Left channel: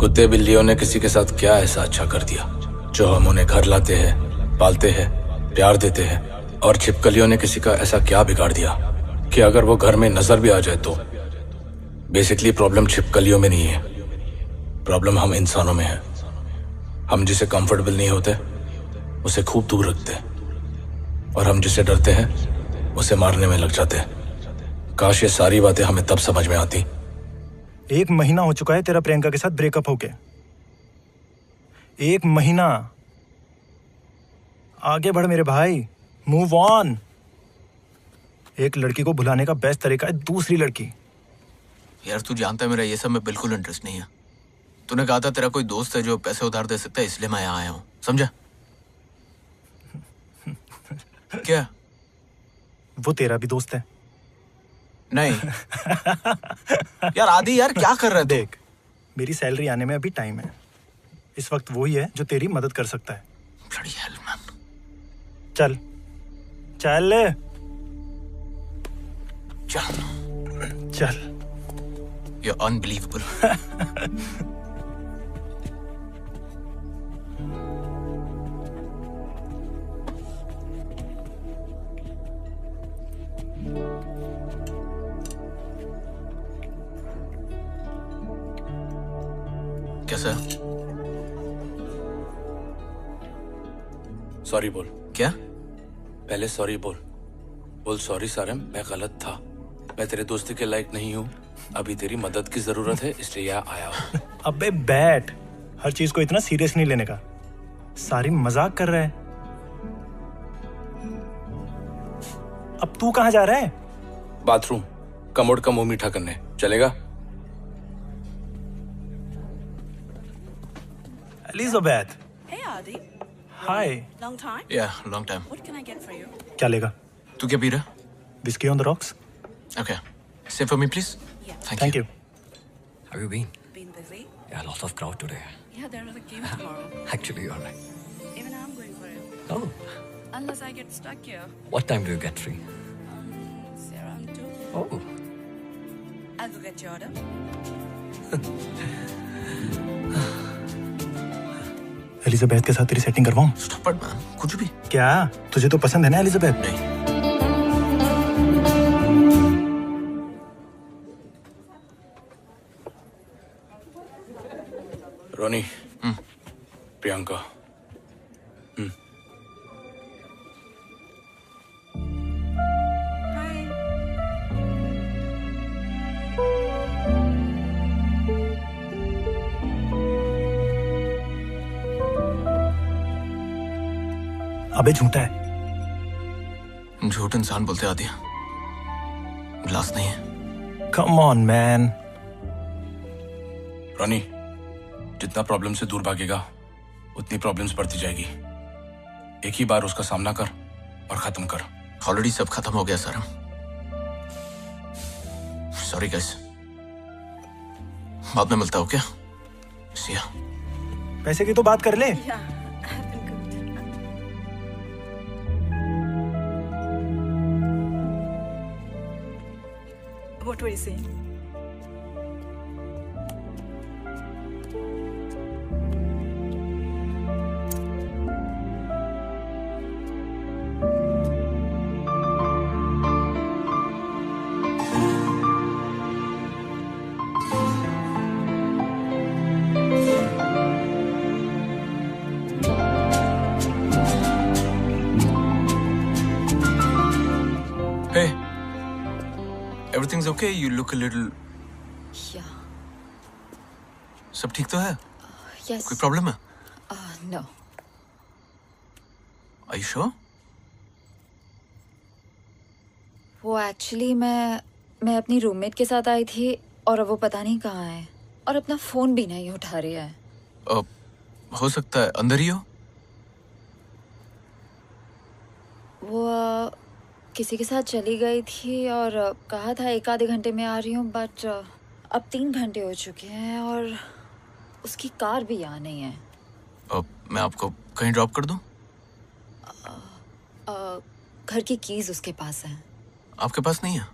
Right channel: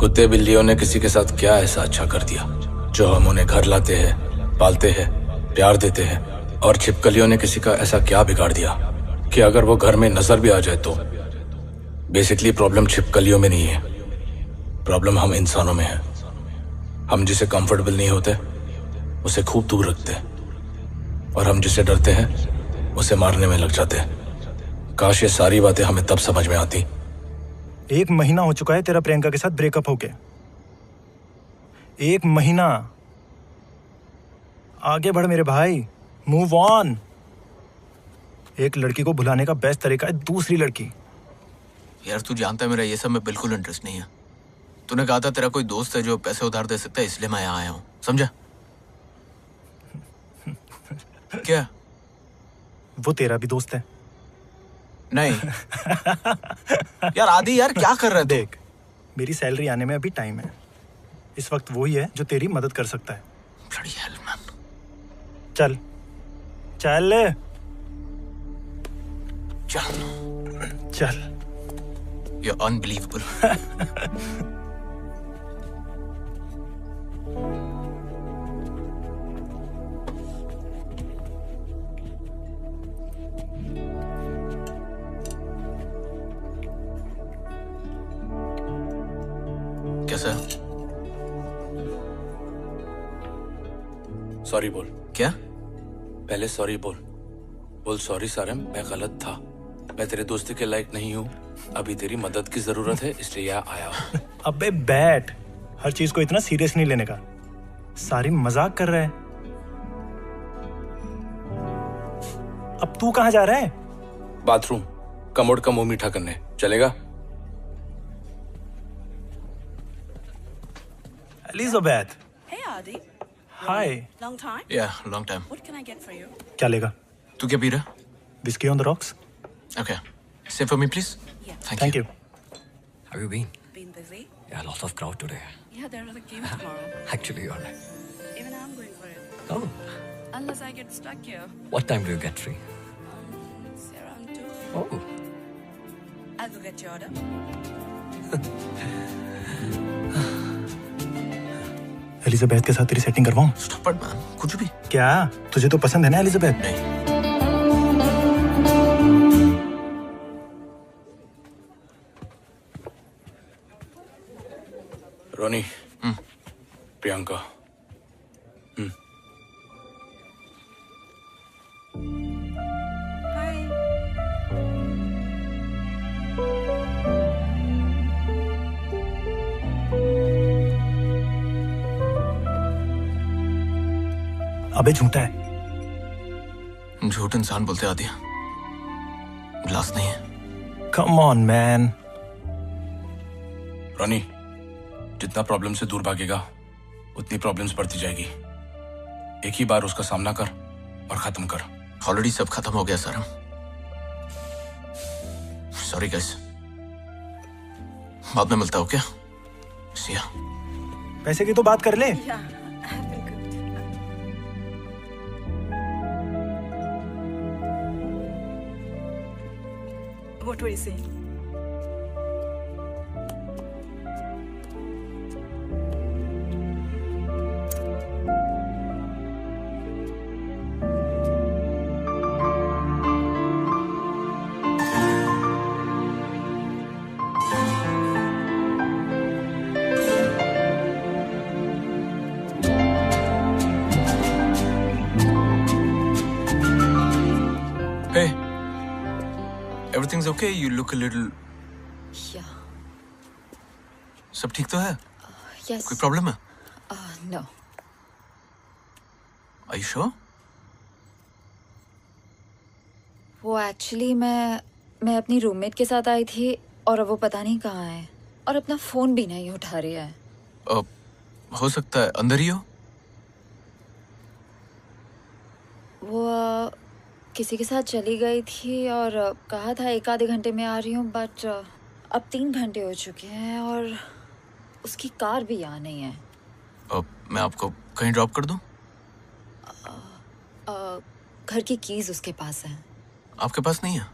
कुत्ते बिल्लियों ने किसी के साथ क्या ऐसा अच्छा कर दिया जो हम उन्हें घर लाते हैं, पालते हैं, प्यार देते हैं, और छिपकलियों ने किसी का ऐसा क्या बिगाड़ दिया कि अगर वो घर में नजर भी आ जाए तो बेसिकली प्रॉब्लम छिपकलियों में नहीं है, प्रॉब्लम हम इंसानों में है। हम जिसे कंफर्टेबल नहीं होते उसे खूब दूर रखते हैं, और हम जिसे डरते हैं उसे मारने में लग जाते हैं। काश ये सारी बातें हमें तब समझ में आती। 1 महीना हो चुका है तेरा प्रियंका के साथ ब्रेकअप होके। 1 महीना। आगे बढ़ मेरे भाई, मूव ऑन। एक लड़की को भुलाने का बेस्ट तरीका है दूसरी लड़की। यार तू जानता है मेरा ये सब में बिल्कुल इंटरेस्ट नहीं है। तूने कहा था तेरा कोई दोस्त है जो पैसे उधार दे सकता है, इसलिए मैं यहाँ आया हूँ, समझा? क्या? वो तेरा भी दोस्त है? नहीं। यार आदि, यार क्या कर रहा है? देख, मेरी सैलरी आने में अभी टाइम है। इस वक्त वही है जो तेरी मदद कर सकता है। Bloody hell, man. चल चल चल चल। You're unbelievable. कैसा? सॉरी बोल। क्या? पहले सॉरी बोल। बोल सॉरी सारम, मैं गलत था। मैं तेरे दोस्ती के लायक नहीं हूँ। अभी तेरी मदद की जरूरत है, इसलिए यहाँ आया हूँ। अबे बैठ, हर चीज को इतना सीरियस नहीं लेने का। सारी मजाक कर रहा है। अब तू कहाँ जा रहा है? बाथरूम, कमोड का मुंह मीठा करने। चलेगा? Elizabeth. Hey Adi. Hi. Long time? Yeah, long time. What can I get for you? क्या लेगा? तू क्या पी रहा? Whiskey on the rocks. Okay. Save for me, please. Yeah. Thank you. How have you been? Been busy? Yeah, lots of crowd today. Yeah, there is a game tomorrow. Actually, you're right. Even I'm going for it. Oh, Unless I get stuck here. what time do you get free? Say around 2. Oh, I'll go get your order. Elizabeth के साथ तेरी setting करवाऊं? Stop it, man. कुछ भी। क्या तुझे तो पसंद है ना एलिजाबेथ? नहीं। रोनी, प्रियंका। Hi. अबे झूठा है। झूठ इंसान बोलते आदि, ग्लास नहीं है। Come on man. रोनी, जितना प्रॉब्लम से दूर भागेगा उतनी प्रॉब्लम्स बढ़ती जाएगी। एक ही बार उसका सामना कर और खत्म कर। ऑलरेडी सब खत्म हो गया सर। सॉरी गाइस, बाद में मिलता हो क्या? See ya. पैसे की तो बात कर ले। Yeah, I have been cooked. What were you saying? Hey, everything's okay? You look a little. Yeah. सब ठीक तो है? Yes. कोई प्रॉब्लम है? No. Are you sure? वो एक्चुअली मैं अपनी रूममेट के साथ आई थी और अब वो पता नहीं कहाँ है और अपना फोन भी नहीं उठा रही है। हो सकता है अंदर ही हो। वो किसी के साथ चली गई थी और कहा था 1 आधे घंटे में आ रही हूँ, बट अब 3 घंटे हो चुके हैं और उसकी कार भी यहाँ नहीं है। मैं आपको कहीं ड्रॉप कर दूं? घर की कीज उसके पास है। आपके पास नहीं है?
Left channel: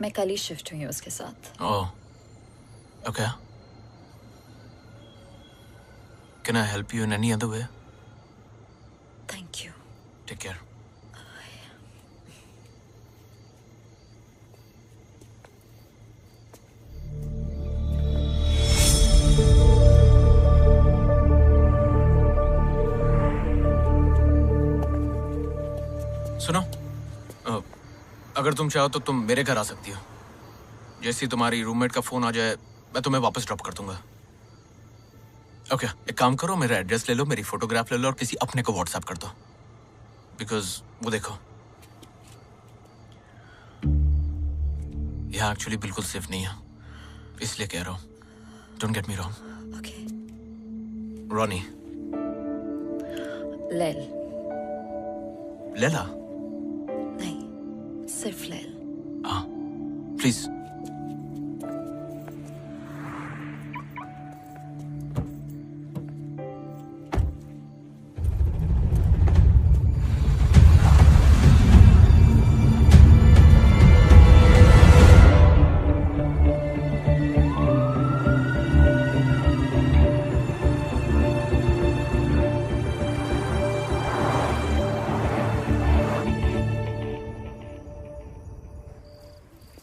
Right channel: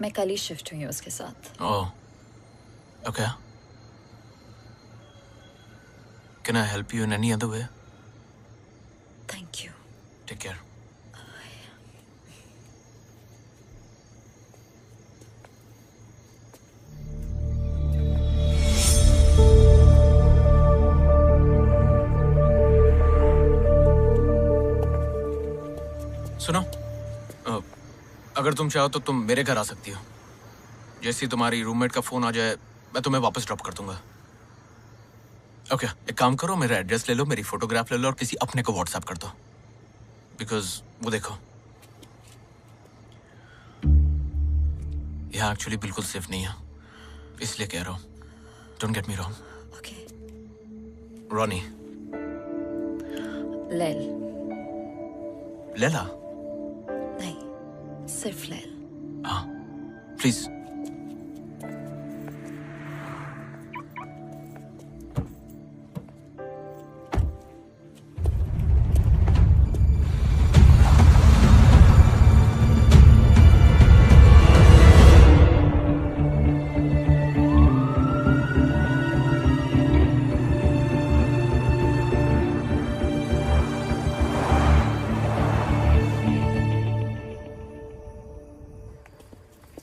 मैं कल ही शिफ्ट हुई हूँ उसके साथ। ओह, okay. Can I help you in any other way? Thank you. Take care. सुनो, अगर तुम चाहो तो तुम मेरे घर आ सकती हो। जैसे ही तुम्हारी रूममेट का फोन आ जाए मैं तुम्हें वापस ड्रॉप कर दूंगा। ओके, एक काम करो, मेरा एड्रेस ले लो, मेरी फोटोग्राफ ले लो और किसी अपने को व्हाट्सएप कर दो। बिकॉज वो देखो, यहाँ एक्चुअली बिल्कुल सेफ नहीं है, इसलिए कह रहा हूँ। Don't get me wrong. Okay. Ronnie. लैल। लेला। नहीं, सिर्फ लैल। हाँ, please.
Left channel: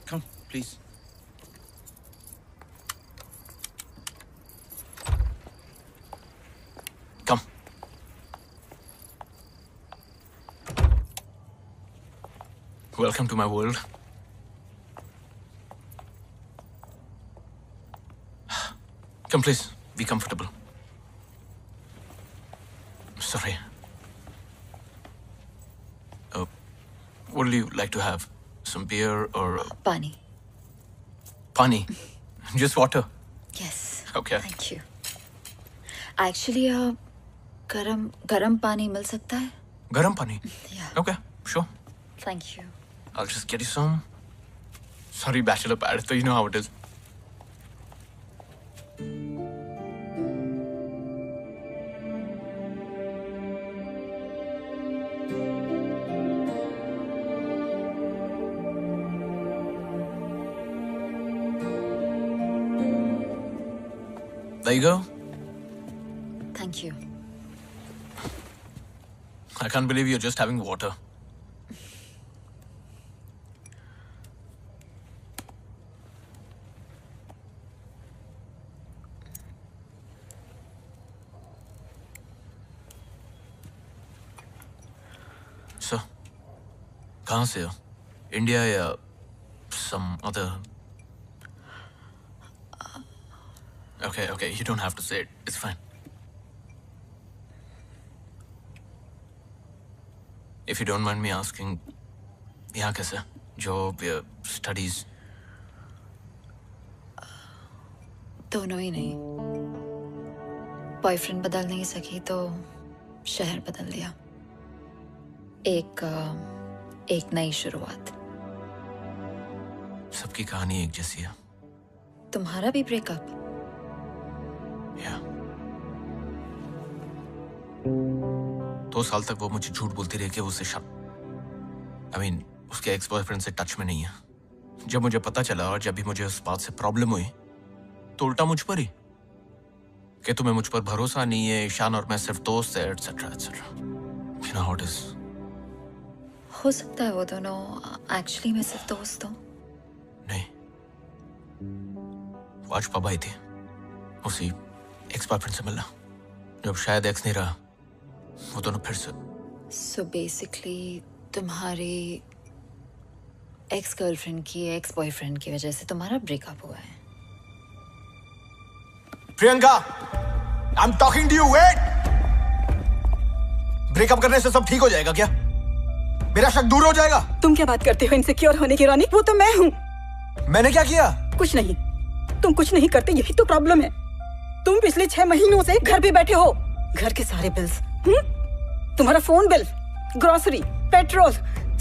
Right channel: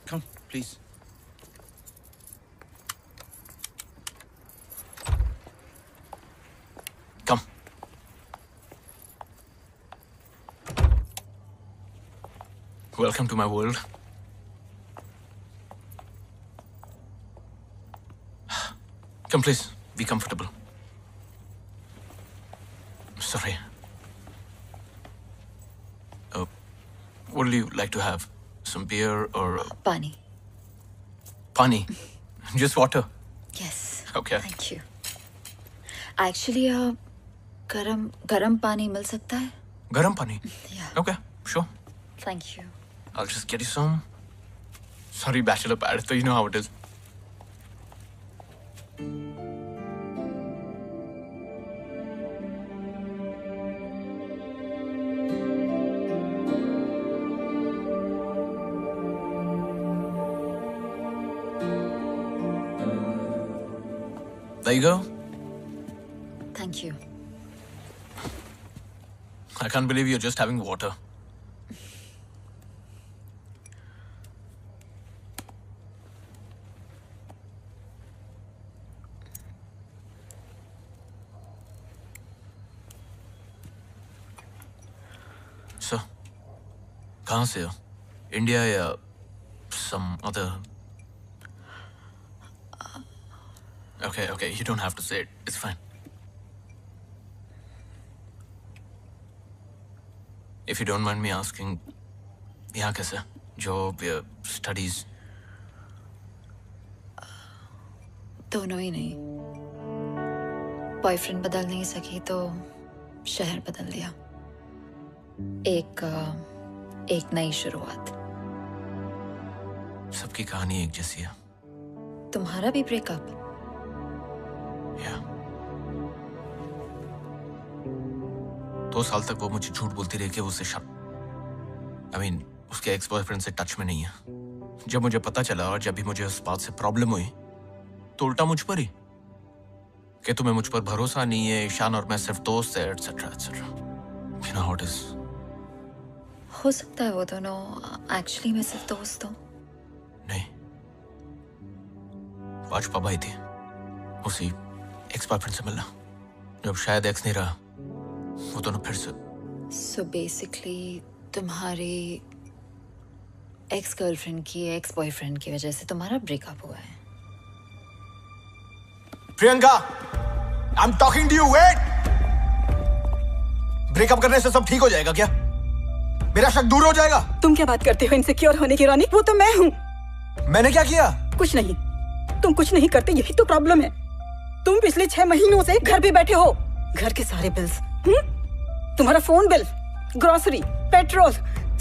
Come, please. Come. Welcome to my world. Come, please. Be comfortable. Sorry. What do you like to have? Some beer or पानी। pani? Just water. Yes. Okay. Thank you. Actually, गरम पानी मिल सकता है? Garam pani. Yeah. Okay, sure. Thank you. I'll just get you some. Sorry, bachelor pad, so you know how it is. There you go. Thank you. I can't believe you're just having water. So, कहाँ से हो? India या some other? Okay, you don't have to say it. It's fine. If you don't mind me asking, यहाँ कैसे? Job या studies? दोनों ही नहीं। Boyfriend बदल नहीं सकी तो शहर बदल दिया। एक नई शुरुआत। सबकी कहानी एक जैसी है। तुम्हारा भी ब्रेकअप? या 2 साल तक वो मुझे झूठ बोलती रही कि वो उससे उसके एक्स बॉयफ्रेंड से टच में नहीं है। जब मुझे पता चला और जब भी मुझे उस बात से प्रॉब्लम हुई तो उल्टा मुझ पर ही कि तुम्हें मुझ पर भरोसा नहीं है, ईशान और मैं सिर्फ दोस्त है, etcetera etcetera. You know how it is. हो सकता है वो दोनों एक्चुअली मैं सिर्फ दोस्त हूँ। नहीं, वो आज पब आई थी उसी एक्स बॉयफ्रेंड से मिलना। जब शायद एक्स नहीं रहा वो दोनों फिर से। सो बेसिकली तुम्हारी एक्स गर्लफ्रेंड की एक्स बॉयफ्रेंड की वजह से तुम्हारा ब्रेकअप हुआ है। Priyanka, I am talking to you. Wait. Breakup करने से सब ठीक हो जाएगा क्या? मेरा शक दूर हो जाएगा? तुम क्या बात करते हो इनसिक्योर होने की रॉनी? वो तो मैं हूँ। मैंने क्या किया? कुछ नहीं, तुम कुछ नहीं करते, यही तो प्रॉब्लम है। तुम पिछले 6 महीनों से घर पे बैठे हो। घर के सारे बिल्स, तुम्हारा फोन बिल, ग्रोसरी, पेट्रोल,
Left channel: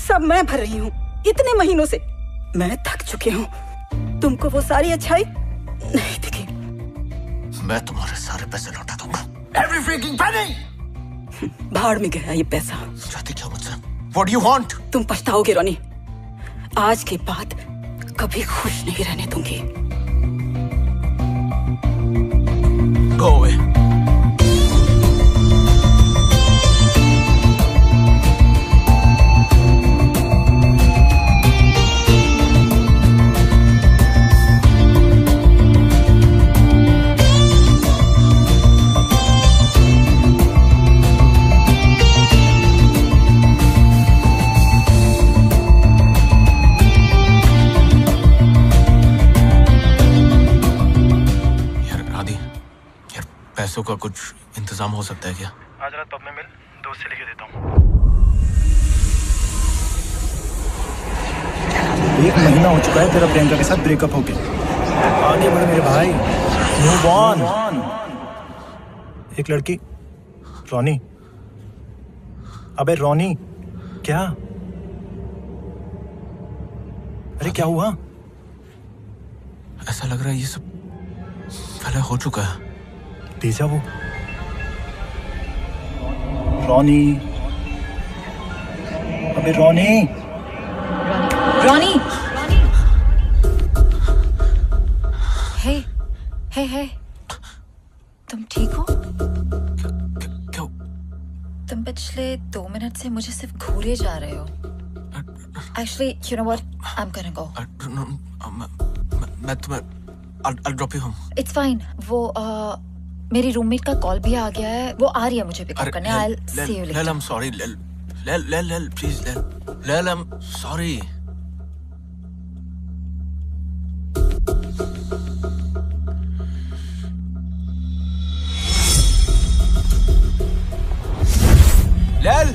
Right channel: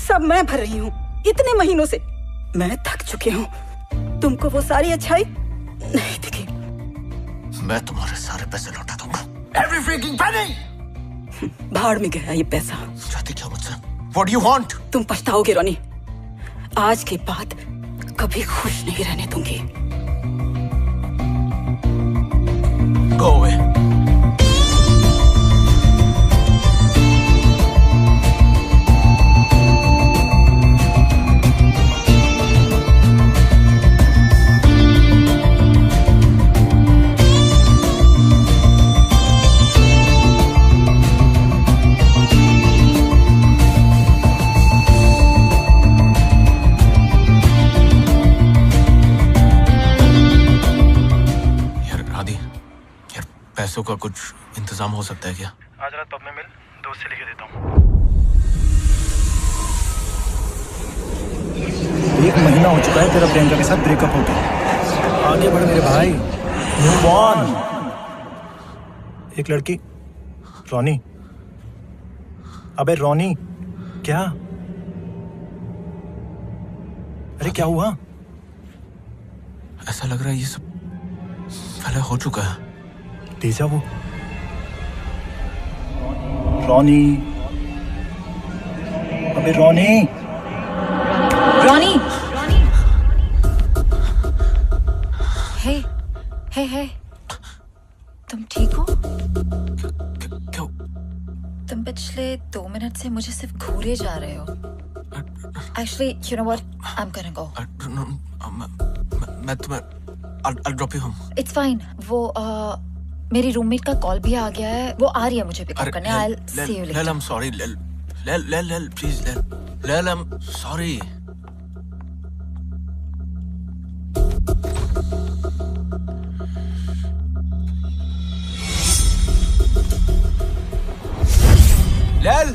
सब मैं भर रही हूँ इतने महीनों से। मैं थक चुकी हूँ। तुमको वो सारी अच्छाई नहीं दिखी। मैं तुम्हारे सारे पैसे लौटा दूंगा। Every freaking penny! भाड़ में गया ये पैसा। चाहती क्या मुझसे? What do you want? तुम पछताओगे रोनी। आज के बाद कभी खुश नहीं रहने दूंगी। Go away. पैसों का कुछ इंतजाम हो सकता है क्या? आज रात पब में मिल, दोस्त से लेके देता हूँ। 1 महीना हो चुका है तेरा प्रियंका के साथ ब्रेकअप होके। आगे बढ़ मेरे भाई, मूव ऑन। एक लड़की, रोनी। अबे रोनी, क्या? अरे क्या हुआ? ऐसा लग रहा है ये सब पहले हो चुका है। डेजा वो। रोनी, अबे रोनी। रॉनी, हे हे हे, तुम ठीक हो? क्यों? तुम पिछले 2 मिनट से मुझे सिर्फ घूरे जा रहे हो। Actually, you know what? I'm gonna go. मैं तुम्हें I'll drop you home. It's fine. वो मेरी रूममेट का कॉल भी आ गया है, वो आ रही है मुझे पिकअप करने। I'll see you later. Lel, I'm sorry. Lel, please, Lel, I'm sorry. Lel!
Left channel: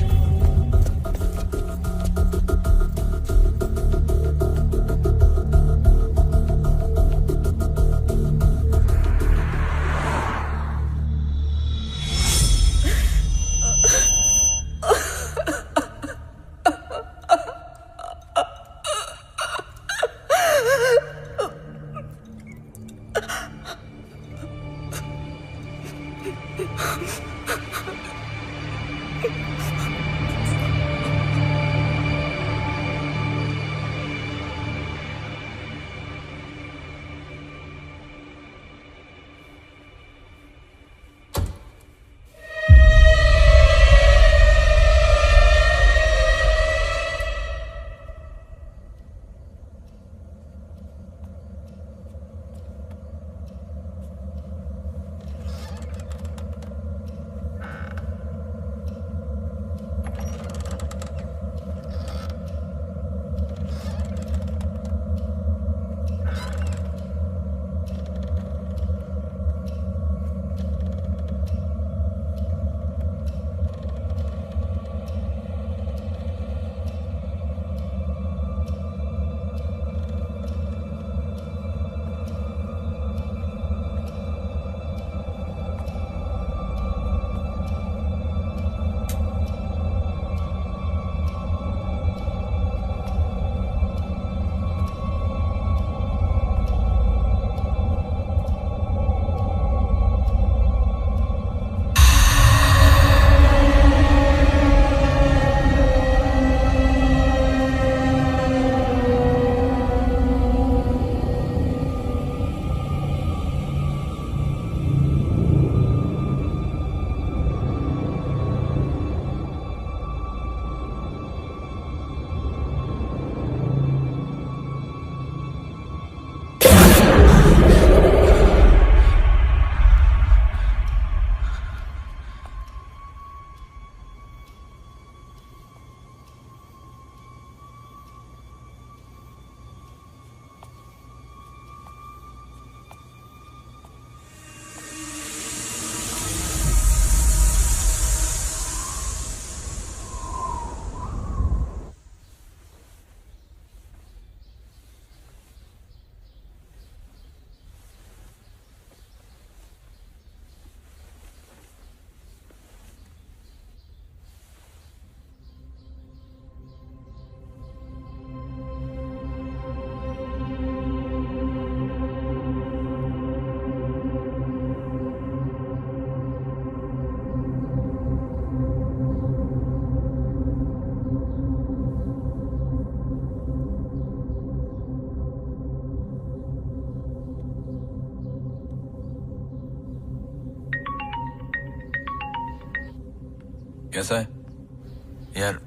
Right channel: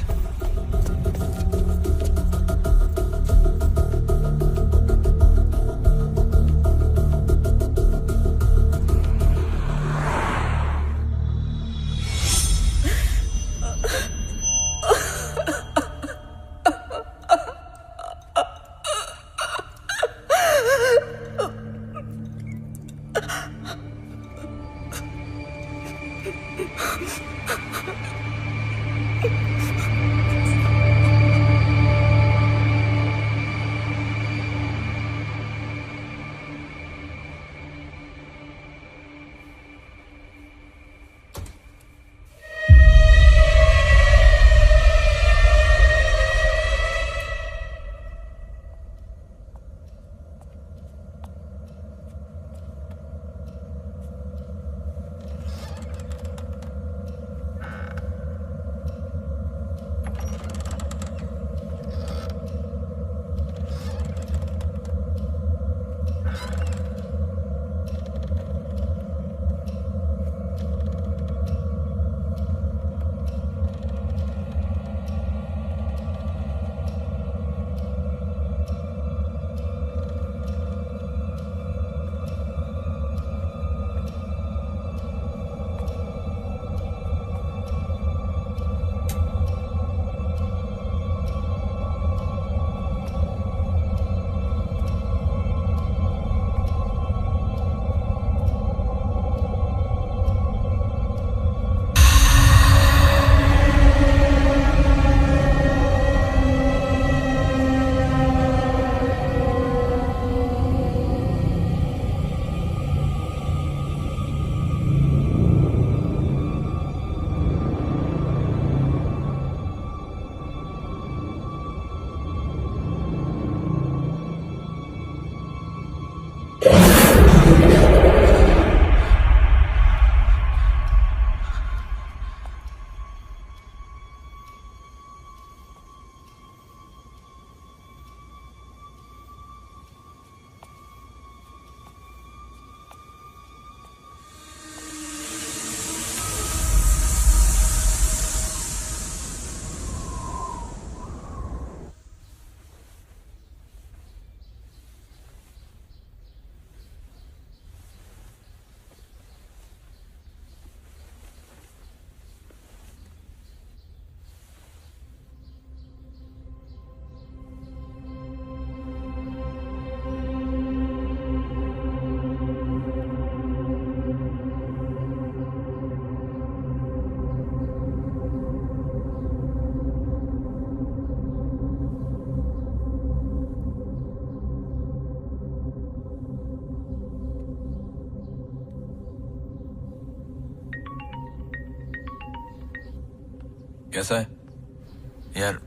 कैसा है यार?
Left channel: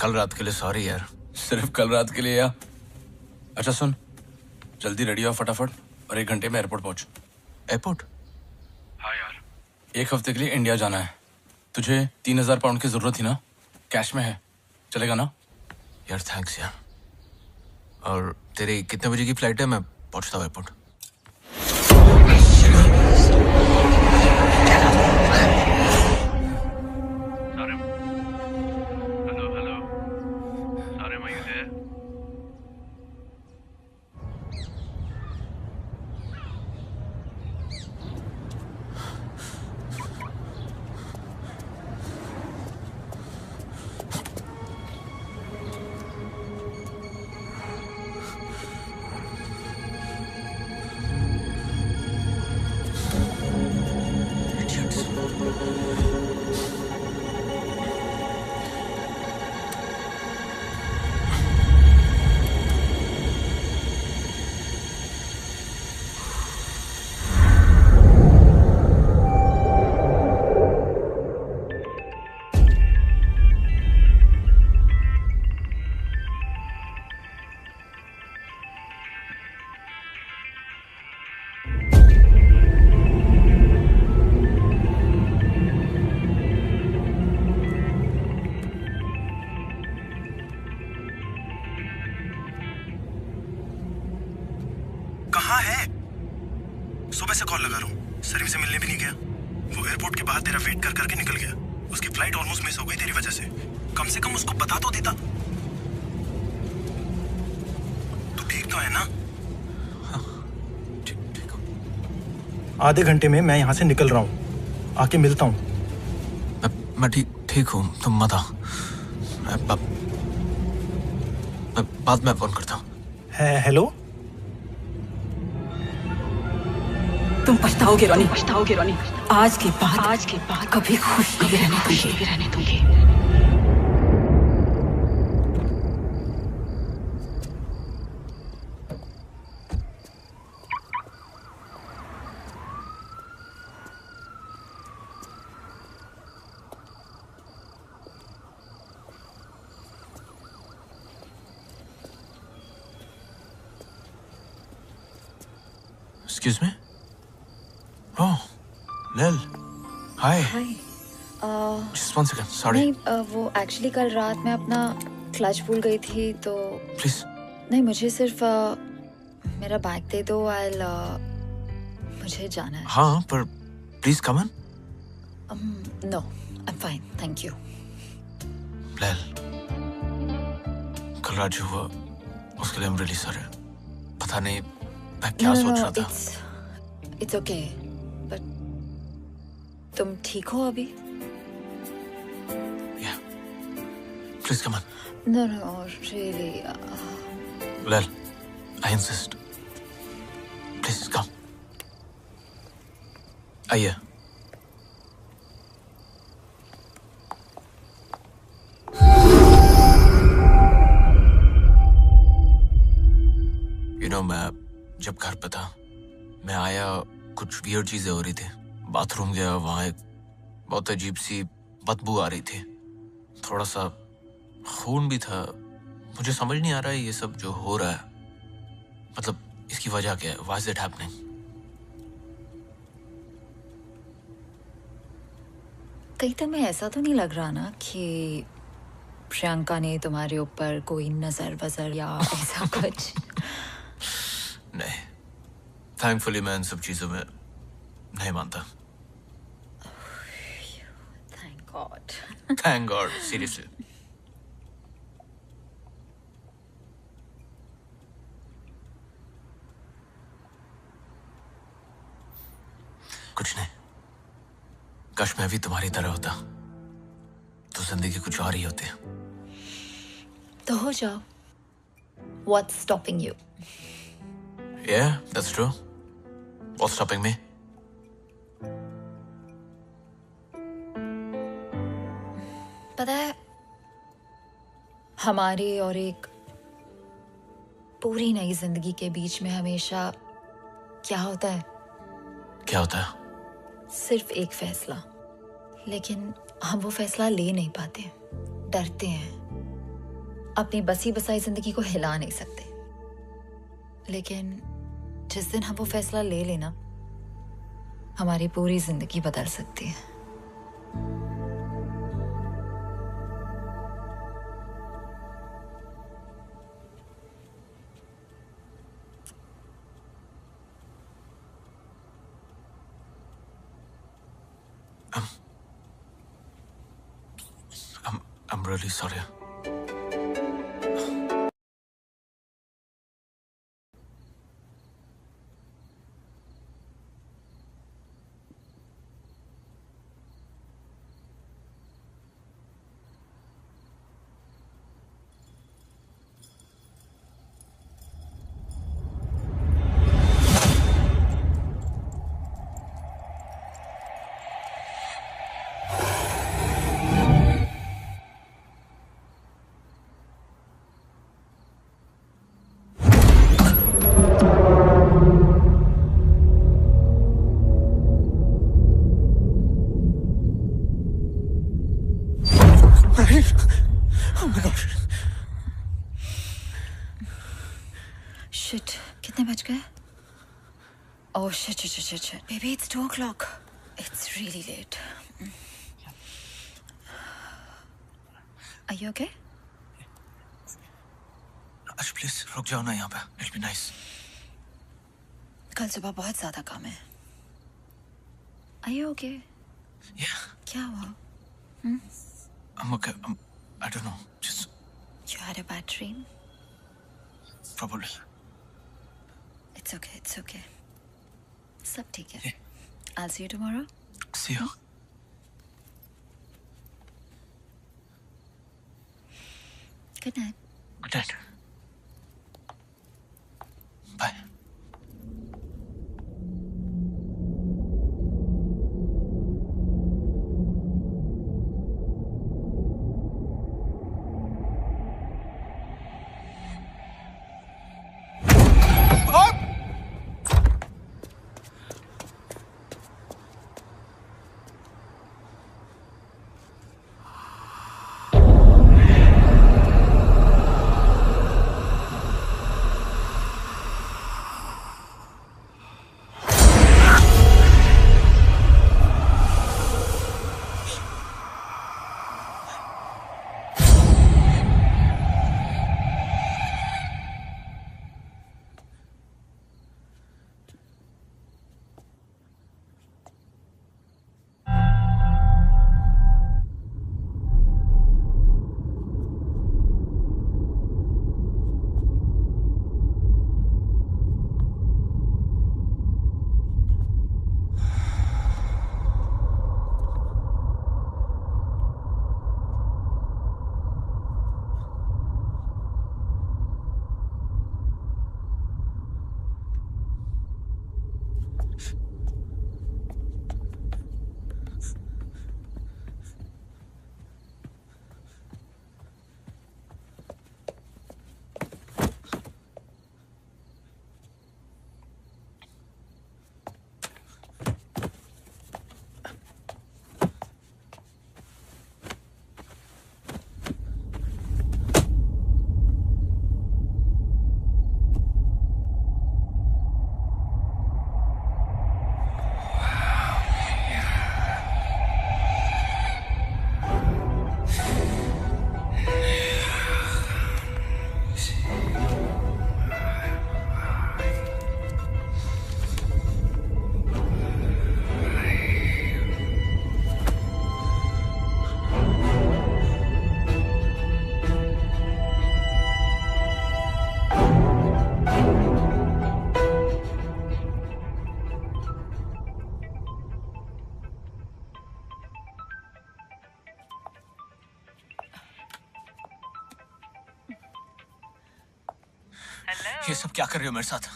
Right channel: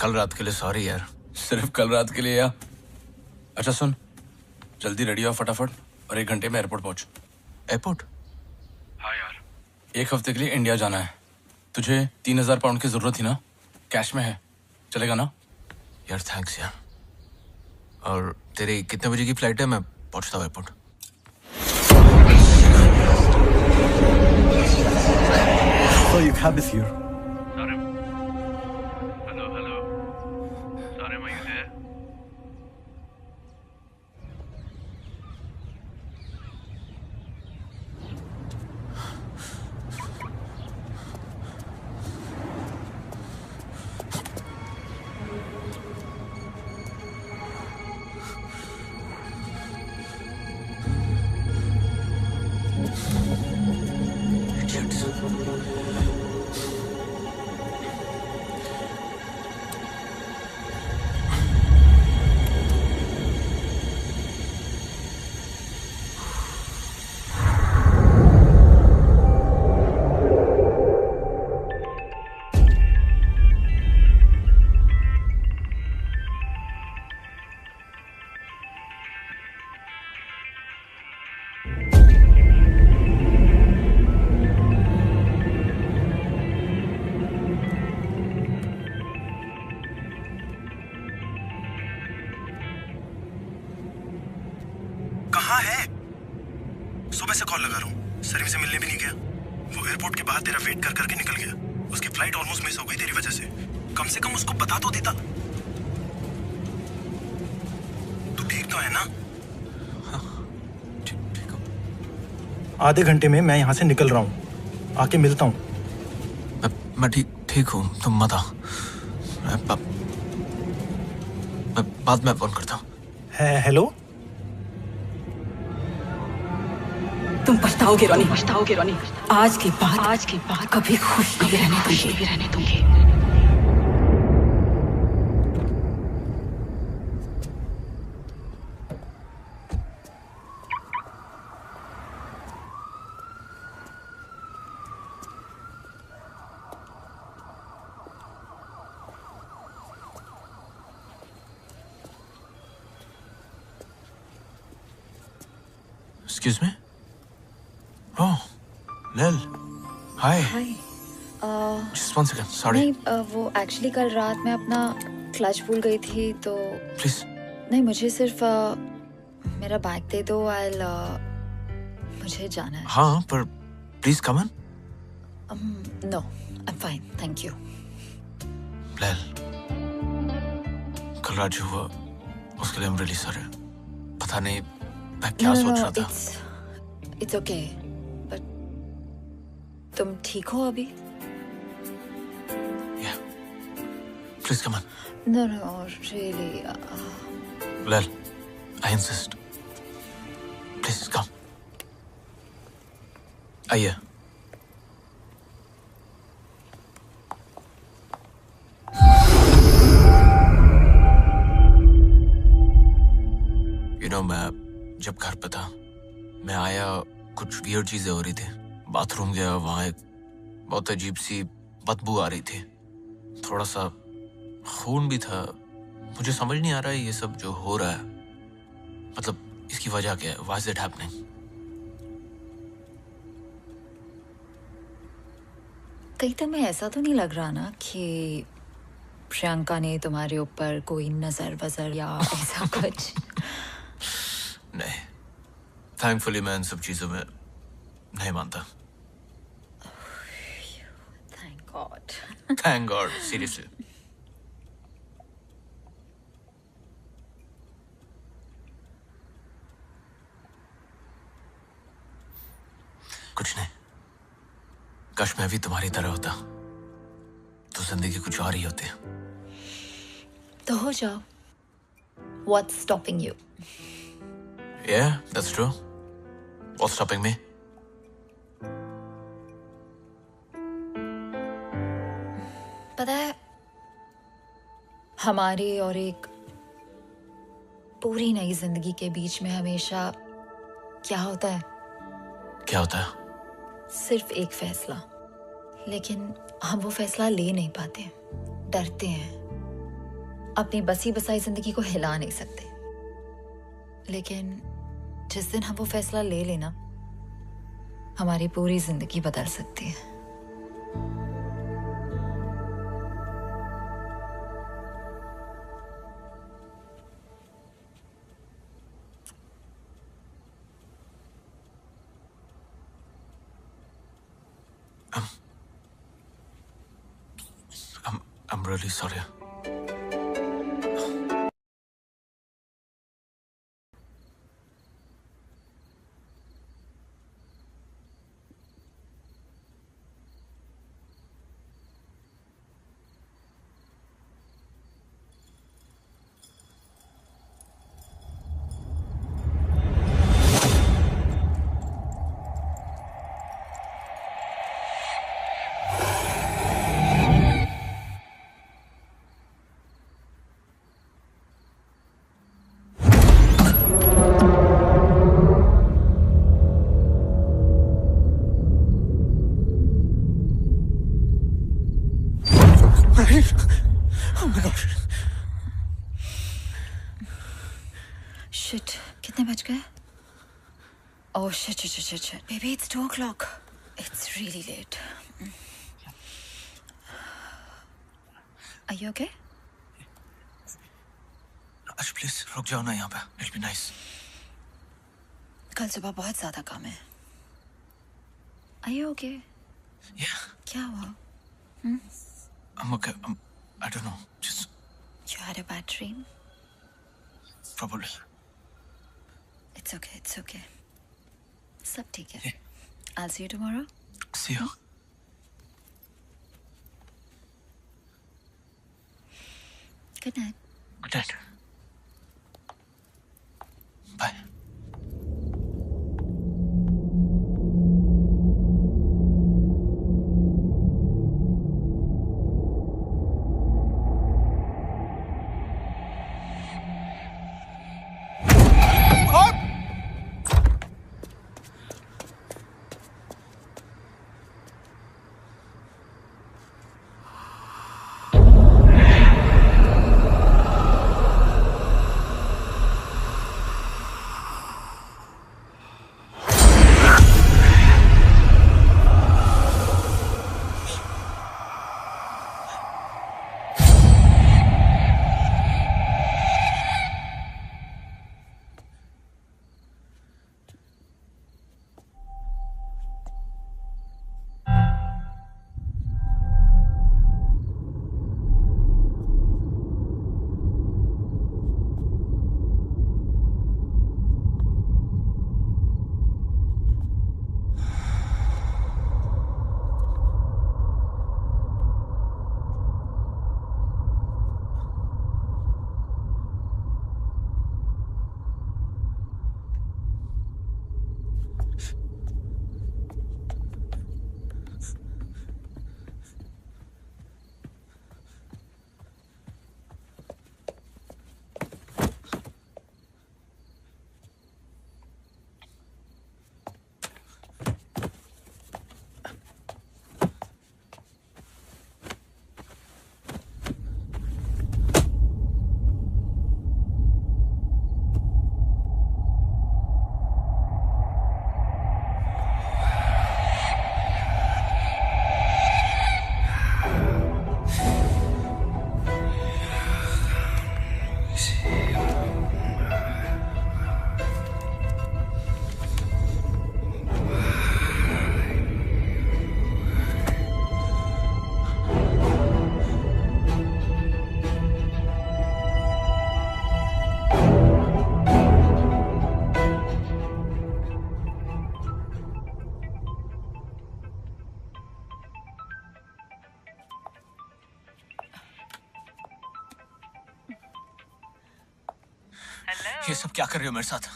कल रात के लिए सॉरी यार। सिर्फ कल रात के लिए या? अच्छा सुन, जल्दी रेडी हो फटाफट और 1 घंटे में एयरपोर्ट पहुंच। एयरपोर्ट? हाँ यार, 1 हफ्ते के लिए इंडिया जाना है। तुझे 3000 पाउंड की जरूरत थी ना? कैश में है, चलेगा ना? यार थैंक्स यार। और तेरी कितने बजे की फ्लाइट है? मैं पहुंचता हूँ एयरपोर्ट। सुबह से कॉल लगा रहा हूँ, सलीम से मिलने भी नहीं गया। वो एयरपोर्ट के बाहर तेरा वेट कर करके निकल गया। उसकी फ्लाइट ऑलमोस्ट मिस हो गई तेरी वजह से। कम से कम उसको बता तो देता। तू ठीक तो है ना? ठीक हो। आधे घंटे में मैं यहाँ से निकल रहा हूँ, आके मिलता हूँ। मैं ठीक हूँ, तुम मत आओ। मैं बाद में फोन करता हूँ। हेलो। तुम पछताओगे रोनी। आज के बाद कभी खुश नहीं रहने दूंगी। Excuse me? Oh, Lil. Hi. हाय Just 1 second. Sorry. नहीं वो एक्चुअली कल रात मैं अपना क्लच भूल गई थी तो Please. नहीं मुझे सिर्फ मेरा बैग दे दो। मुझे जाना है। हाँ, पर please come in. No I am fine thank you. Lil. कल रात जो हुआ उसके लिए I'm really sorry. पता नहीं मैं क्या सोच रहा था। इट्स ओके बट तुम ठीक हो अभी? Yeah. Please come on. No really Lil, I insist. Please come. आइए। मैं जब घर पे था, मैं आया, कुछ वियर्ड चीजें हो रही थी। बाथरूम गया, वहां एक बहुत अजीब सी बदबू आ रही थी, थोड़ा सा खून भी था। मुझे समझ नहीं आ रहा है ये सब जो हो रहा है, मतलब इसकी वजह क्या है? Why is it happening? कहीं तुम्हें ऐसा तो नहीं लग रहा ना कि प्रियंका ने तुम्हारे ऊपर कोई नजर वजर या ऐसा कुछ? नहीं, थैंकफुली मैं इन सब चीजों में नहीं मानता। Thank God. Thank God, seriously. कुछ नहीं, काश मैं भी तुम्हारी तरह होता तो जिंदगी कुछ और ही होती। तो हो जाओ। What's stopping you? Yeah, that's true. What's stopping me? पता है, हमारी और एक पूरी नई जिंदगी के बीच में हमेशा क्या होता है? क्या होता है? सिर्फ एक फैसला, लेकिन हम वो फैसला ले नहीं पाते, डरते हैं, अपनी बसी बसाई जिंदगी को हिला नहीं सकते। लेकिन जिस दिन हम वो फैसला ले लेना, हमारी पूरी जिंदगी बदल सकती है। I'm really sorry. Oh my gosh. Shit, कितने बज गए? Oh shit. Baby, it's 2 o'clock. It's really late. Are you okay? Ash, please रुक जाओ ना यहाँ पे. It'll be nice. कल सुबह बहुत ज्यादा काम है। Are you okay? Yeah, क्या हुआ? I'm okay. I don't know. Just You had a bad dream? probably. It's okay, it's okay. सब ठीक है। I'll see you tomorrow. See you. Good night. Good night. Bye. ये सब क्या कर रहे हो मेरे साथ?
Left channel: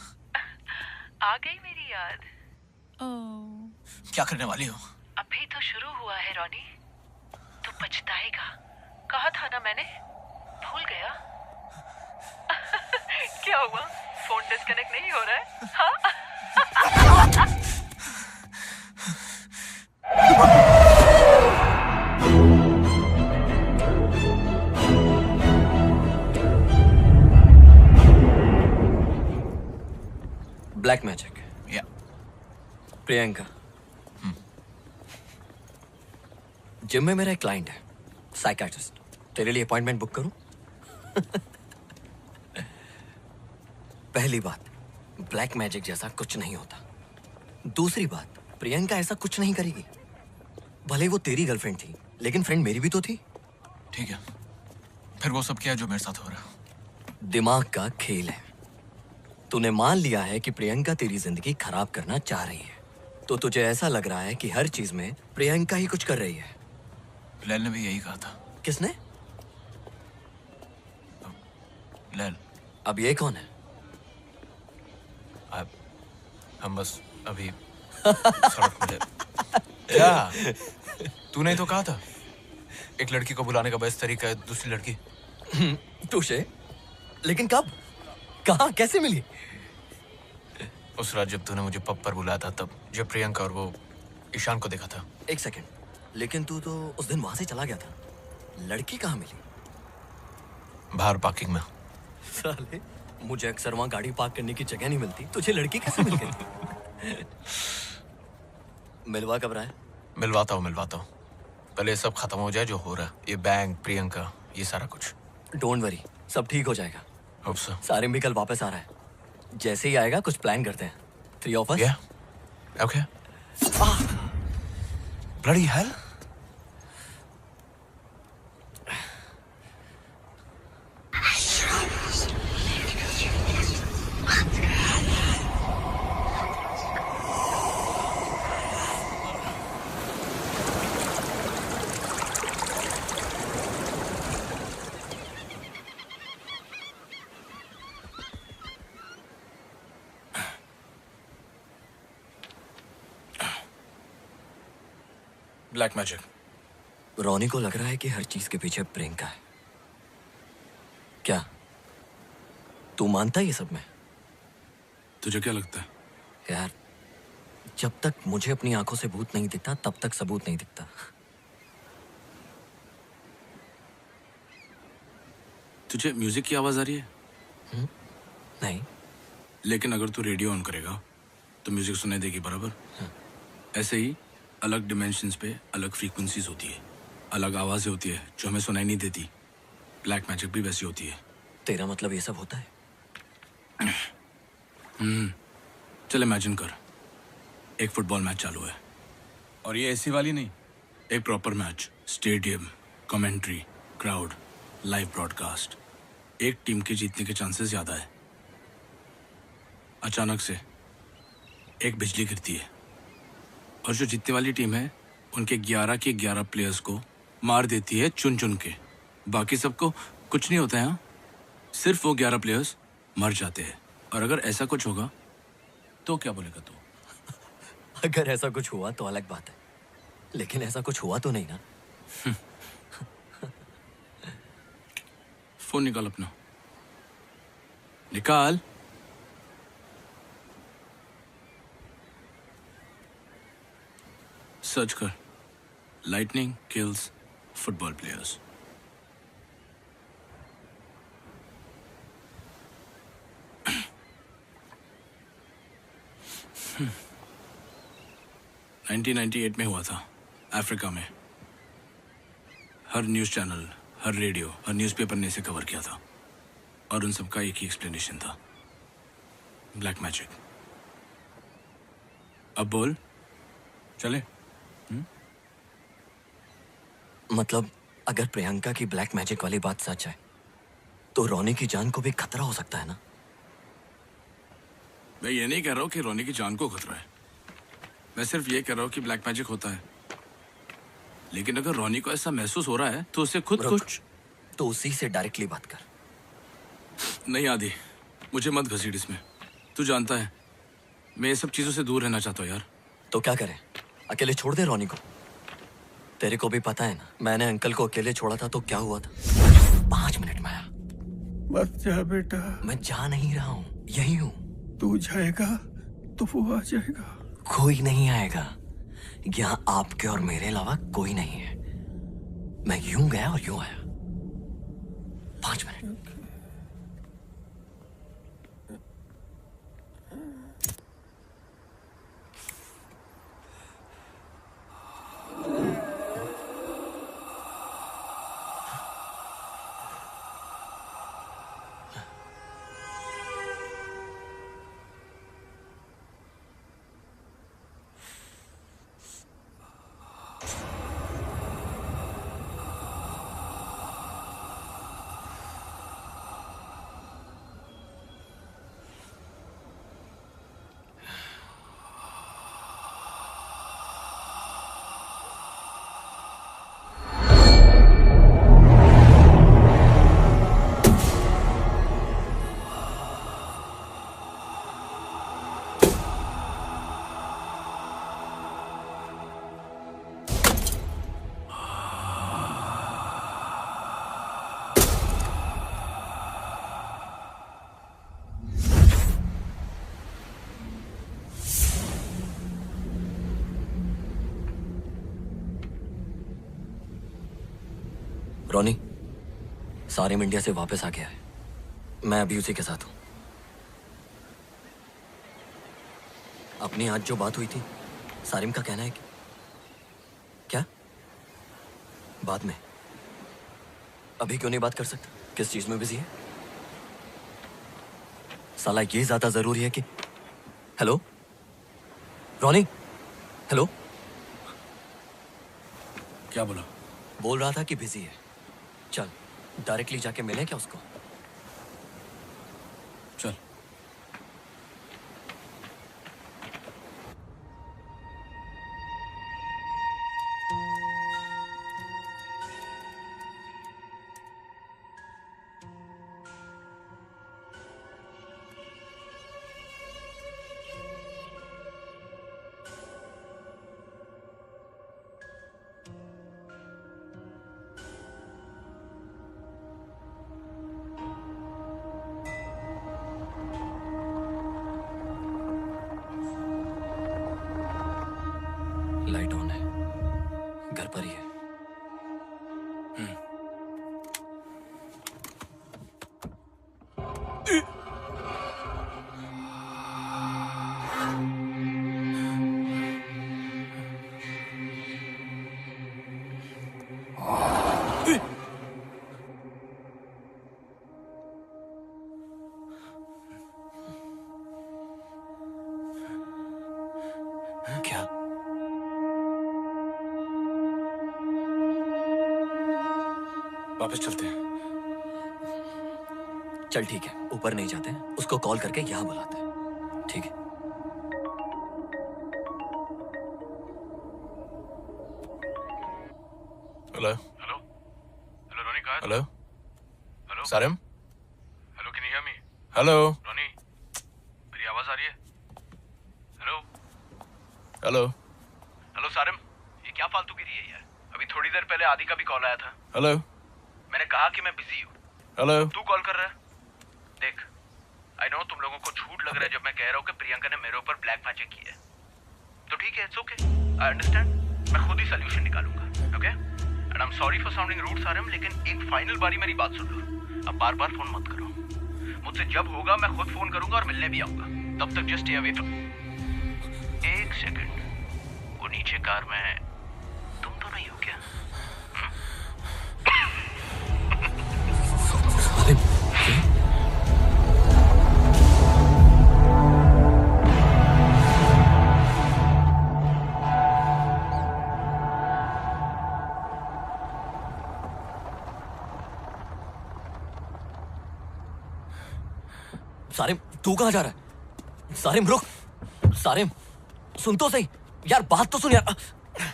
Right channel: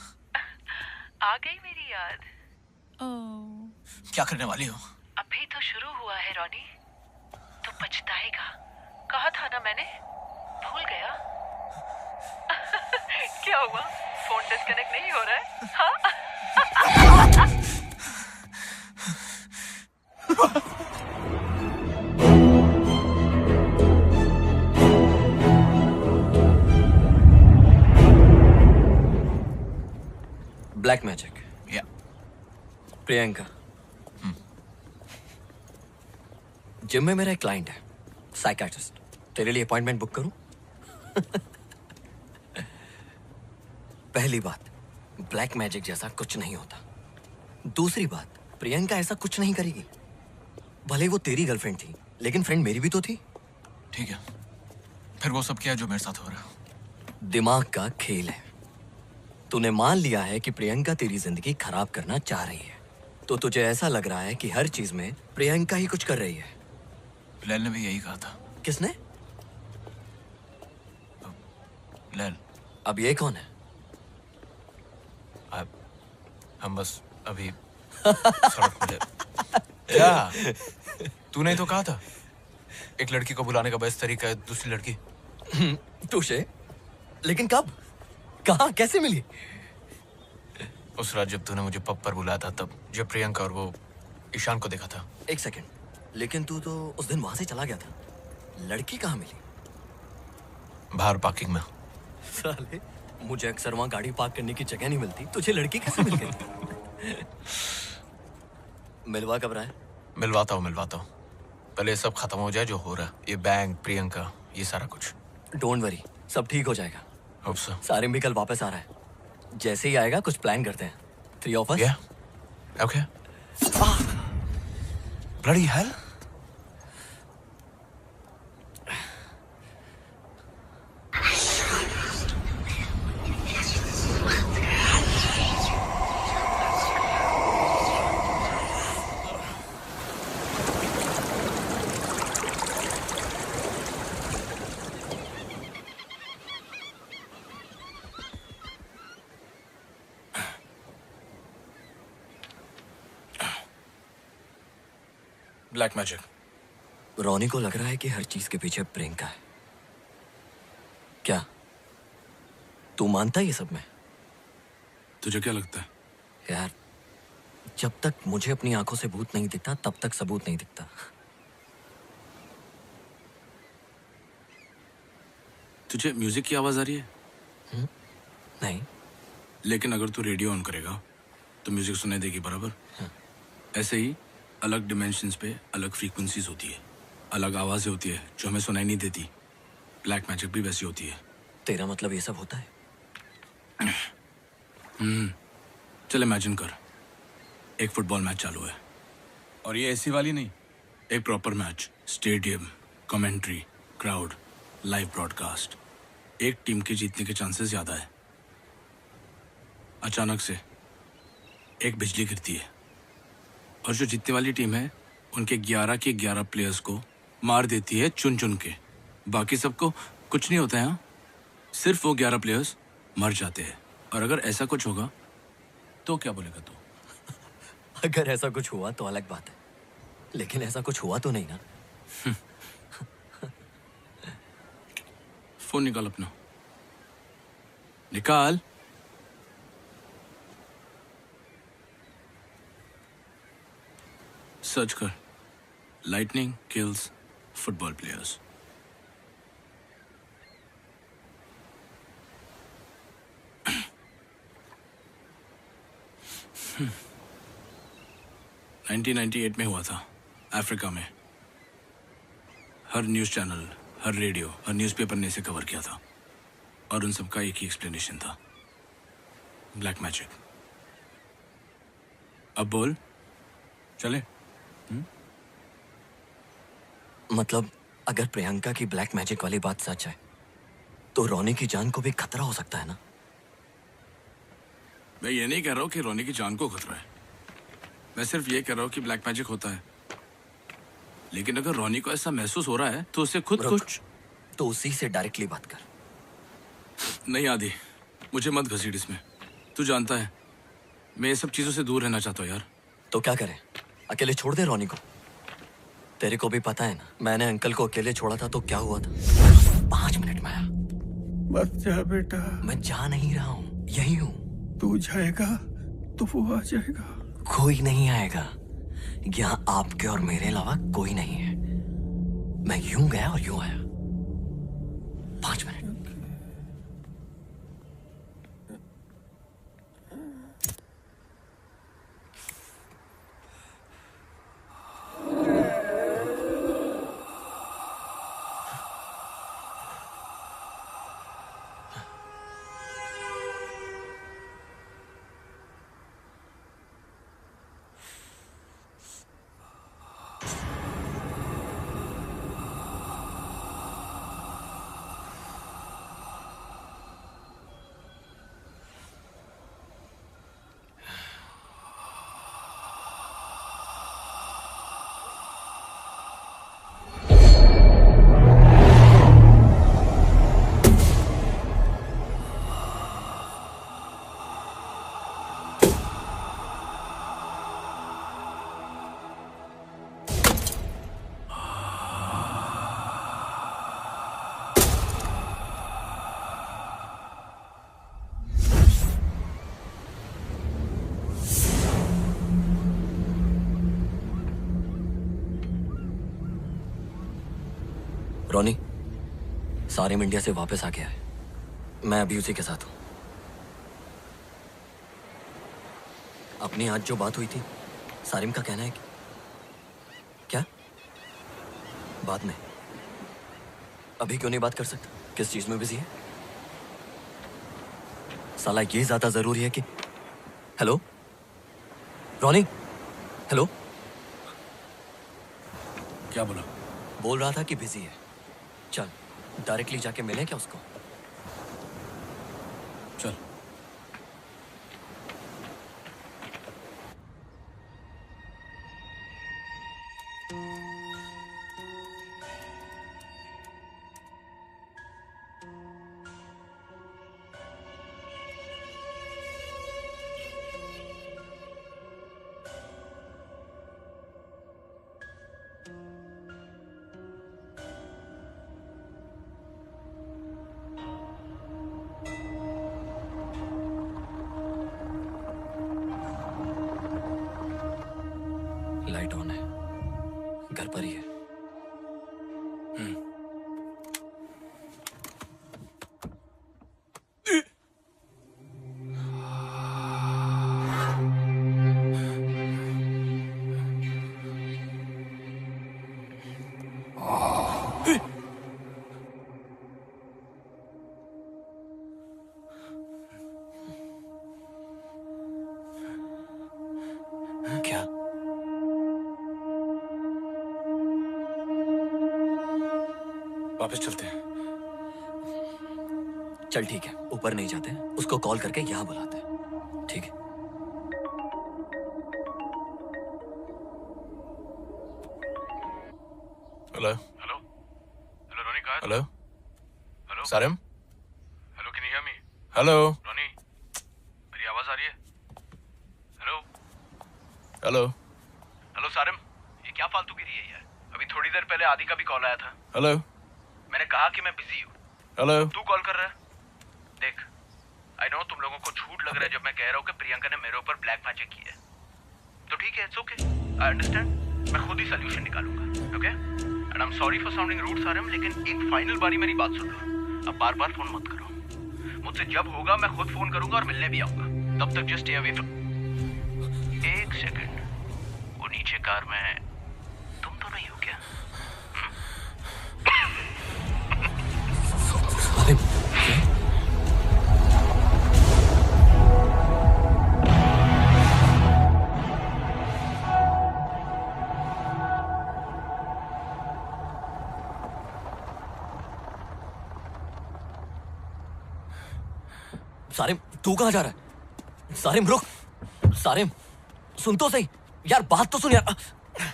आ गई मेरी याद। क्या करने वाली हो? अभी तो शुरू हुआ है रॉनी, तो पछताएगा। कहा था ना मैंने, भूल गया? क्या हुआ, फोन डिस्कनेक्ट नहीं हो रहा है? हाँ? Black magic. या प्रियंका। जिम में मेरा एक क्लाइंट है, साइकियाट्रिस्ट। तेरे लिए अपॉइंटमेंट बुक करूं? पहली बात, ब्लैक मैजिक जैसा कुछ नहीं होता। दूसरी बात, प्रियंका ऐसा कुछ नहीं करेगी। भले वो तेरी गर्लफ्रेंड थी, लेकिन फ्रेंड मेरी भी तो थी। ठीक है, फिर वो सब क्या जो मेरे साथ हो रहा है? दिमाग का खेल है। तूने मान लिया है कि प्रियंका तेरी जिंदगी खराब करना चाह रही है, तो तुझे ऐसा लग रहा है कि हर चीज में प्रियंका ही कुछ कर रही है। लैल ने भी यही कहा था। किसने? लैल। अब ये कौन है? हम बस अभी सड़क मिले। क्या? तूने तो कहा था एक लड़की को बुलाने का बेस्ट तरीका है दूसरी लड़की। तुझे? लेकिन कब? कहाँ? कैसे मिली? उस रात जब तूने मुझे पब पर बुलाया था, तब जब प्रियंका और वो ईशान को देखा था। एक सेकंड, लेकिन तू तो उस दिन वहां से चला गया था। लड़की कहाँ मिली? बाहर पार्किंग में। साले, मुझे अक्सर वहां गाड़ी पार्क करने की जगह नहीं मिलती, तुझे लड़की कैसे मिल गई? मिलवा कब रहा है? मिलवाता हूँ। पहले ये सब खत्म हो जाए जो हो रहा है, ये बैंक, प्रियंका, ये सारा कुछ। डोंट वरी, सब ठीक हो जाएगा। Hope so. सारिम भी कल वापस आ रहा है। जैसे ही आएगा कुछ प्लान करते हैं। 3 of us? Yeah. Okay. Bloody hell. Black magic. Ronnie को लग रहा है कि हर चीज के पीछे प्रियंका है। क्या तू मानता है ये सब में? तुझे क्या लगता है? यार, जब तक मुझे अपनी आंखों से भूत नहीं दिखता तब तक सबूत नहीं दिखता। तुझे म्यूजिक की आवाज आ रही है? नहीं। लेकिन अगर तू रेडियो ऑन करेगा तो म्यूजिक सुनाई देगी बराबर। ऐसे ही अलग डिमेंशंस पे अलग फ्रीक्वेंसीज होती है, अलग आवाजें होती है जो हमें सुनाई नहीं देती। ब्लैक मैजिक भी वैसी होती है। तेरा मतलब ये सब होता है? चल इमेजिन कर, एक फुटबॉल मैच चालू है और ये ऐसी वाली नहीं, एक proper match, stadium, commentary, crowd, live broadcast. एक टीम के जीतने के चांसेस ज्यादा है। अचानक से एक बिजली गिरती है और जो जीतने वाली टीम है उनके 11 के 11 प्लेयर्स को मार देती है चुन चुन के। बाकी सबको कुछ नहीं होता है। हाँ, सिर्फ वो 11 प्लेयर्स मर जाते हैं। और अगर ऐसा कुछ होगा तो क्या बोलेगा तू? अगर ऐसा कुछ हुआ तो अलग बात है, लेकिन ऐसा कुछ हुआ तो नहीं ना। फोन निकाल अपना, निकाल। सर्च कर, lightning kills football players. Hmm. 1998 में हुआ था अफ्रीका में। हर न्यूज़ चैनल, हर रेडियो, हर न्यूज़पेपर ने इसे कवर किया था और उन सबका एक ही एक्सप्लेनेशन था, ब्लैक मैजिक। अब बोल, चले? मतलब अगर प्रियंका की ब्लैक मैजिक वाली बात सच है तो रोनी की जान को भी खतरा हो सकता है ना? मैं ये नहीं कह रहा हूँ कि रोनी की जान को खतरा है। मैं सिर्फ ये कह रहा हूँ कि ब्लैक मैजिक होता है। लेकिन अगर रोनी को ऐसा महसूस हो रहा है तो उसे खुद कुछ तो उसी से डायरेक्टली बात कर। नहीं आदि, मुझे मत घसीट इसमें। तू जानता है मैं ये सब चीजों से दूर रहना चाहता हूँ यार। तो क्या करें? अकेले छोड़ दे रोनी को? तेरे को भी पता है ना, मैंने अंकल को अकेले छोड़ा था तो क्या हुआ था। 5 मिनट में आया। मत जा बेटा। मैं जा नहीं रहा हूँ, यही हूँ। तू जाएगा तो वो आ जाएगा। कोई नहीं आएगा। यहाँ आपके और मेरे अलावा कोई नहीं है। मैं यूं गया और यूं आया। 5 मिनट। रोनी, सारिम इंडिया से वापस आ गया है। मैं अभी उसी के साथ हूं। अपनी आज जो बात हुई थी, सारिम का कहना है कि क्या बाद में? अभी क्यों नहीं बात कर सकता? किस चीज में बिजी है? साला ये ज्यादा जरूरी है कि हेलो रॉनी, हेलो। क्या बोला? बोल रहा था कि बिजी है। चल डायरेक्टली जाके मिलें क्या उसको? चल। लाइट ऑन है, घर पर ही है। क्या? वापस चलते हैं। चल ठीक है, ऊपर नहीं जाते, उसको कॉल करके यहाँ बुलाते हैं, ठीक है? हेलो हेलो हेलो रॉनी, कहाँ है? Hello hello Sarim. Hello, can you hear me? Hello Ronnie, मेरी आवाज आ रही है? हेलो हेलो हेलो सारिम, ये क्या फालतूगिरी है यार? अभी थोड़ी देर पहले आदि का भी कॉल आया था। हेलो मैंने कहा कि मैं बिजी हूँ, हेलो। तू कॉल कर रहा है? देख, आई नो तुम लोगों को झूठ लग रहा है जब मैं कह रहा हूँ कि प्रियंका ने मेरे ऊपर ब्लैक मैजिक किया है। तो ठीक है, इट्स ओके, आई अंडरस्टैंड। मैं खुद ही सोल्यूशन निकालूंगा, okay? And I am sorry for sounding rude Sarim, लेकिन एक फाइनल बारी मेरी बात सुन लो। अब बार बार फोन मत करो। मुझसे जब होगा मैं खुद फोन करूंगा और मिलने भी आऊंगा। तब तक जस्ट स्टे अवे फ्रॉम। एक सेकंड, वो नीचे कार में तुम तो नहीं हो क्या? अरे सारिम, तू कहाँ जा रहा है? सारिम रुक, सारिम सुन तो सही यार, बात तो सुन यार।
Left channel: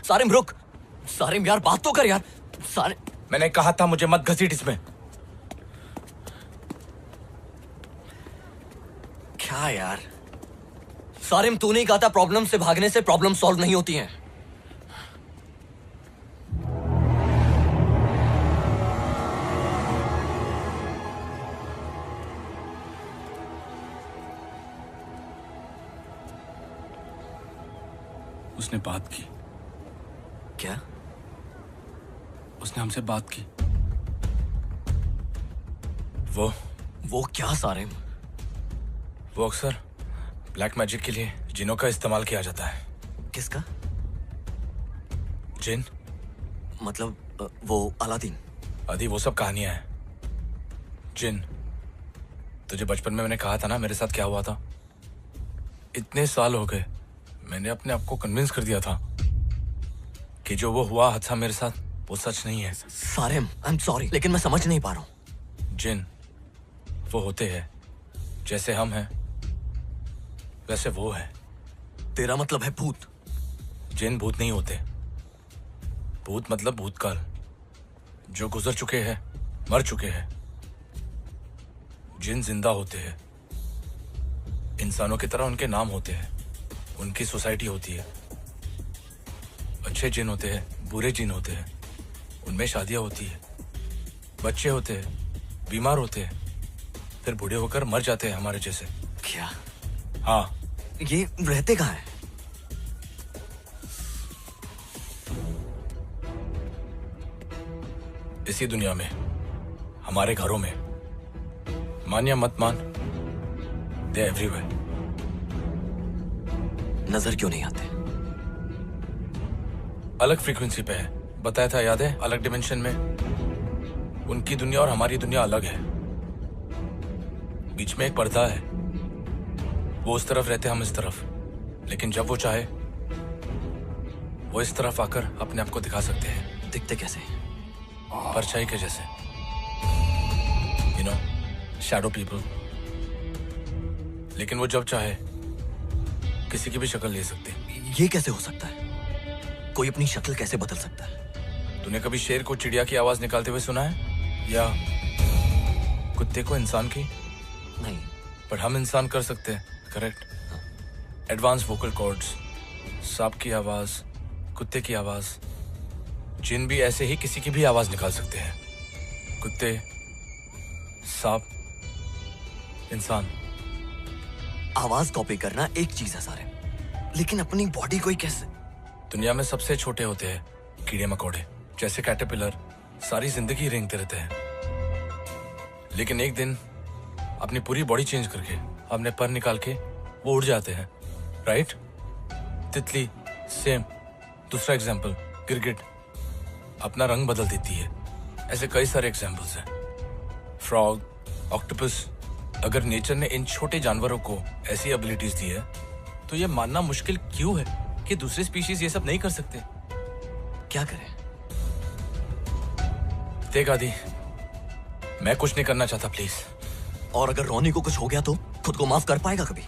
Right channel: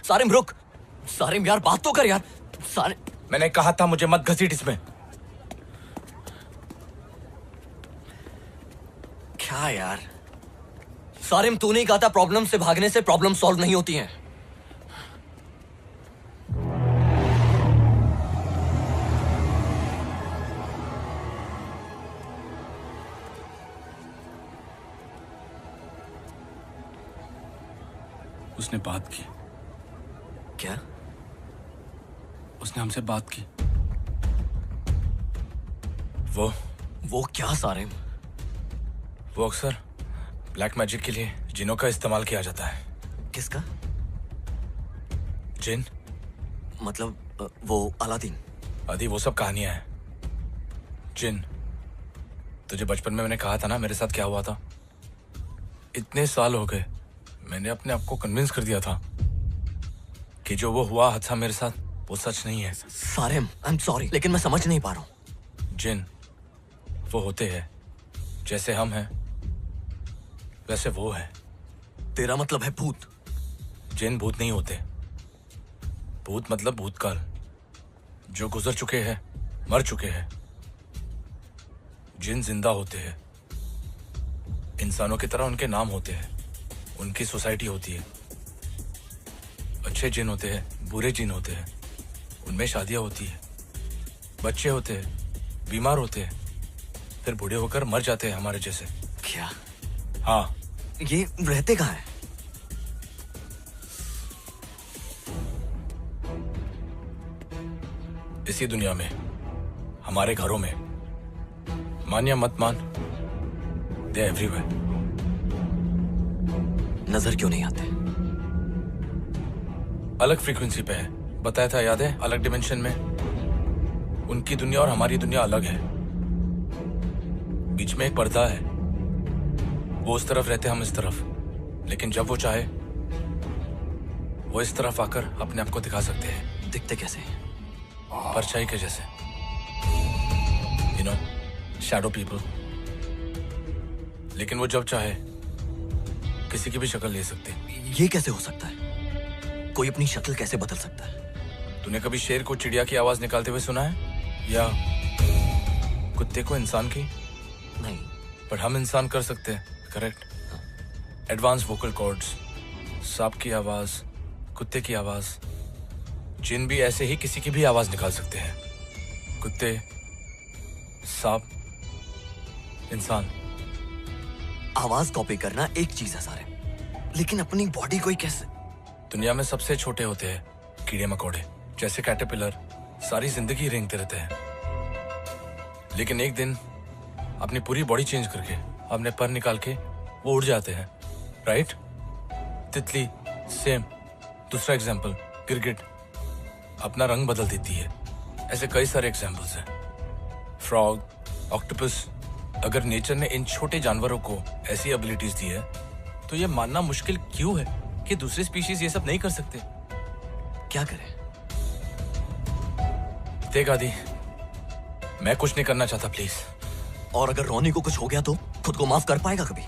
सारिम रुक, सारिम यार बात तो कर यार। सारिम, मैंने कहा था मुझे मत घसीट इसमें। क्या यार? सारिम तू नहीं कहा था प्रॉब्लम से भागने से प्रॉब्लम सॉल्व नहीं होती हैं। उसने बात की। क्या? उसने हमसे बात की। वो क्या सारिम? वो अक्सर ब्लैक मैजिक के लिए जिनों का इस्तेमाल किया जाता है। किसका? जिन मतलब वो अलादीन? आदि वो सब कहानियां हैं। जिन, तुझे बचपन में मैंने कहा था ना मेरे साथ क्या हुआ था। इतने साल हो गए, मैंने अपने आप को कन्विंस कर दिया था कि जो वो हुआ हादसा मेरे साथ वो सच नहीं है। सारिम आई एम सॉरी, लेकिन मैं समझ नहीं पा रहा हूँ। जिन वो होते हैं जैसे हम हैं वैसे वो है। तेरा मतलब है भूत? जिन भूत नहीं होते। भूत मतलब भूतकाल, जो गुजर चुके हैं, मर चुके हैं। जिन जिंदा होते हैं, इंसानों की तरह उनके नाम होते हैं, उनकी सोसाइटी होती है। अच्छे जिन होते हैं, बुरे जिन होते हैं, उनमें शादियां होती है, बच्चे होते हैं, बीमार होते हैं, फिर बूढ़े होकर मर जाते हैं हमारे जैसे। क्या? हाँ। ये रहते कहाँ हैं? इसी दुनिया में, हमारे घरों में। मान या मत मान, दे एवरीवेयर। नजर क्यों नहीं आते? अलग फ्रीक्वेंसी पे है, बताया था याद है? अलग डिमेंशन में। उनकी दुनिया और हमारी दुनिया अलग है। बीच में एक पर्दा है, वो उस तरफ रहते, हम इस तरफ। लेकिन जब वो चाहे वो इस तरफ आकर अपने आप को दिखा सकते हैं। दिखते कैसे? परछाई के जैसे, यू नो, शैडो पीपल। लेकिन वो जब चाहे किसी की भी शक्ल ले सकते हैं। ये कैसे हो सकता है? कोई अपनी शक्ल कैसे बदल सकता है? तूने कभी शेर को चिड़िया की आवाज निकालते हुए सुना है, या कुत्ते को इंसान की? नहीं। पर हम इंसान कर सकते हैं, करेक्ट? एडवांस वोकल कॉर्ड्स, सांप की आवाज, कुत्ते की आवाज। जिन भी ऐसे ही किसी की भी आवाज निकाल सकते हैं। कुत्ते, सांप, इंसान। आवाज कॉपी करना एक चीज है सारे, लेकिन अपनी बॉडी को ही कैसे? दुनिया में सबसे छोटे होते हैं कीड़े मकोड़े, जैसे कैटरपिलर, सारी जिंदगी रेंगते रहते हैं। लेकिन एक दिन अपनी पूरी बॉडी चेंज करके, अपने पर निकाल के वो उड़ जाते हैं, राइट? तितली सेम। दूसरा एग्जाम्पल, गिरगिट अपना रंग बदल देती है। ऐसे कई सारे एग्जाम्पल्स हैं। Frog, octopus. अगर नेचर ने इन छोटे जानवरों को ऐसी एबिलिटीज दी है, तो ये मानना मुश्किल क्यों है कि दूसरे स्पीशीज ये सब नहीं कर सकते? क्या करें? देख आदि, मैं कुछ नहीं करना चाहता, प्लीज। और अगर रोनी को कुछ हो गया तो खुद को माफ कर पाएगा कभी?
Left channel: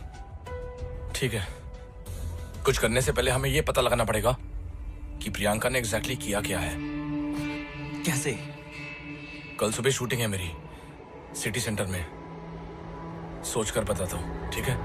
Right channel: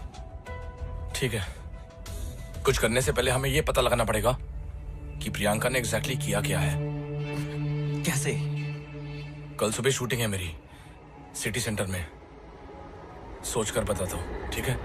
ठीक है, कुछ करने से पहले हमें यह पता लगाना पड़ेगा कि प्रियंका ने एग्जैक्टली किया क्या है। कैसे? कल सुबह शूटिंग है मेरी, सिटी सेंटर में। सोचकर बताता हूँ, ठीक है?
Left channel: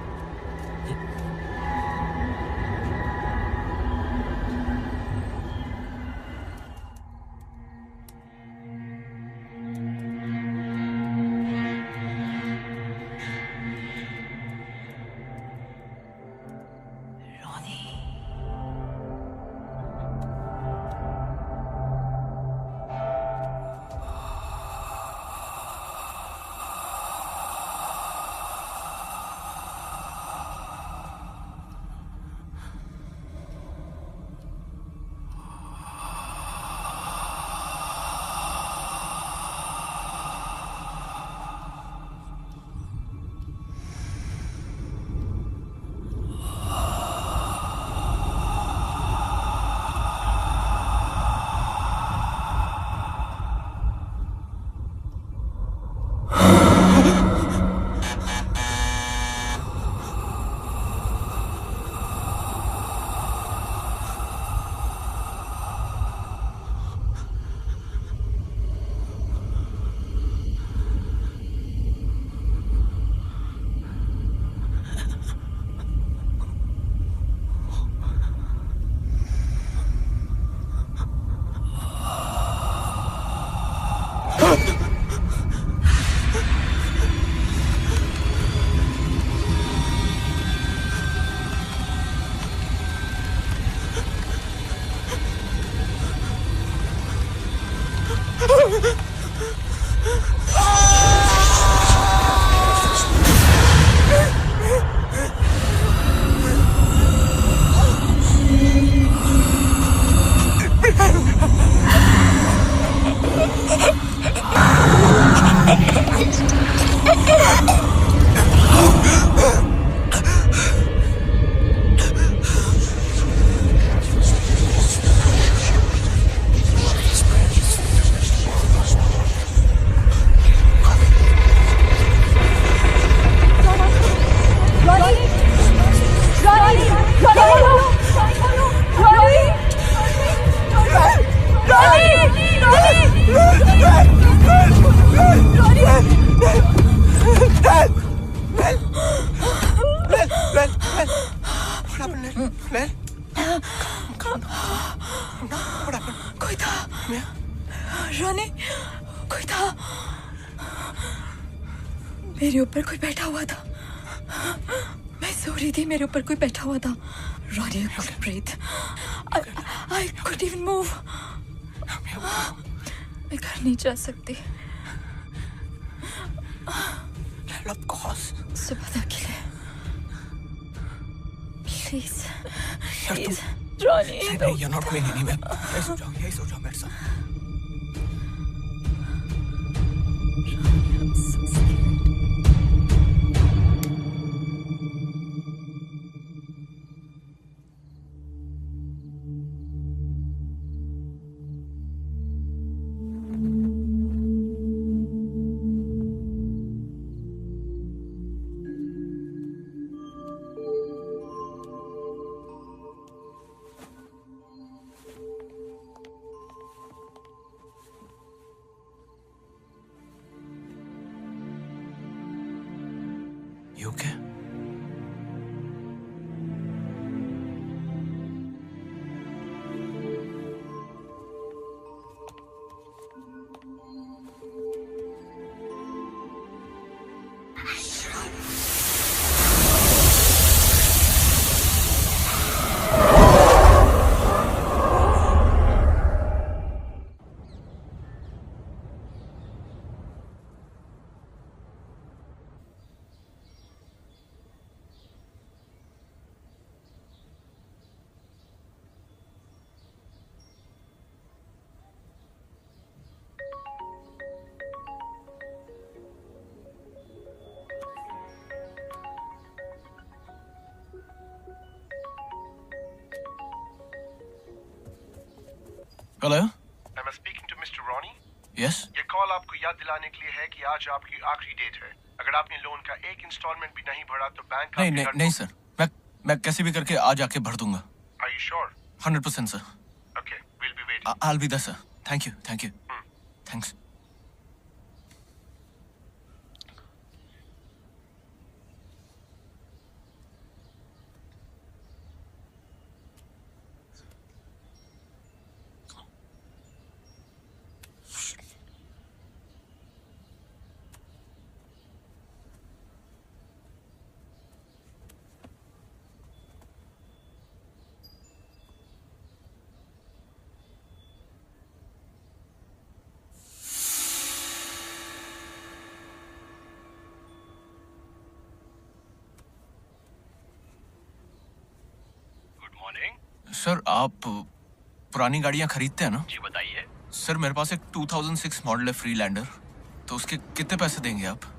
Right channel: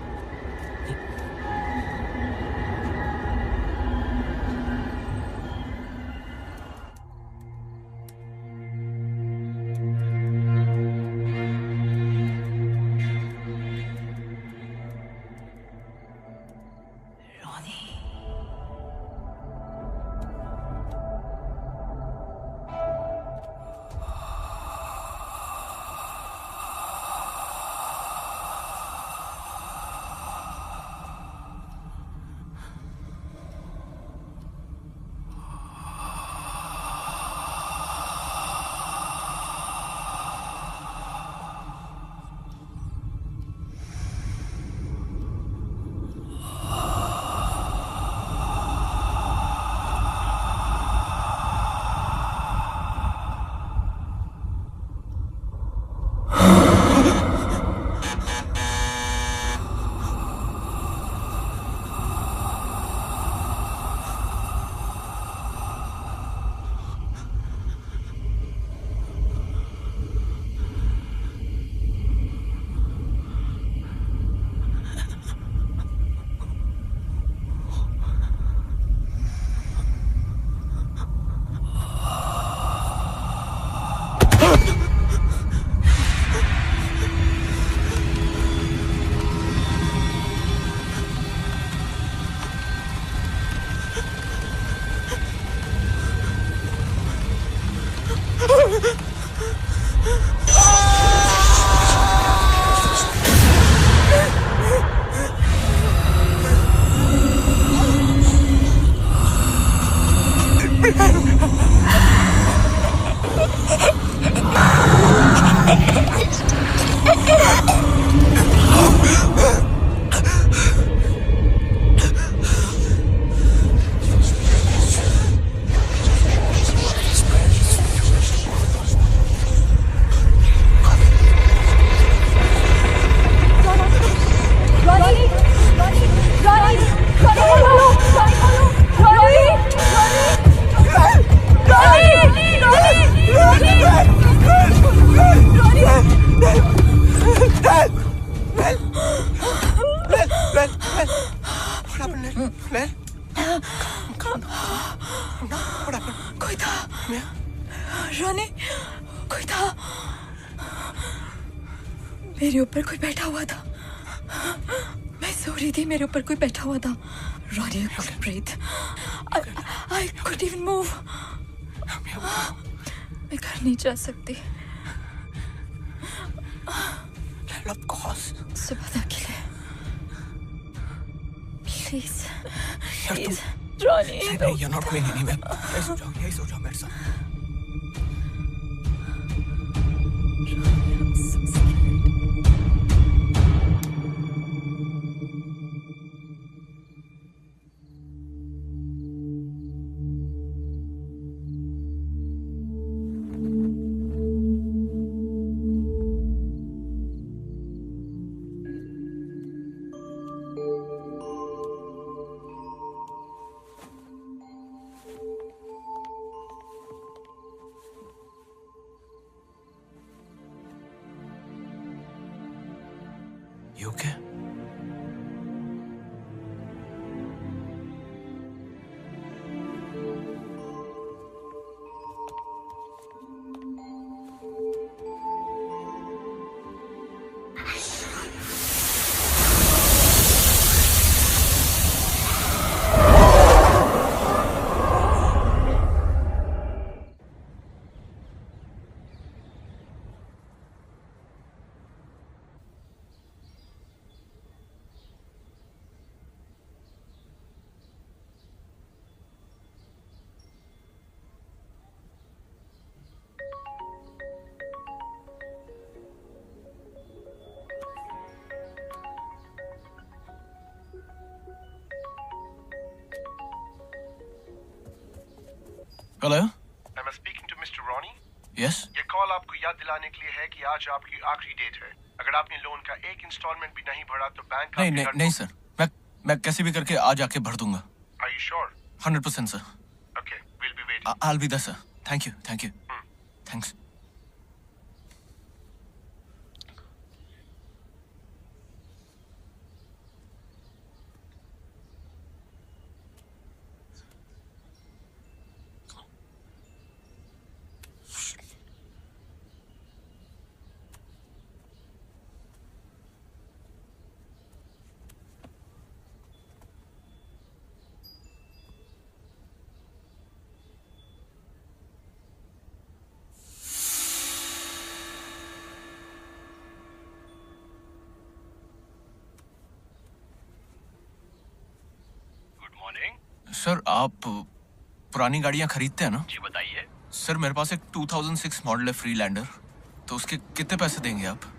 कोई था रोनी, कोई था मेरे ऊपर, कोई बैठा हुआ था। मैं सो रही थी, मेरे ऊपर कोई बैठा हुआ था। रोनी, I couldn't breathe. I couldn't even move. मैं घर नहीं जा सकती। Of course. सुबह तक के लिए प्लीज प्लीज रोनी, नहीं, you're not going anywhere. यही सो जाओ मेरे साथ। You okay? Hello? Am I speaking to Mr. Ronnie? Yes? ये कॉल आपको याद दिलाने के लिए है कि आज आपकी आखिरी डेट है। अगर आपने लोन का एक इंस्टॉलमेंट भी नहीं भरा तो बैंक नहीं सर, मैं कैसे भी करके आज आके भर दूंगा। Are you sure? 100% sir. Okay, we'll be waiting. I'll be there sir. Thank you. Thanks. Sir आप पुरानी गाड़ियां खरीदते हैं ना? जी बताइए। सर मेरे पास एक 2006 मॉडल है फ्रीलैंडर, तो उसके कितने पैसे देंगे आप?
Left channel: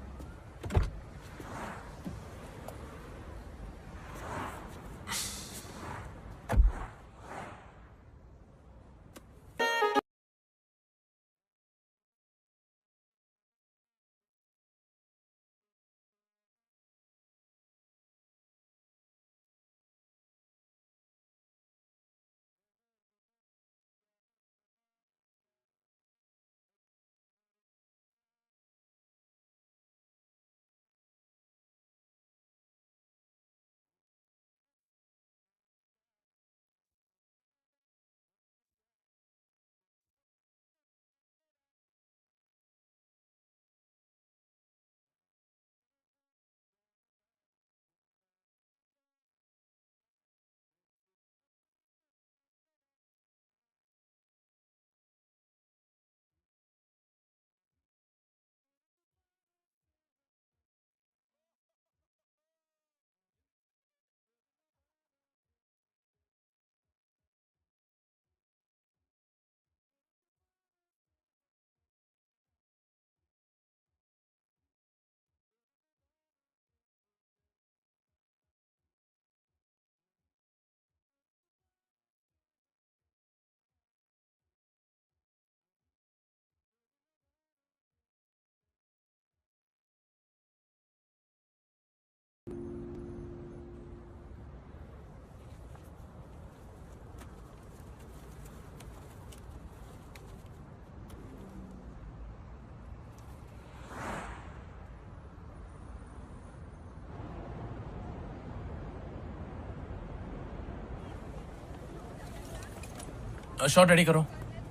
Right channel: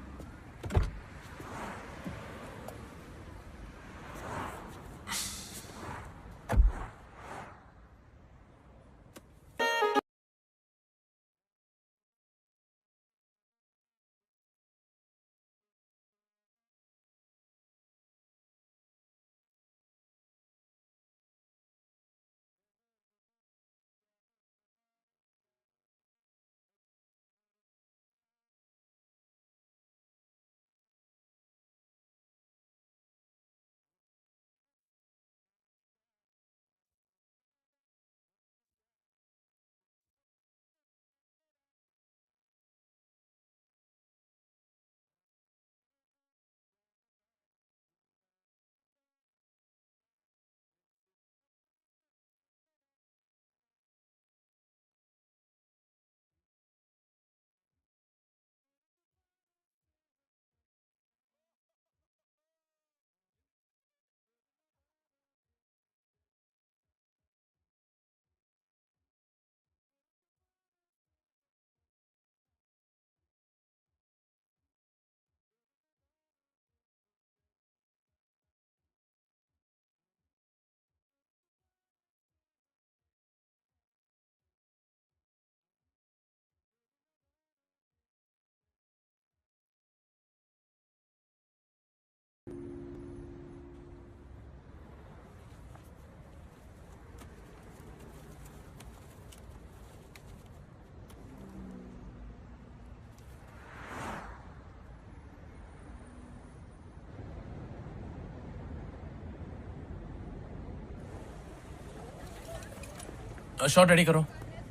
Shot ready karo.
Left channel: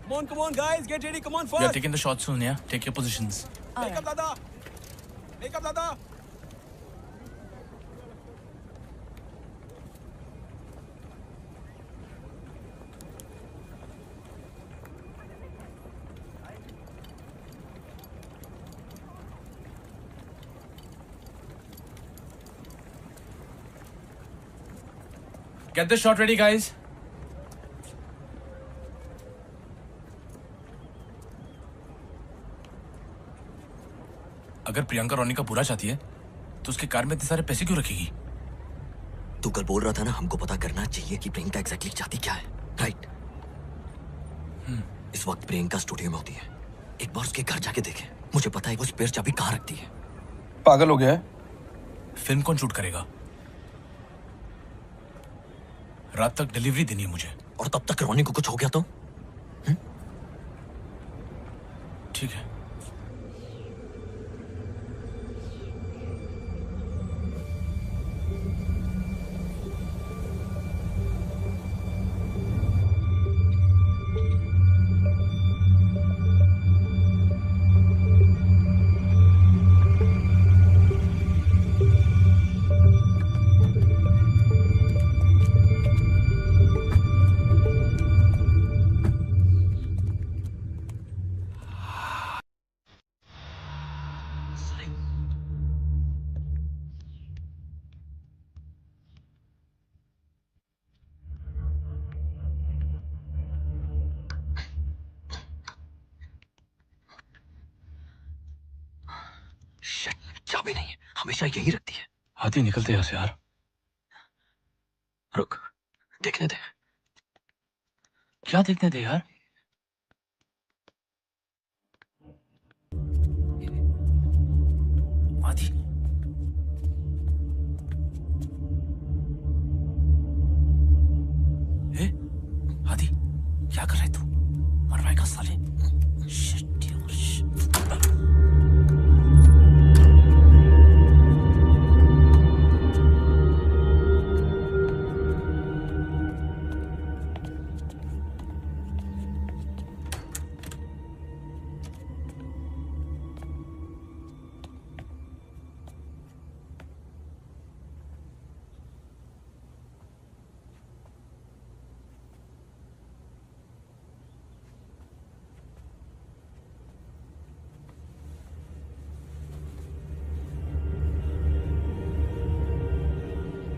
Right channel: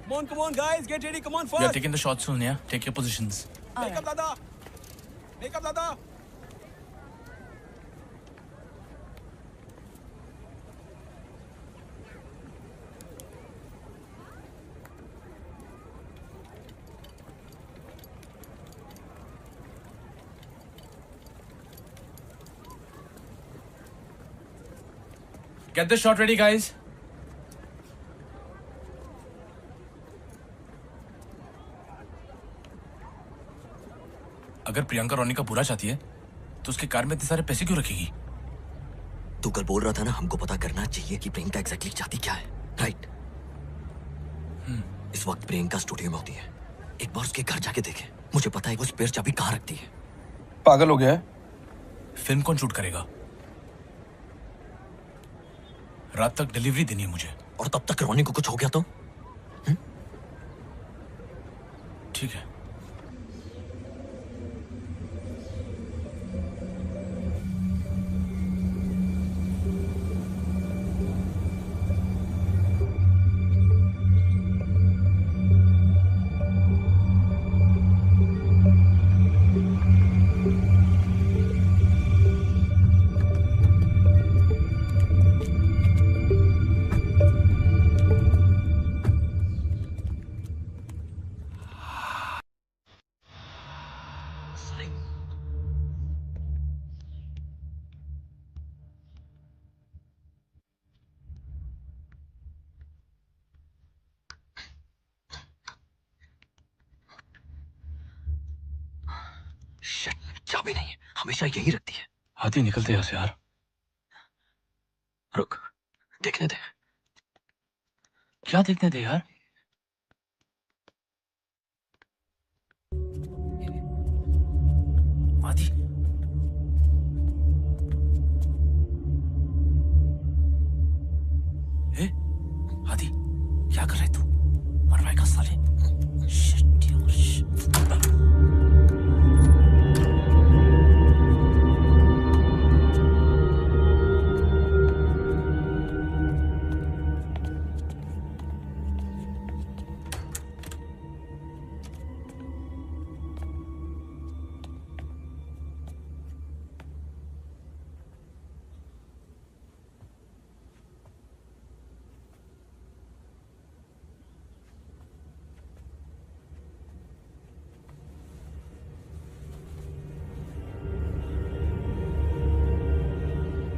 Come on, guys, get ready. Come on, We are fast. taking the shots soon, yeah? Take your positions. Make up, Dada. Make up, Dada. Get the shot ready, guys. अगर प्रियंका रोनी का बुरा चाहती है तो उसके car में इतने सारे पैसे क्यों रखेगी? तू कल बोल रहा था ना, हमको पता करना चाहिए कि प्रियंका एग्जैक्टली चाहती क्या है, राइट? इस वक्त प्रियंका स्टूडियो में होती है। एक बार उसके घर जाके देखे, मुझे पता है वो स्पेयर चाबी कहाँ रखती है। पागल हो गया है? फिल्म कौन शूट करेगा? रात तक डिलीवरी देनी है मुझे। और तब तक रोनी को कुछ हो गया तो? ठीक है। चाबी नहीं है, हमेशा यही रखती है। आदि निकलते यहाँ से यार। रुक, देखने दे। क्या देखने दे यार? आदि आदि क्या कर रहे तू? मरवाएगा साले। Shit, यार, shit.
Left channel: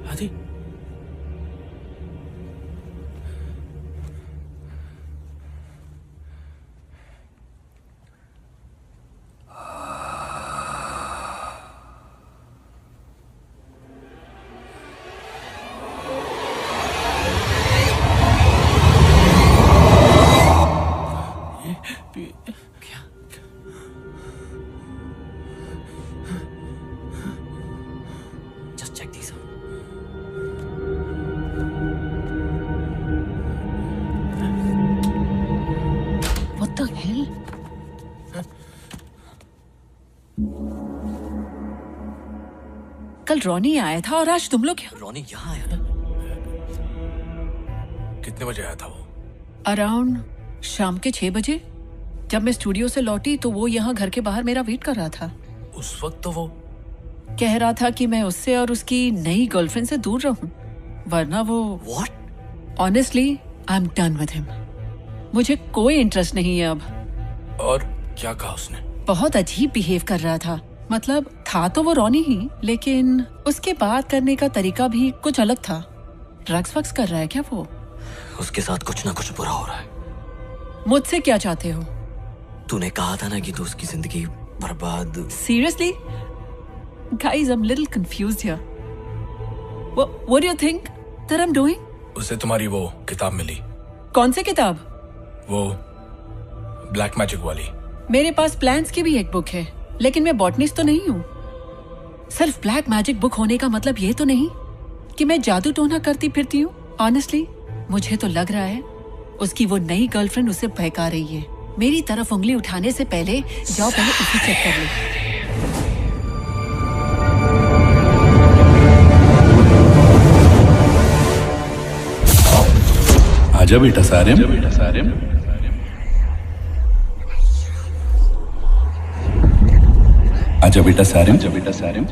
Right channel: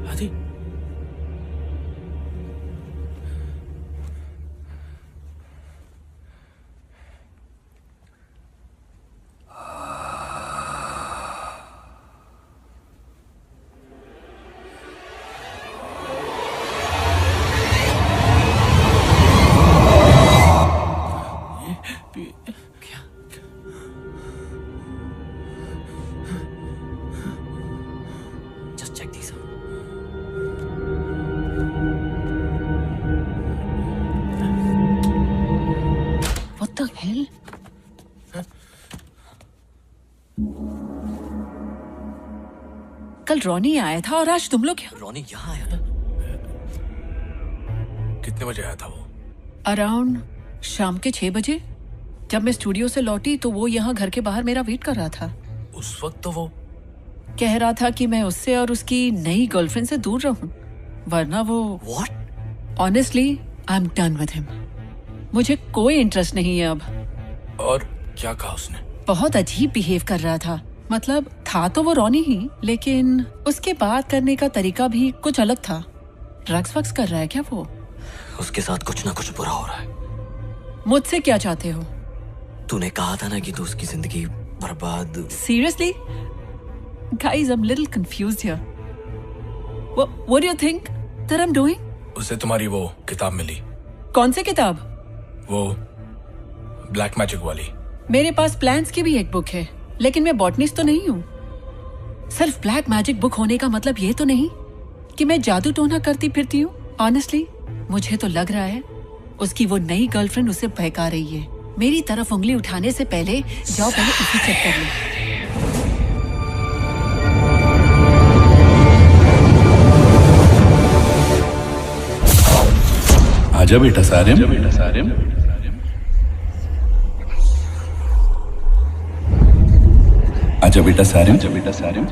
आदि Just check these out. What the hell? कल रॉनी आया था और आज तुम लोग क्या? रॉनी यहाँ आया था? कितने बजे आया था वो? अराउंड शाम के 6 बजे। जब मैं स्टूडियो से लौटी तो वो यहाँ घर के बाहर मेरा वेट कर रहा था। उस वक्त तो वो कह रहा था कि मैं उससे और उसकी नई गर्लफ्रेंड से दूर रहूं, वरना वो। What? Honestly I am done with him. मुझे कोई इंटरेस्ट नहीं है अब। और क्या कहा उसने? बहुत अजीब बिहेव कर रहा था। मतलब था तो वो रॉनी ही, लेकिन उसके बात करने का तरीका भी कुछ अलग था। ड्रग्स वक्स कर रहा है क्या वो? उसके साथ कुछ ना कुछ बुरा हो रहा है। मुझसे क्या चाहते हो? तूने कहा था ना कि तू उसकी जिंदगी बर्बाद। Seriously? Guys, I'm a little confused here. What do you think that I'm doing? उसे तुम्हारी वो किताब मिली। कौन सी किताब? वो ब्लैक मैजिक वाली। मेरे पास प्लान्स की भी एक बुक है, लेकिन मैं बॉटनिस्ट तो नहीं हूँ। सिर्फ ब्लैक मैजिक बुक होने का मतलब ये तो नहीं कि मैं जादू टोना करती फिरती हूँ। ऑनेस्टली मुझे तो लग रहा है उसकी वो नई गर्लफ्रेंड उसे बहका रही है। मेरी तरफ उंगली उठाने से पहले जाओ पहले उसे चेक कर लो। आजा बेटा सारिम। आजा बेटा सारिम।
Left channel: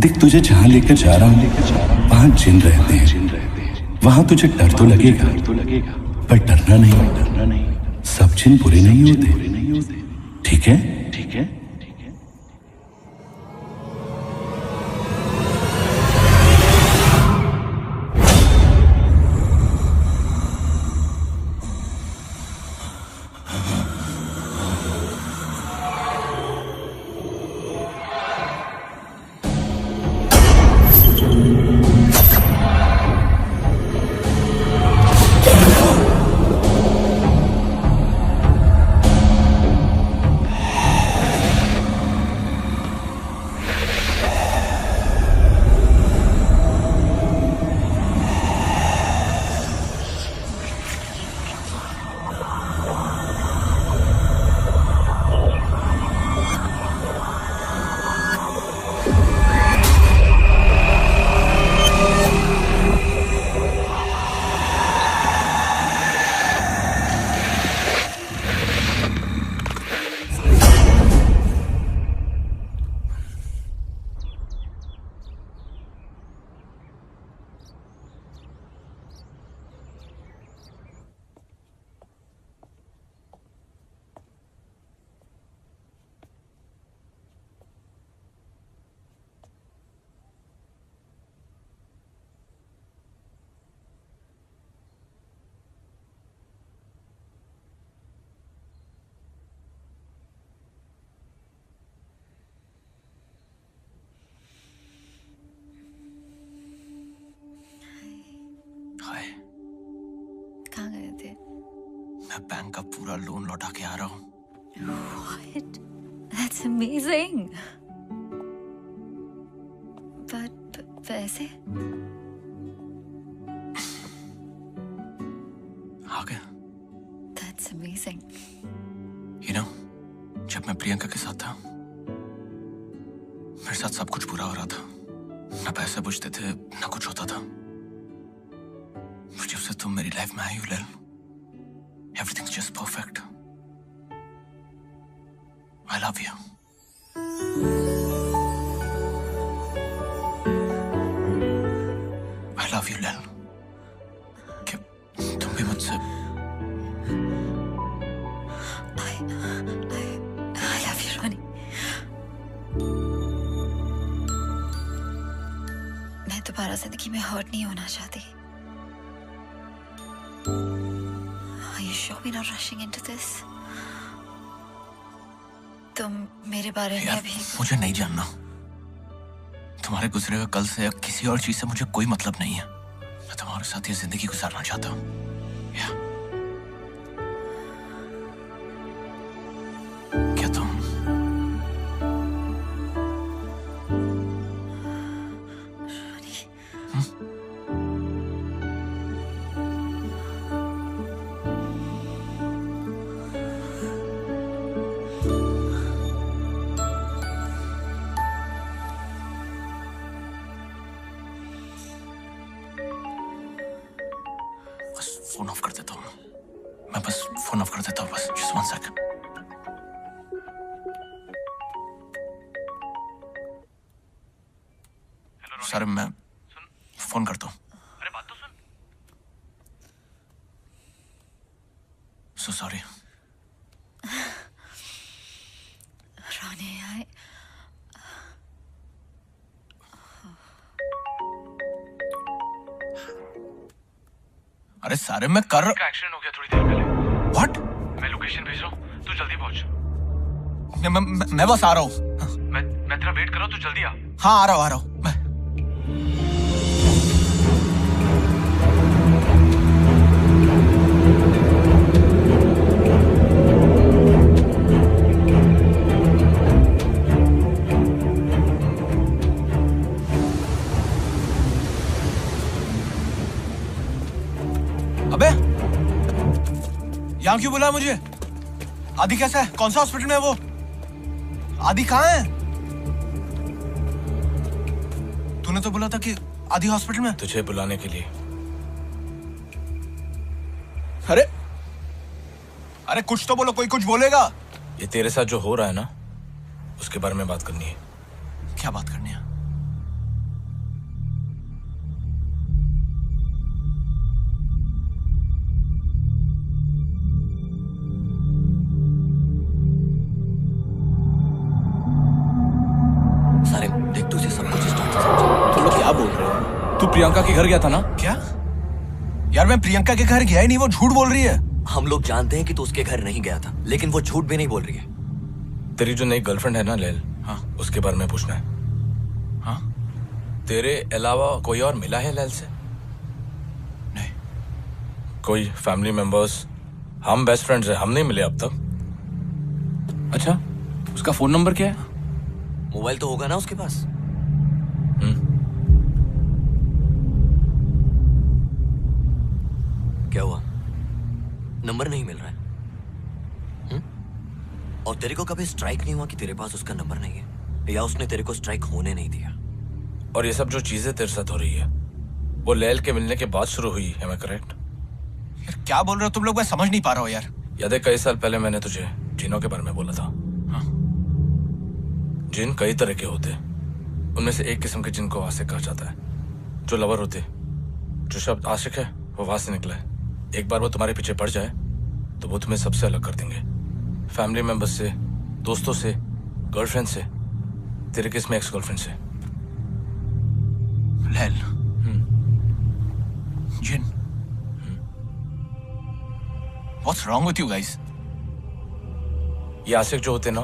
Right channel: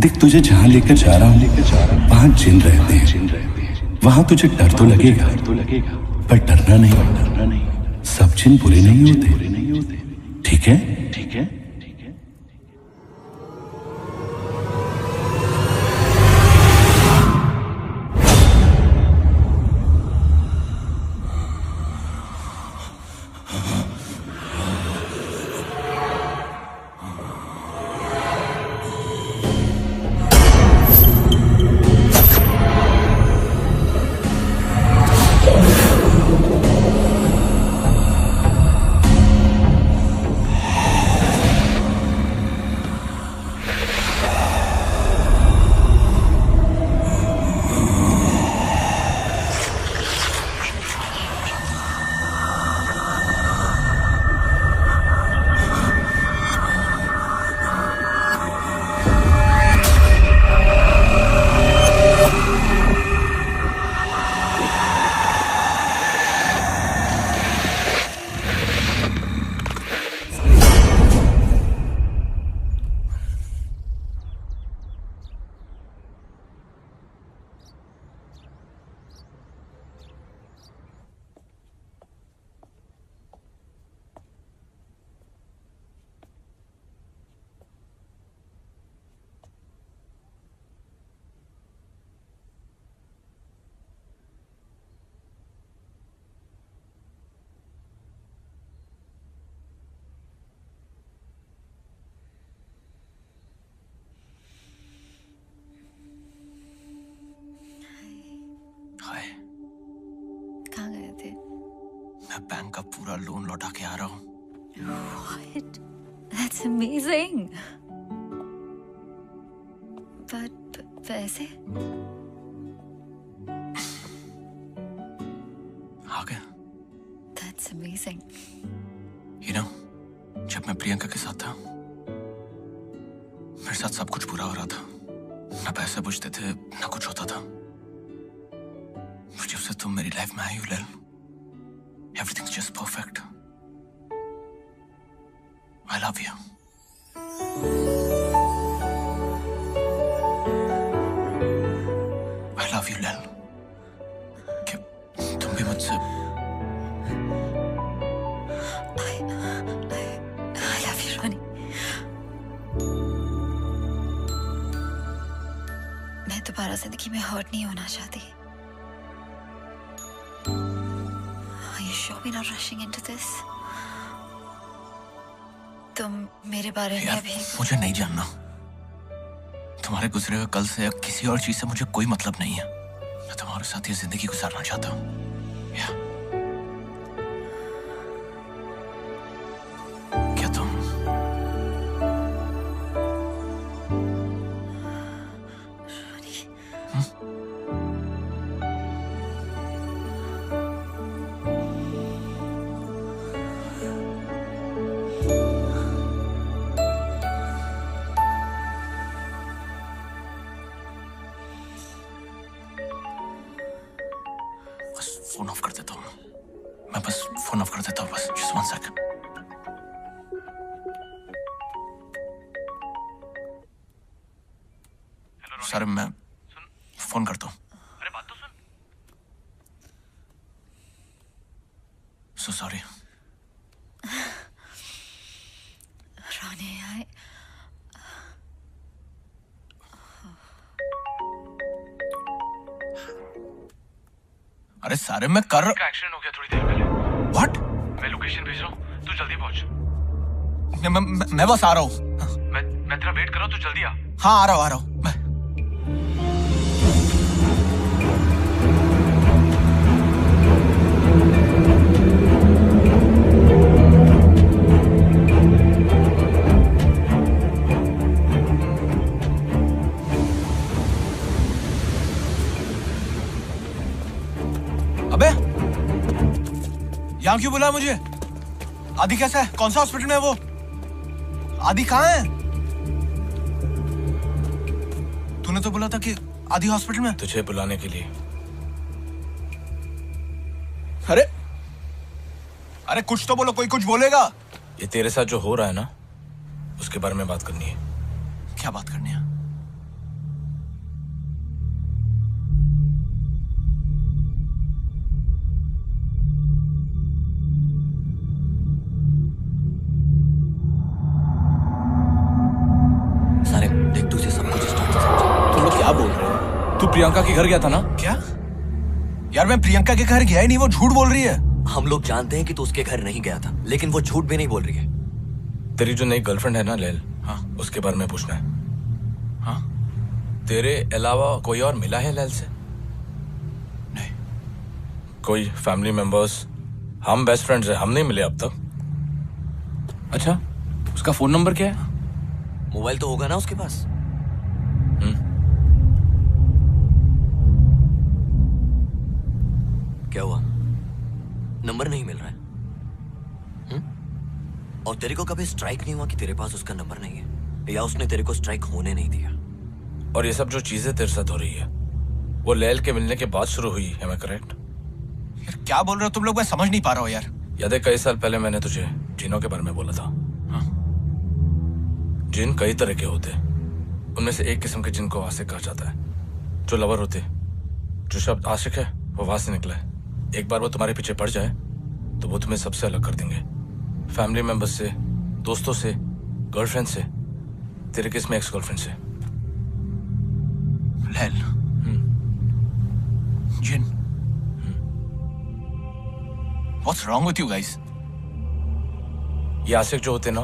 देख तुझे जहाँ लेकर जा रहा हूँ वहाँ जिन रहते हैं। वहाँ तुझे डर तो लगेगा पर डरना नहीं। सब जिन बुरे नहीं होते, ठीक है? हाय। कहाँ गए थे? मैं बैंक का पूरा लोन लौटा के आ रहा हूँ। What? That's amazing. But पैसे? आ गया। That's amazing. You know, जब मैं प्रियंका के साथ था, मेरे साथ सब कुछ बुरा हो रहा था। ना पैसे बचते थे, ना कुछ होता था। जब से तुम मेरी लाइफ में आई हो लैल, everything's just perfect. I love you. I love you लैल। कि तुम भी मुझसे I love you, Ronnie. मैं दोबारा जिंदगी में हर्ट नहीं होना चाहती। Are you sure we're not rushing into this? तुम मेरे बारे में अभी मुझे नहीं जानना। तुम्हारे गुजरे हुए कल से या किसी और चीज से मुझे कोई मतलब नहीं है। मैं तुम्हारे साथ ये जिंदगी गुजारना चाहता हूँ। क्या तुम फोन ऑफ कर देता हूँ। मैं बस फोन ऑफ कर देता हूँ, बस जस्ट 1 सेकंड। सर मैं फोन करता हूँ। अरे बात तो सुन। So sorry. Ronnie, अरे सारे मैं कर का एक्सीडेंट हो गया थोड़ी देर पहले। What? मैं लोकेशन भेज रहा हूँ, तू जल्दी पहुंच। मैं बस आ रहा हूँ। मैं तेरा वेट कर रहा हूँ, तू जल्दी आ। हाँ आ रहा हूँ मैं। अबे यहाँ क्यों बुलाया मुझे? आदि कैसा है? कौन सा हॉस्पिटल में है वो? आदि कहाँ है? तूने तो बोला था कि आदि हॉस्पिटल में। तुझे बुलाने के लिए। अरे अरे कुछ तो बोलो, कोई कुछ बोलेगा। ये तेरे साथ जो हो रहा है ना, उसके बारे में बात करनी है। क्या बात करनी है? सारे देख तुझे सब कुछ तुम लोग क्या बोल रहे हो? तू प्रियंका के घर गया था ना? क्या? यार मैं प्रियंका के घर गया ही नहीं, वो झूठ बोल रही है। हम लोग जानते हैं कि तू उसके घर नहीं गया था, लेकिन वो झूठ भी नहीं बोल रही है। तेरी जो नई गर्लफ्रेंड है ना लैल, हाँ उसके बारे में पूछना है। हाँ तेरे अलावा कोई और मिला है लैल से? नहीं। कोई फैमिली मेंबर्स? हम बेस्ट फ्रेंड्स हैं, हम नहीं मिले अब तक। अच्छा, उसका फोन नंबर क्या है? मोबाइल तो होगा ना उसके पास? क्या हुआ? नंबर नहीं मिल रहा है? और तेरे को कभी स्ट्राइक नहीं हुआ कि तेरे पास उसका नंबर नहीं है, या उसने तेरे को स्ट्राइक होने नहीं दिया? और ये सब जो चीजें तेरे साथ हो रही है, वो लैल के मिलने के बाद शुरू हुई है, मैं करेक्ट? यार क्या बोल रहे हो तुम लोग? मैं समझ नहीं पा रहा हूँ यार। याद है कई साल पहले मैंने तुझे जिनों के बारे में बोला था? हाँ। जिन कई तरह के होते, उनमें से एक किस्म के जिन को आशिक कहा जाता है, जो लवर होते। जो शब्द आशिक है वो वहां से निकला है। एक बार वो तुम्हारे पीछे पड़ जाए तो वो तुम्हें सबसे अलग कर देंगे, फैमिली मेंबर्स से, दोस्तों से, गर्लफ्रेंड से। तेरे केस में एक्स गर्लफ्रेंड से। लैल, जिन, What's wrong with you guys? ये आशिक जो होते ना,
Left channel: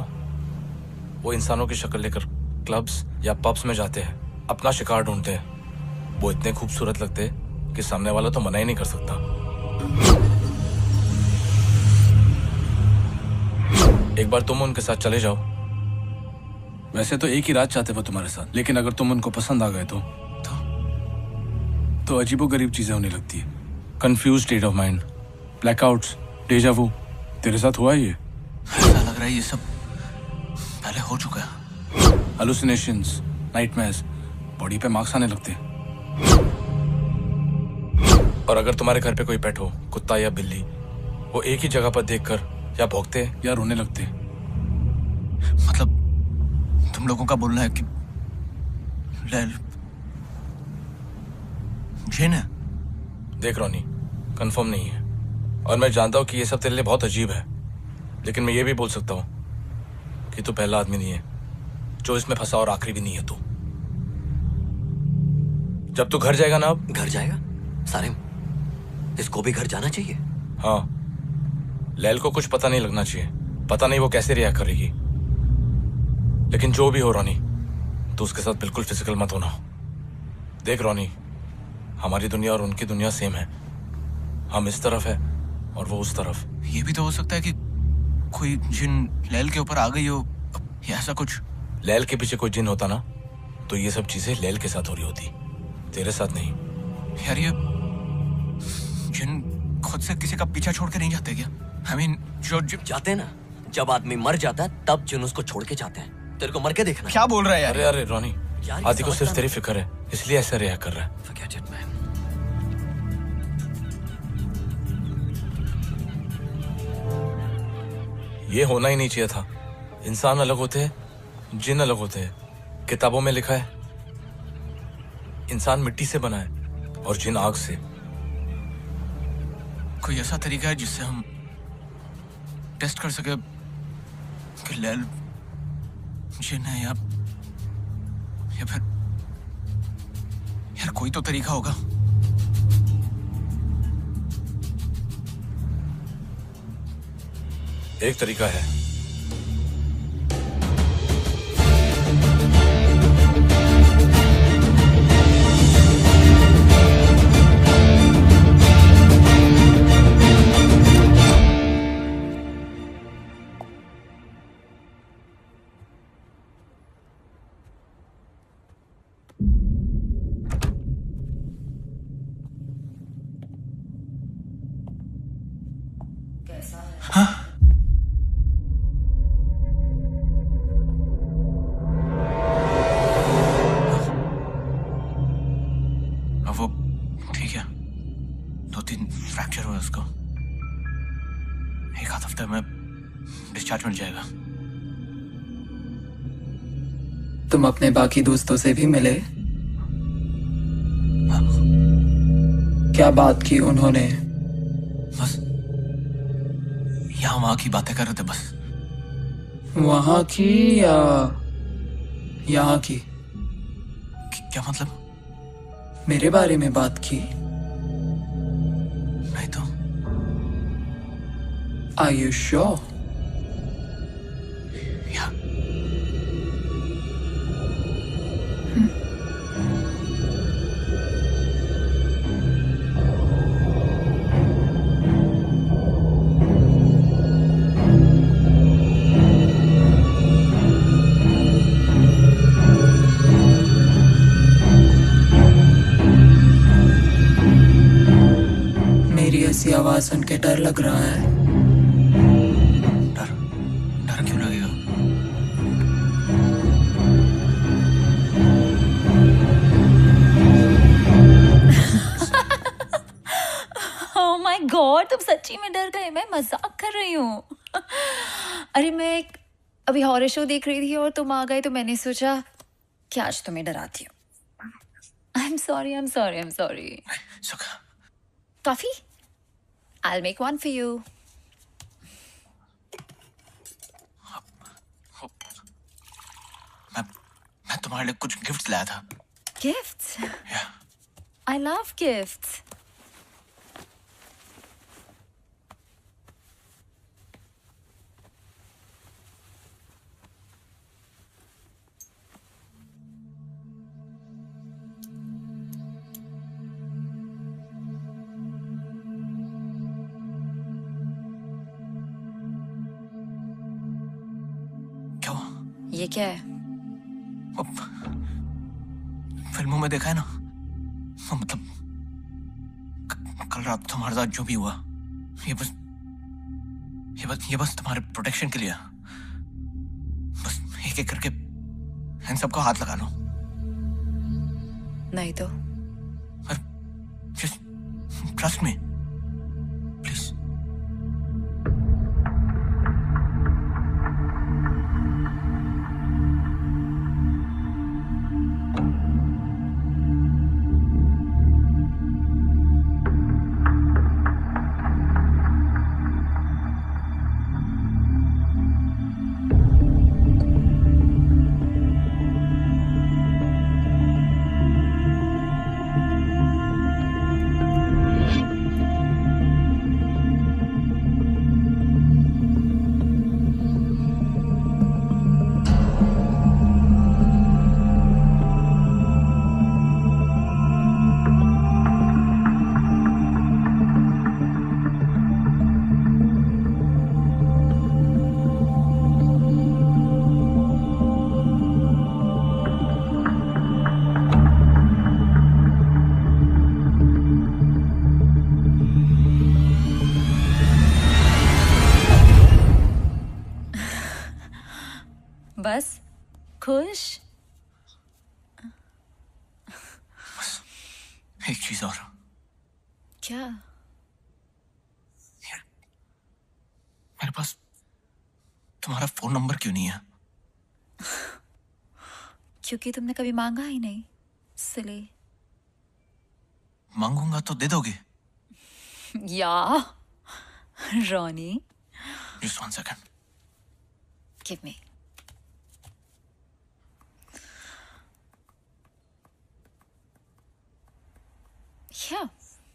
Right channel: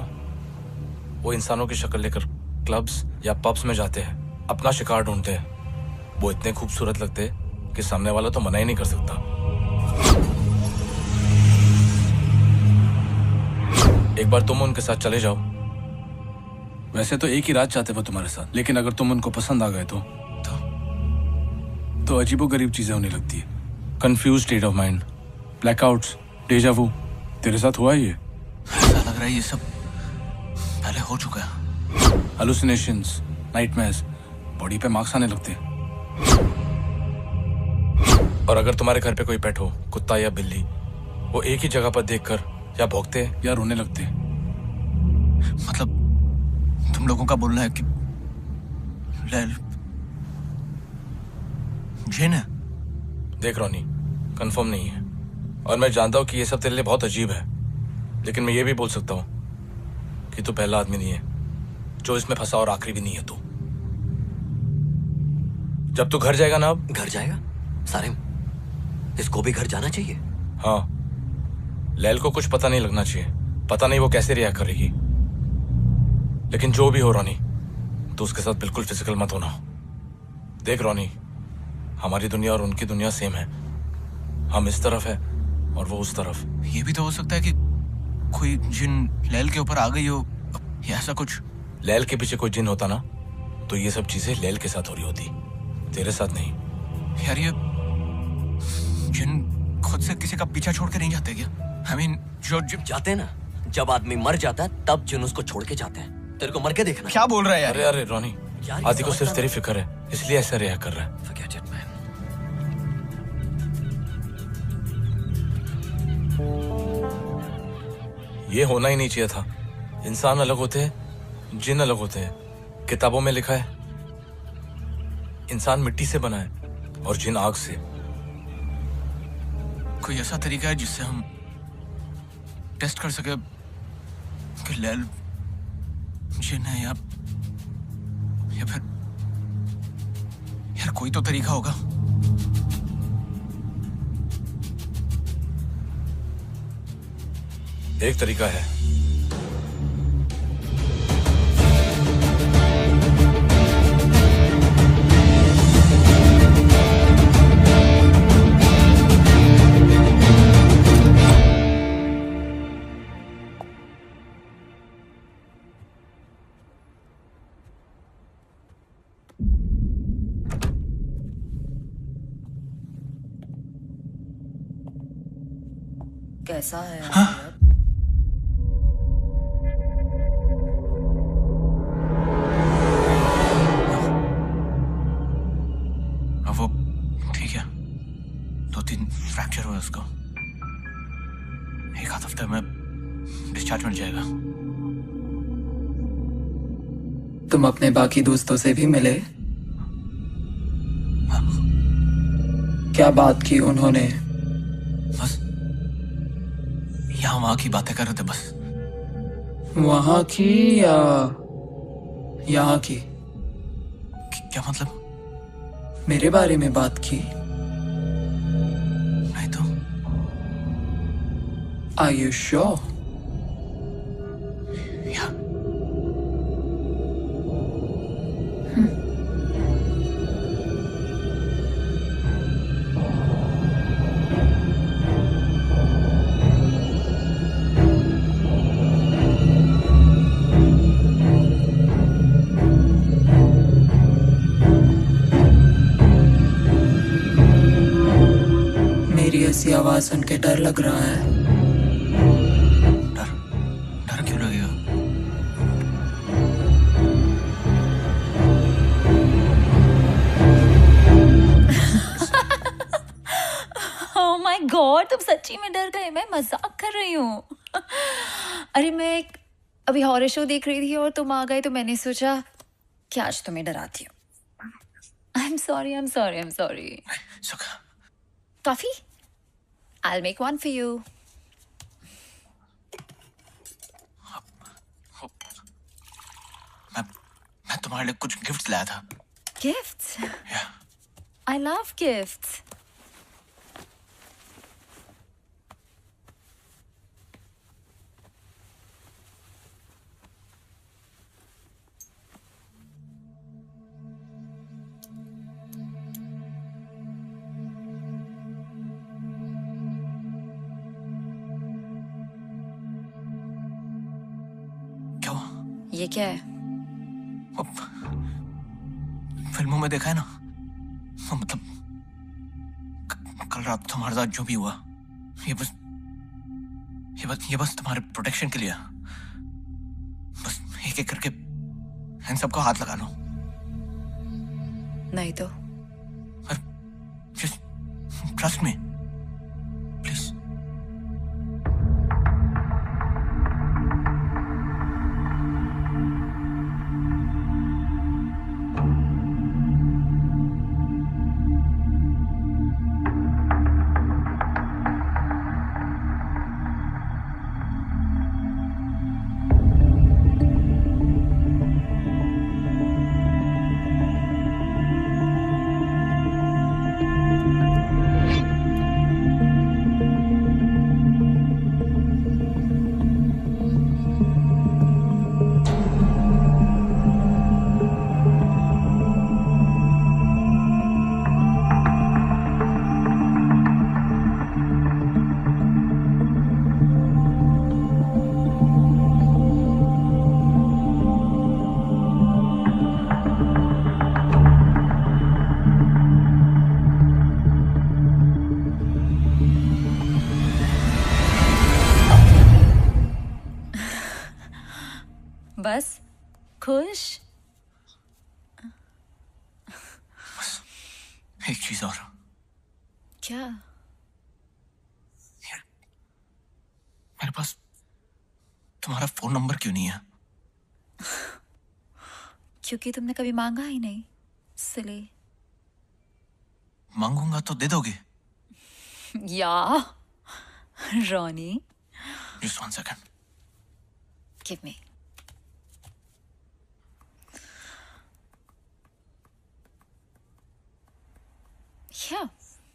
वो इंसानों की शक्ल लेकर क्लब्स या पब्स में जाते हैं, अपना शिकार ढूंढते हैं। वो इतने खूबसूरत लगते हैं कि सामने वाला तो मना ही नहीं कर सकता। एक बार तुम उनके साथ चले जाओ। वैसे तो एक ही रात चाहते वो तुम्हारे साथ, लेकिन अगर तुम उनको पसंद आ गए तो अजीबोगरीब चीजें होने लगती है। Confuse state of mind, blackouts, deja vu. तेरे साथ हुआ है ये? ऐसा लग रहा है ये सब पहले हो चुका है। हालुसिनेशंस, नाइटमेयर्स, बॉडी पे मार्क्स आने लगते। और अगर तुम्हारे घर पे कोई पेट हो, कुत्ता या बिल्ली, वो एक ही जगह पर देखकर या भौंकते या रोने लगते। मतलब तुम लोगों का बोलना है कि लैल जिन है? देख रोनी, कंफर्म नहीं है और मैं जानता हूं कि ये सब तेरे लिए बहुत अजीब है, लेकिन मैं ये भी बोल सकता हूं कि तू पहला आदमी नहीं है जो इसमें फंसा और आखिरी भी नहीं है तू। जब तू घर जाएगा ना, अब घर जाएगा? सारिम, इसको भी घर जाना चाहिए। हाँ, लैल को कुछ पता नहीं लगना चाहिए। पता नहीं वो कैसे रिएक्ट करेगी, लेकिन जो भी हो रोनी, तो उसके साथ बिल्कुल फिजिकल मत होना। देख रोनी, हमारी दुनिया और उनकी दुनिया सेम है। हम इस तरफ है और वो उस तरफ। ये भी तो हो सकता है कि कोई जिन लैल के ऊपर आ गई हो या ऐसा कुछ। लैल के पीछे कोई जिन होता ना, तो ये सब चीजें लैल के साथ हो रही होती, तेरे साथ नहीं। यार ये जिन खुद से किसी का पीछा छोड़ के नहीं जाते क्या? I mean, जो जाते ना, जब आदमी मर जाता है तब जिन उसको छोड़ के जाते हैं। तेरे को मर के देखना। क्या बोल रहा है यार? अरे अरे रोनी, आदि को सिर्फ तेरी फिक्र है, इसलिए ऐसा रिएक्ट कर रहा है। Forget it, man. ये होना ही नहीं चाहिए था। इंसान अलग होते हैं, जिन अलग होते हैं। किताबों में लिखा है इंसान मिट्टी से बना है और जिन आग से। कोई ऐसा तरीका है जिससे हम टेस्ट कर सके कि लैल जिन है या फिर यार कोई तो तरीका होगा। एक तरीका है। कैसा है? अब वो ठीक है, 2-3 फ्रैक्चर हुआ उसको। एक आध हफ्ते में डिस्चार्ज मिल जाएगा। तुम अपने बाकी दोस्तों से भी मिले? क्या बात की उन्होंने? बस यहाँ वहां की बातें कर रहे थे बस। वहां की या यहाँ की? क्या मतलब? मेरे बारे में बात की? नहीं तो। Are you sure? Yeah. मेरी ऐसी आवाज सुन के डर लग रहा है। डर क्यों लगेगा? Oh my God, तुम सच्ची में डर गए? मैं मजाक कर रही हूँ। अरे मैं अभी हॉरर शो देख रही थी और तुम आ गए तो मैंने सोचा कि आज तुम्हें डराती हूँ। I'm sorry. Coffee? I'll make one for you. मैं तुम्हारे लिए कुछ गिफ्ट्स लाया था। Gifts? Yeah. I love gifts. ये क्या है? फिल्मों में देखा है ना, मतलब कल रात तुम्हारे साथ जो भी हुआ, ये बस तुम्हारे प्रोटेक्शन के लिए। बस एक एक करके इन सबको हाथ लगा लो। नहीं तो जस्ट ट्रस्ट मी प्लीज। बस खुश? एक चीज और। क्या? मेरे पास तुम्हारा फोन नंबर क्यों नहीं है? क्योंकि तुमने कभी मांगा ही नहीं, इसलिए। मांगूंगा तो दे दोगे? या Ronnie, just 1 second. Give me. क्या?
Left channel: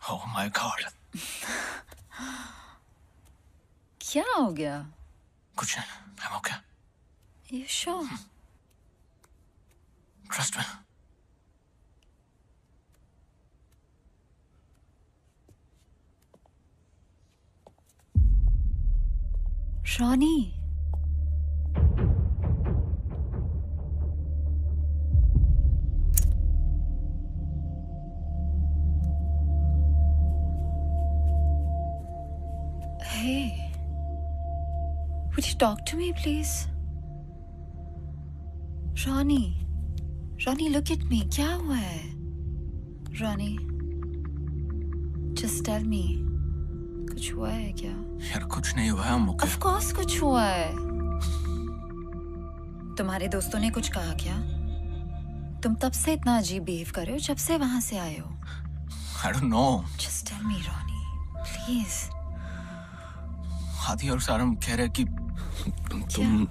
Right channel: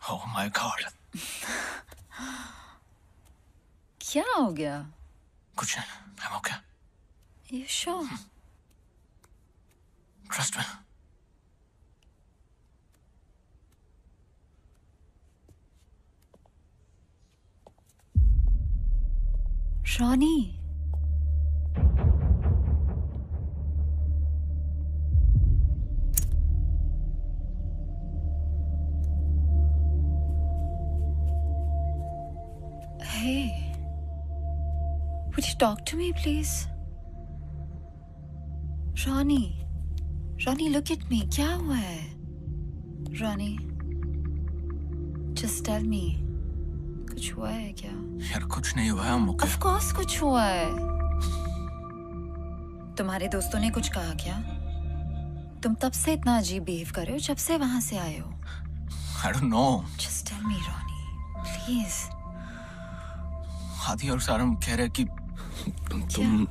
Oh my God। क्या हो गया? कुछ नहीं, I'm okay। You sure? Trust me। Ronnie, hey, would you talk to me, please? Ronnie, look at me. क्या हुआ है? Ronnie, just tell me. कुछ हुआ है क्या? यार कुछ नहीं हुआ है, I'm okay। Of course कुछ हुआ है। तुम्हारे दोस्तों ने कुछ कहा क्या? तुम तब से इतना अजीब बिहेव कर रहे हो जब से वहां से आए हो। I don't know। Just tell me, Ronnie, please। आदि और सारम कह रहे कि तुम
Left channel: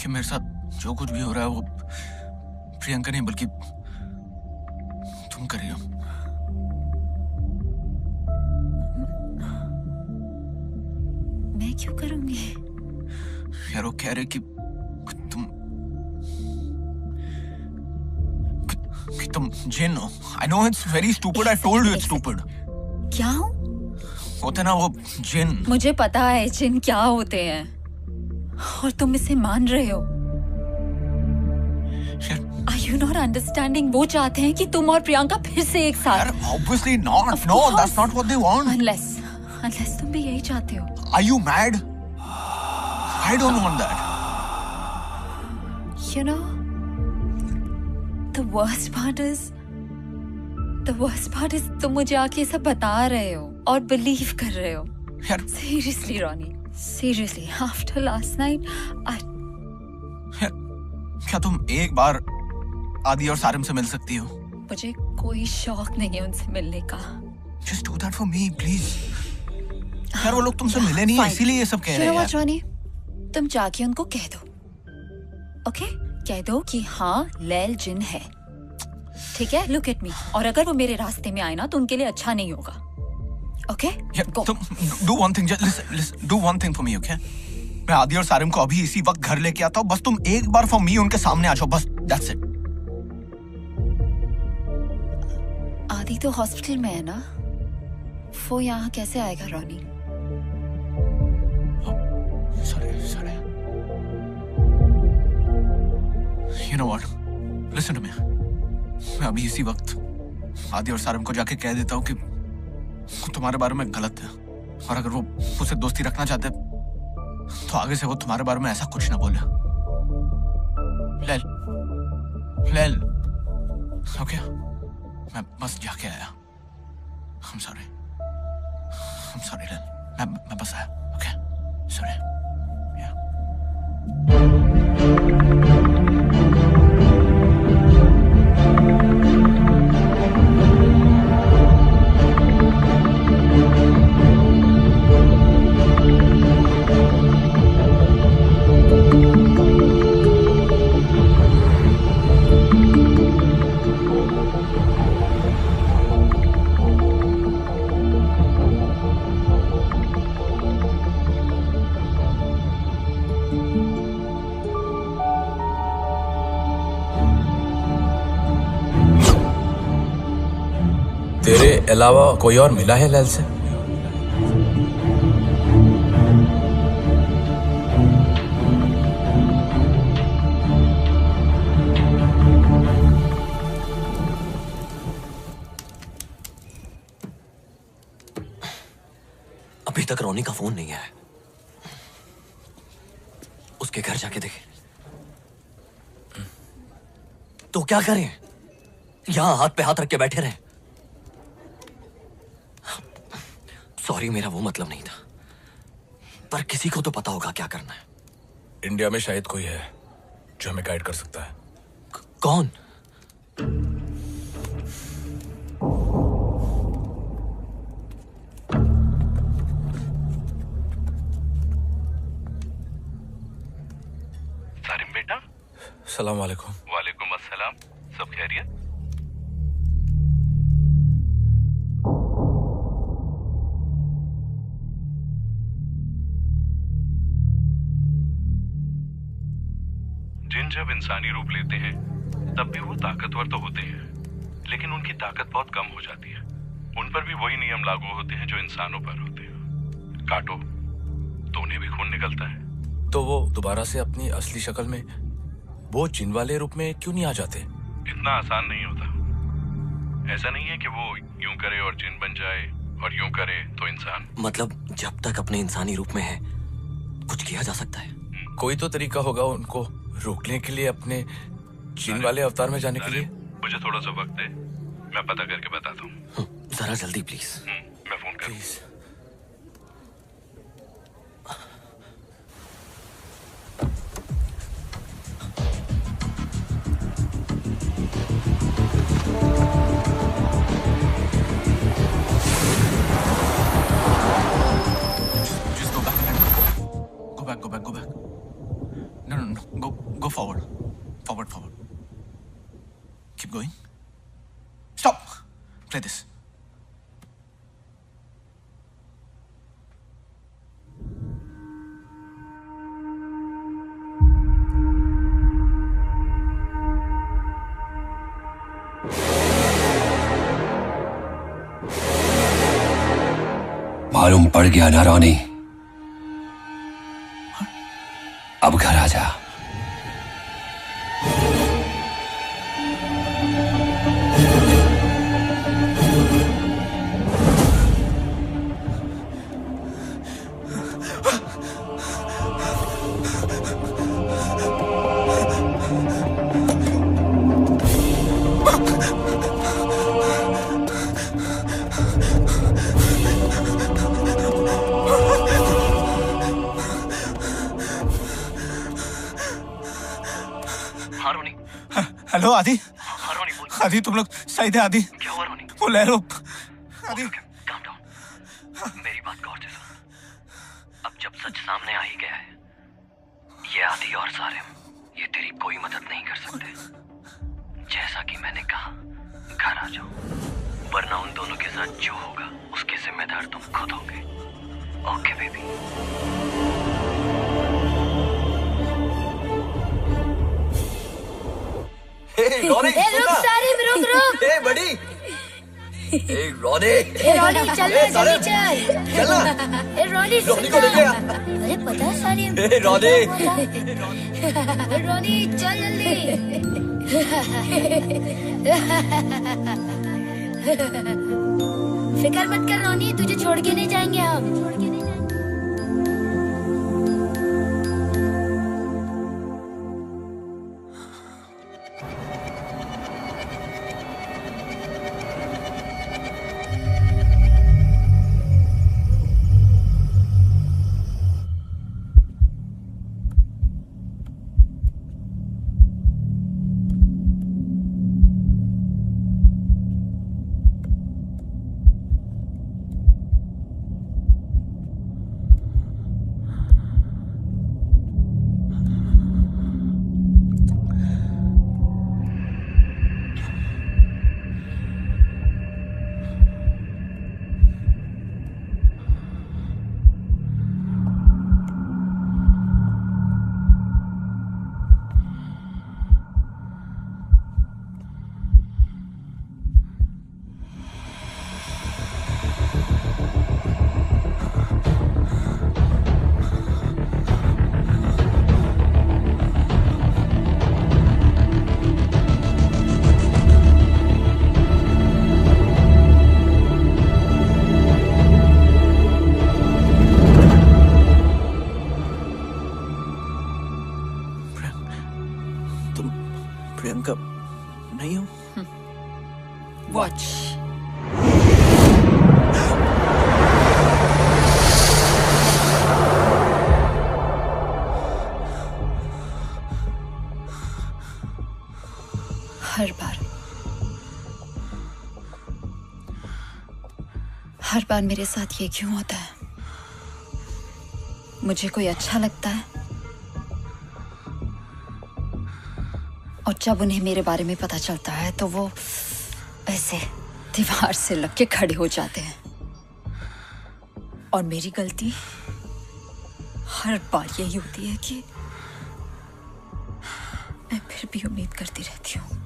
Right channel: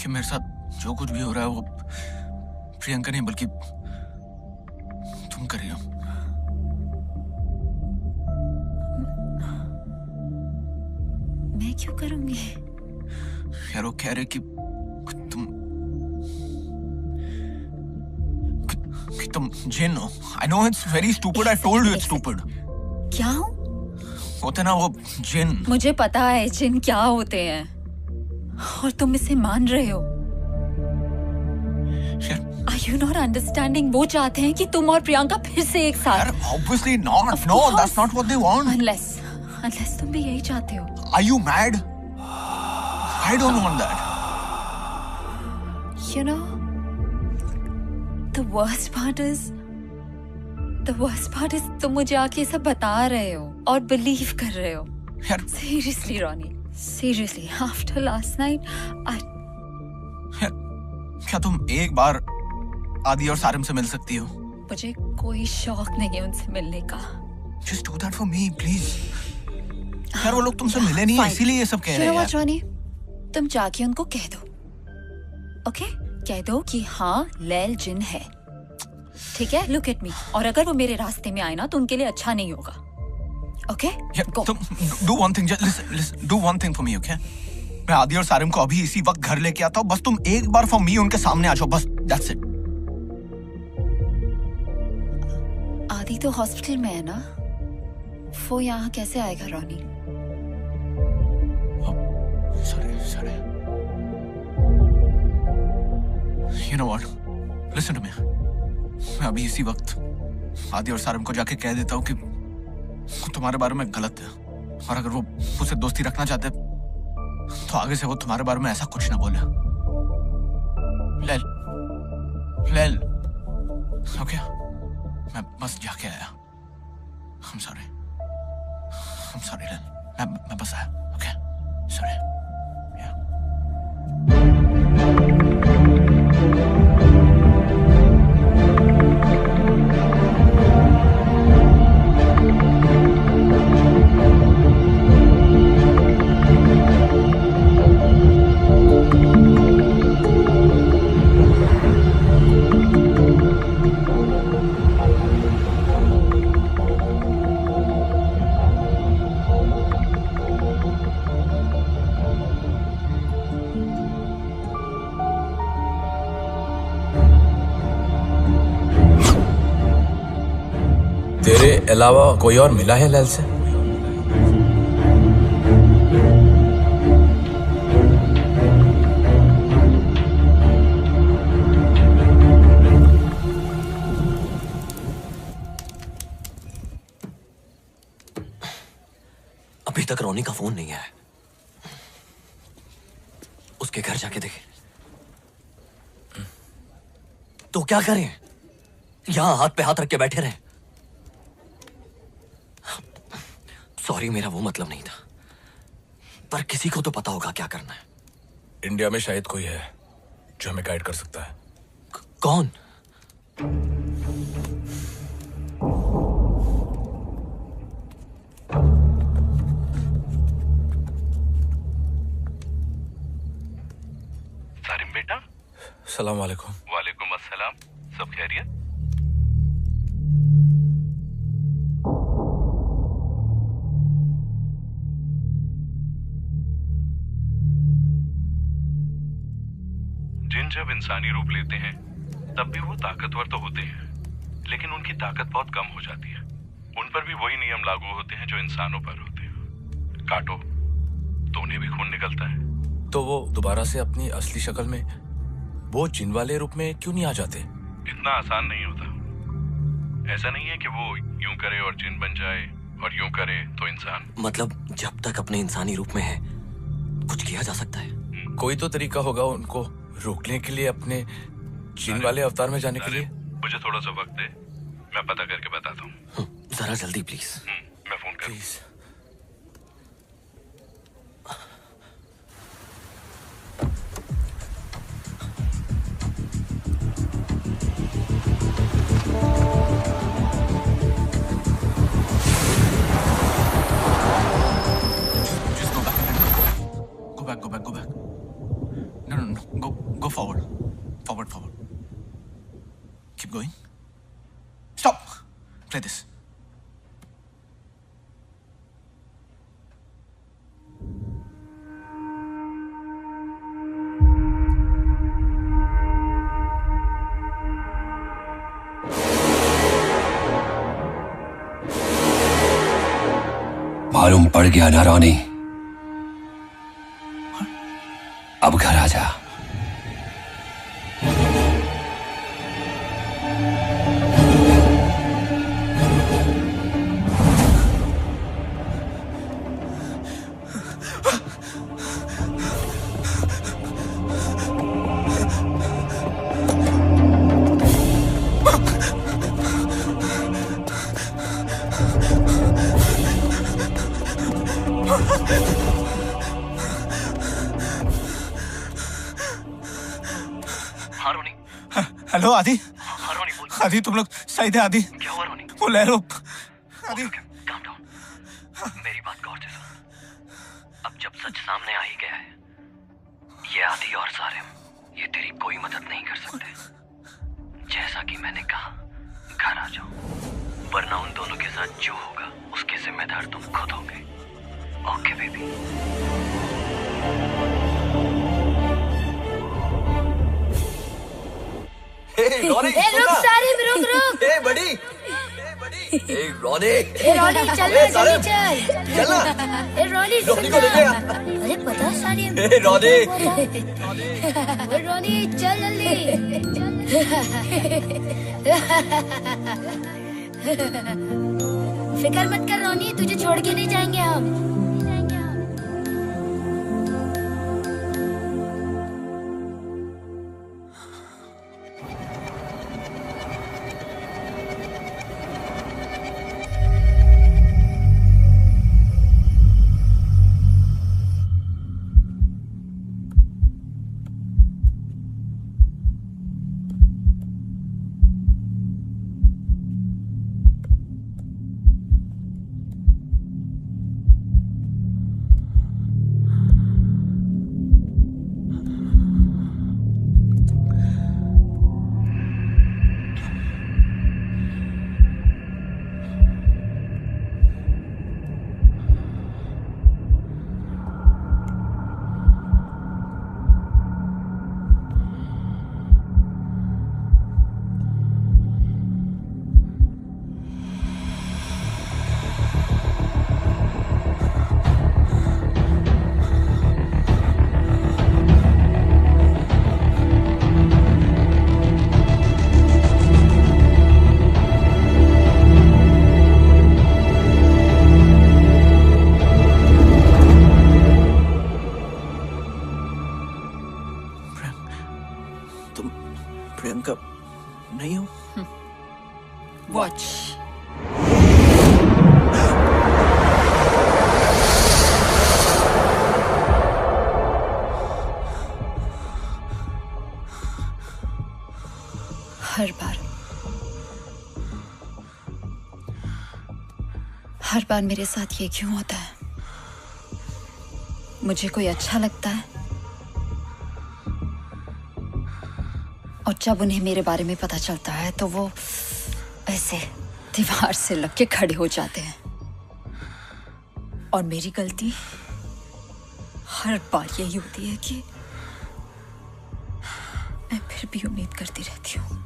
कि मेरे साथ जो कुछ भी हो रहा है वो प्रियंका नहीं बल्कि तुम कर रही हो। मैं क्यों करूंगी? यार वो कह रहे कि तुम जिन हो। I know it's very stupid। I told you it's stupid। क्या हूँ? होते ना वो जिन। मुझे पता है जिन क्या होते हैं और तुम इसे मान रहे हो। Are you not understanding? वो चाहते हैं कि तुम और प्रियंका फिर से एक साथ। यार obviously not। No, that's not what they want। Unless तुम भी यही चाहते हो। Are you mad? I don't want that। You know, the worst part is तुम मुझे आके सब बता रहे हो और बिलीव कर रहे हो। यार Seriously, Ronnie, seriously, after last night, यार क्या तुम एक बार आदि और सारिम से मिल सकती हो? मुझे कोई शौक नहीं है उनसे मिलने का। Just do that for me, please। यार वो लोग तुमसे मिले नहीं है इसीलिए ये सब कह रहे हैं। Ronnie, तुम जाके उनको कह दो, ओके? कह दो कि हाँ लैल जिन है, ठीक है? Look at me। और अगर वो मेरे रास्ते में आए ना तो उनके लिए अच्छा नहीं होगा, ओके? तुम do one thing, just listen, do one thing for me, okay? मैं आदि और सारिम को अभी इसी वक्त घर लेके आता हूँ, बस तुम एक बार for me उनके सामने आ जाओ, बस that's it। आदि तो हॉस्पिटल में है ना, वो यहाँ कैसे आएगा Ronnie? Sorry। You know what? Listen to me. मैं अभी इसी वक्त आदि और सारम को जाके कह देता हूँ कि वो तुम्हारे बारे में गलत है, और अगर वो मुझसे दोस्ती रखना चाहते तो आगे से वो तुम्हारे बारे में ऐसा कुछ ना बोले। लेल, ओके? मैं बस जाके आया। I'm sorry, लेल। मैं बस आया, ओके? Sorry. तेरे अलावा कोई और मिला है लैल से? अभी तक रोनी का फोन नहीं आया। उसके घर जाके देखे तो क्या करें? यहां हाथ पे हाथ रख के बैठे रहे? सॉरी, मेरा वो मतलब नहीं था, पर किसी को तो पता होगा क्या करना है। इंडिया में शायद कोई है जो हमें गाइड कर सकता है। कौन? सारिम बेटा। सलाम वालेकुम। वालेकुम अस्सलाम। सब खैरियत? जिन जब इंसानी रूप लेते हैं तब भी वो ताकतवर तो होते हैं, लेकिन उनकी ताकत बहुत कम हो जाती है। उन पर भी वही नियम लागू होते हैं जो इंसानों पर होते हैं। काटो तो उन्हें भी खून निकलता है। तो वो दोबारा से अपनी असली शक्ल में, वो जिन वाले रूप में क्यों नहीं आ जाते? इतना आसान नहीं होता। ऐसा नहीं है कि वो यूं करे और जिन बन जाए और यूं करे तो इंसान। मतलब जब तक अपने इंसानी रूप में है कुछ किया जा सकता है। कोई तो तरीका होगा उनको रोकने के लिए, अपने जिन वाले अवतार में जाने के लिए। मुझे थोड़ा सा वक्त दे, मैं पता करके बताता हूँ। जरा जल्दी प्लीज। मैं फोन कर। Please. Go back. No. Go forward. Forward. Keep going. Stop. Play this. मालूम पड़ गया ना रोनी? अब घर आ जा। हेलो आदि। आदि तुम लोग सही थे? आदि क्या हुआ रोनी? वो ले लो। आदि काम डाउन। मेरी बात गौर से सुन। अब जब सच सामने आ ही गया है, ये आदि और सारिम, ये तेरी कोई मदद नहीं कर सकते। जैसा कि मैंने कहा, घर आ जाओ, वरना उन दोनों के साथ जो होगा उसके जिम्मेदार तुम खुद होगे। Okay baby. रुक सारिम, रुक। बड़ी रोनी ए रोनी चल ना जल्दी चल चलना ए रोनी रोनी को देखेगा अरे पता सारिम ए रोनी ए रोनी चल जल्दी फिक्र मत कर रोनी तुझे छोड़ के नहीं जाएंगे हम प्रियंका नहीं हो वॉच हर बार मेरे साथ ये क्यों होता है? मुझे कोई अच्छा लगता है और जब उन्हें मेरे बारे में पता चलता है तो वो ऐसे दीवार से लग के खड़े हो जाते हैं। और मेरी गलती हर बार यही होती है कि मैं फिर भी उम्मीद करती रहती हूँ।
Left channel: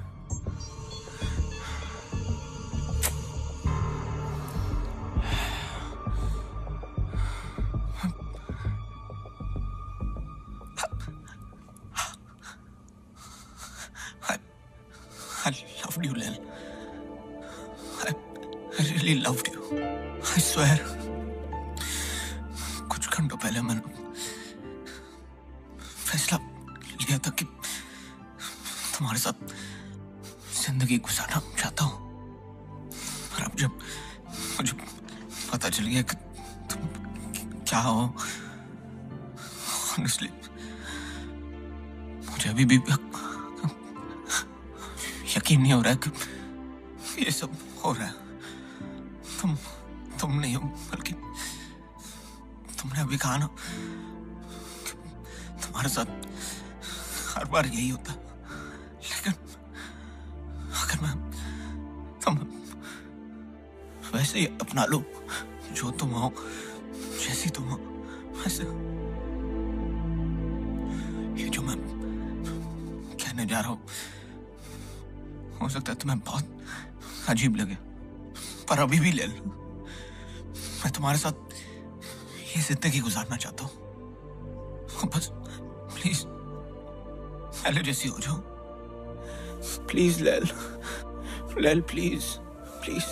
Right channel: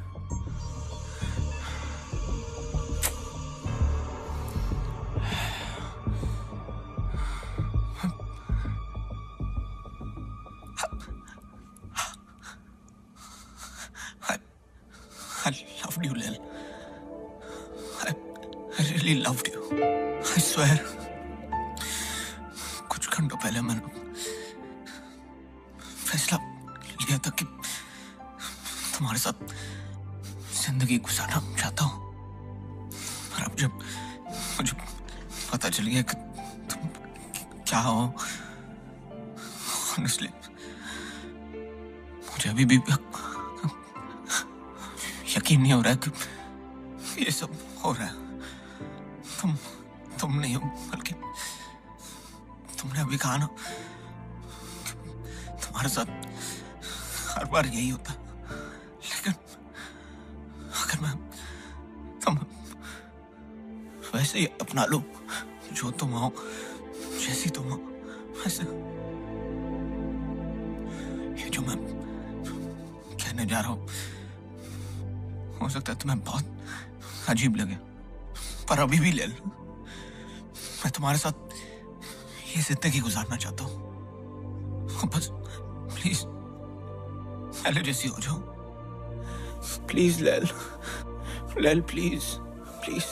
I loved you, Lil. I really loved you. I swear. कुछ घंटों पहले मैंने फैसला लिया था कि तुम्हारे साथ जिंदगी गुजारना चाहता हूँ। और अब जब मुझे पता चल गया कि तुम क्या हो, honestly, मुझे अभी भी यकीन नहीं हो रहा है कि ये सब हो रहा है। तुम नहीं हो, बल्कि तुमने अभी कहा ना कि तुम्हारे साथ हर बार यही होता। लेकिन अगर मैं तुम वैसे ही अपना लो, जो तुम हो, जैसी तुम हो, वैसे ये जो मैं कहने जा रहा हूँ हो सकता है तुम्हें बहुत अजीब लगे, पर अभी भी ले लो। मैं तुम्हारे साथ ये जिंदगी गुजारना चाहता हूँ। बस प्लीज पहले जैसी हो जाओ। प्लीज लेल, लेल प्लीज प्लीज।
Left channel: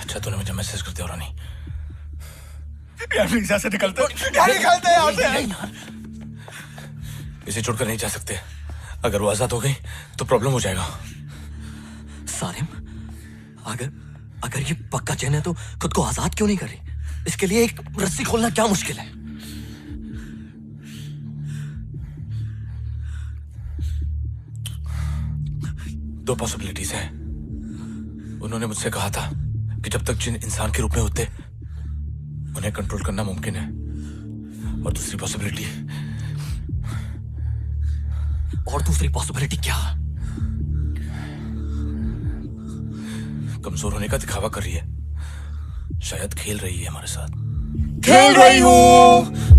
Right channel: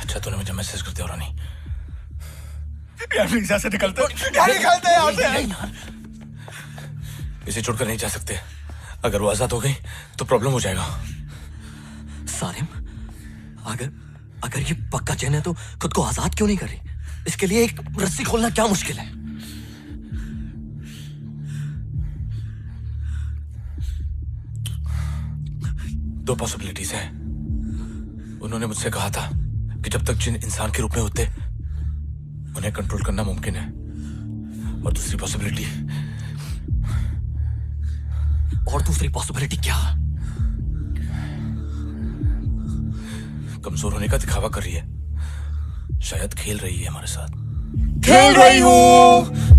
अच्छा तूने मुझे मैसेज कर दिया रानी। यार प्लीज यहाँ से निकलते यहाँ से। इसे छोड़कर नहीं जा सकते। अगर वो आजाद हो गई तो प्रॉब्लम हो जाएगा। सारिम, अगर ये पक्का चैन है तो खुद को आजाद क्यों नहीं कर रही? इसके लिए एक रस्सी खोलना क्या मुश्किल है? दो पॉसिबिलिटीज है। उन्होंने मुझसे कहा था कि जब तक जिन इंसान के रूप में होते उन्हें कंट्रोल करना मुमकिन है। और दूसरी पॉसिबिलिटी क्या? कमजोर होने का दिखावा कर रही है। शायद खेल रही है हमारे साथ। खेल रही हूँ।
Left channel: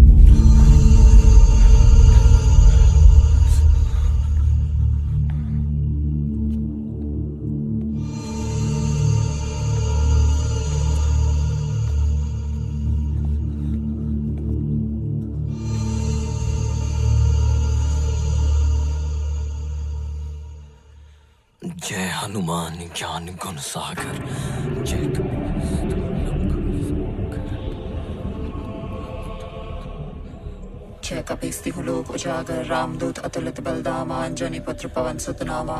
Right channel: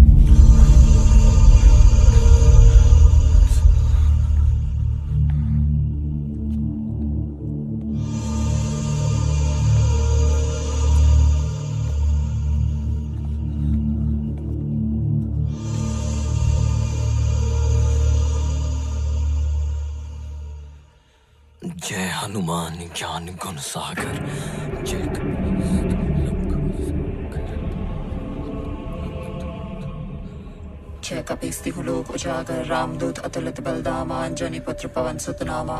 जय हनुमान ज्ञान गुण सागर। जय जय कपीस्ति लोक उजागर रामदूत अतुलित बलदामा अंजनी पुत्र पवन सुत नामा।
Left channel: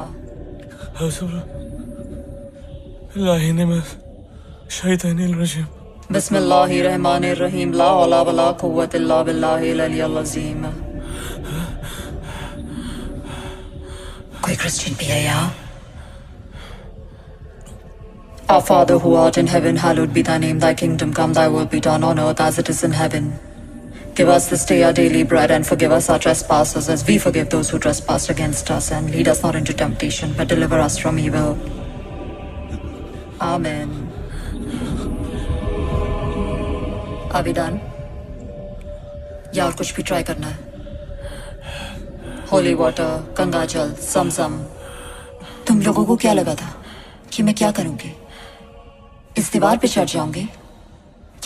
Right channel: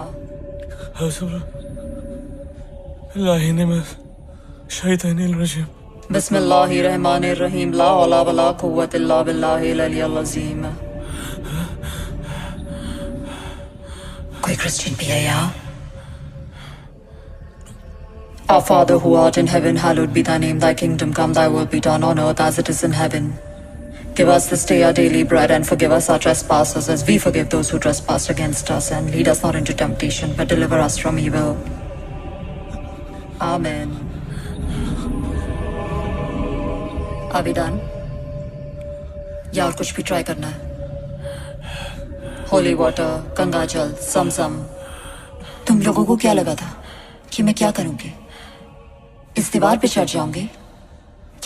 बिस्मिल्लाहिर्रहमानिर्रहीम ला हौला वला कुव्वत इल्ला बिल्लाहिल अलिय्यिल अज़ीम। कोई क्रिश्चियन भी है यहाँ? Our Father who art in heaven, hallowed be thy name. Thy kingdom come, thy will be done on earth as it is in heaven. Give us this day our daily bread, and forgive us our trespasses as we forgive those who trespass against us. And lead us not into temptation, but deliver us from evil. Amen. Are we done? या और कुछ भी try करना है? Holy water, Ganga जल, समसम। तुम लोगों को क्या लगा था कि मैं क्या करूंगी? इस दीवार पे चढ़ जाऊंगी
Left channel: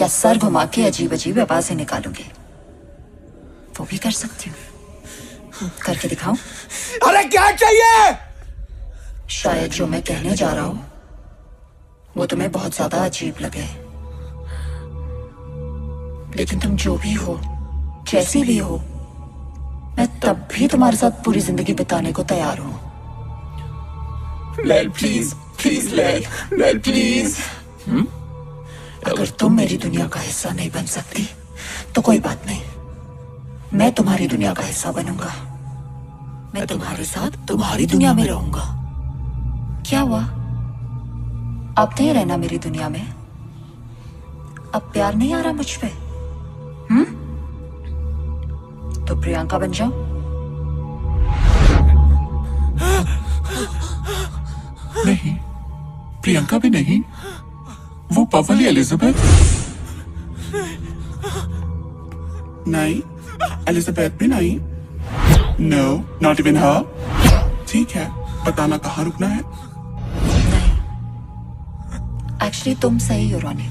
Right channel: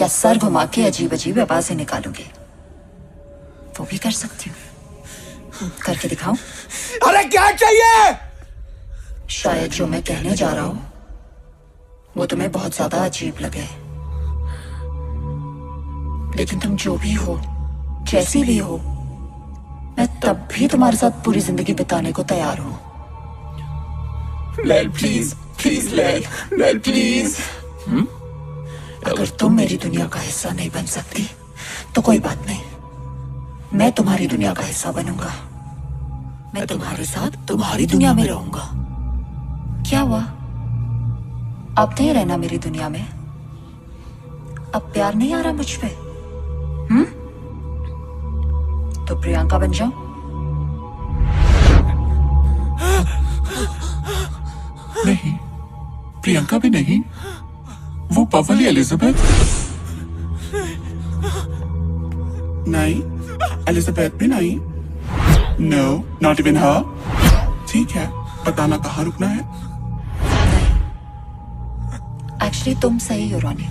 या सर घुमा के अजीब अजीब आवाजें निकालूंगी? वो भी कर सकती हूँ। करके दिखाऊं? अरे क्या चाहिए? शायद जो मैं कहने जा रहा हूं वो तुम्हें बहुत ज्यादा अजीब लगे, लेकिन तुम जो भी हो, जैसी भी हो, मैं तब भी तुम्हारे साथ पूरी जिंदगी बिताने को तैयार हूं। लेल प्लीज, प्लीज लेल प्लीज। अगर तुम मेरी दुनिया का हिस्सा नहीं बन सकती तो कोई बात नहीं, मैं तुम्हारी दुनिया का हिस्सा बनूंगा। मैं तुम्हारे साथ तुम्हारी दुनिया में रहूंगा। क्या हुआ? अब नहीं रहना मेरी दुनिया में? अब प्यार नहीं आ रहा मुझ पे? तो प्रियंका बन जाओ। नहीं, प्रियंका भी नहीं, वो पवली एलिजाबेथ। नहीं, एलिजाबेथ भी नहीं। नो, नॉट इवन हर। ठीक है, बताना कहाँ रुकना है? नहीं, एक्चुअली तुम सही हो रोनी।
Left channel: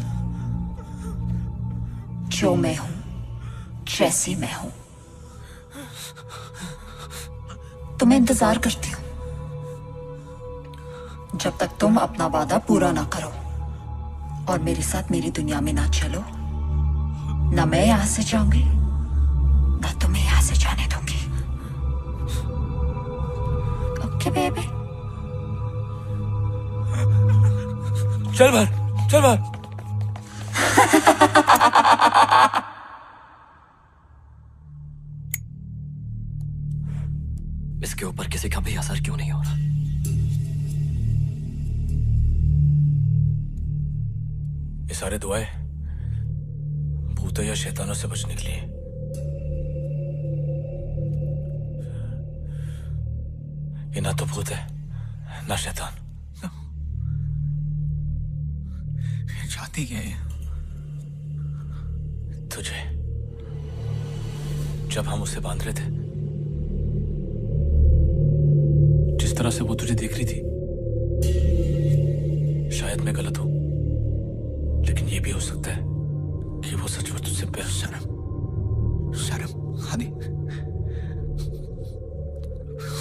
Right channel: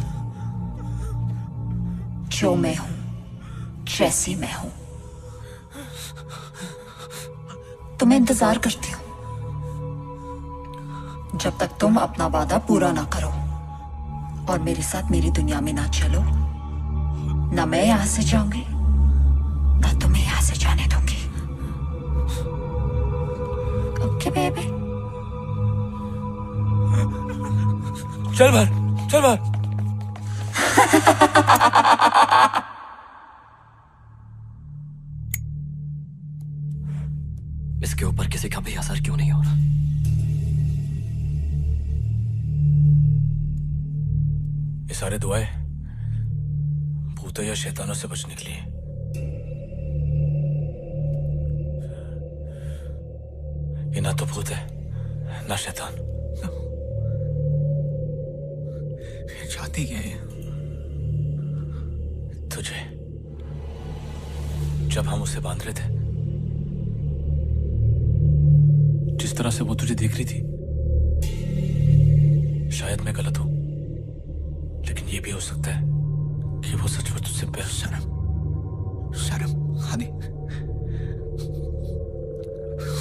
जो मैं हूं, जैसी मैं हूं, तुम्हें इंतजार करती हूं जब तक तुम अपना वादा पूरा ना करो और मेरे साथ मेरी दुनिया में ना चलो। ना मैं यहां से जाऊंगी, ना तुम्हें यहां से जाने दूंगी। Okay baby? चल बाहर, चल बाहर। इसके ऊपर किसी का भी असर क्यों नहीं हो रहा? ये सारे दुआएं भूतों या शैतानों से बचने के लिए। ये ना तो भूत है ना शैतान। चाहती क्या है? तुझे। जब हम उसे बांध रहे थे, जिस तरह से वो तुझे देख रही थी, शायद मैं गलत हूं, लेकिन ये भी हो सकता है कि वो सचमुच तुझसे प्यार। शर्म हनी,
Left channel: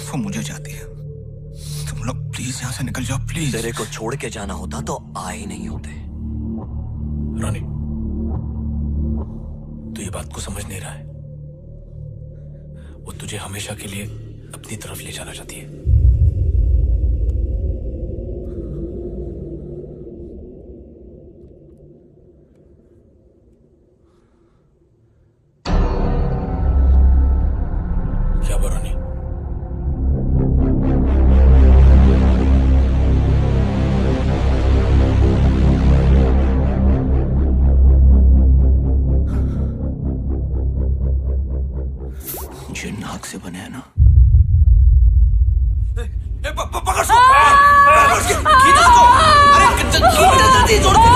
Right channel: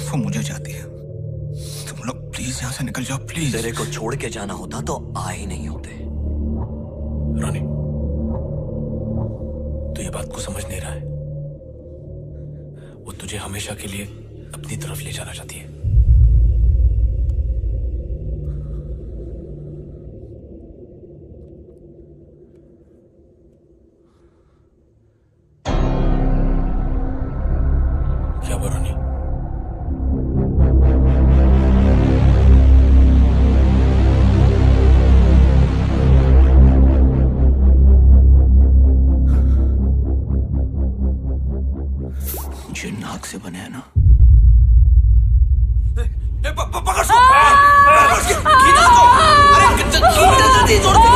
वो मुझे चाहती है। तुम लोग प्लीज यहाँ से निकल जाओ, प्लीज। तेरे को छोड़ के जाना होता तो आ ही नहीं होते। रॉनी, तू ये बात को समझ नहीं रहा है। वो तुझे हमेशा के लिए अपनी तरफ ले जाना चाहती है। क्या बरौनी? जिन नाक से बने हैं ना। पकड़ सो! खींच उसको! अरे जल्दी जोड़ के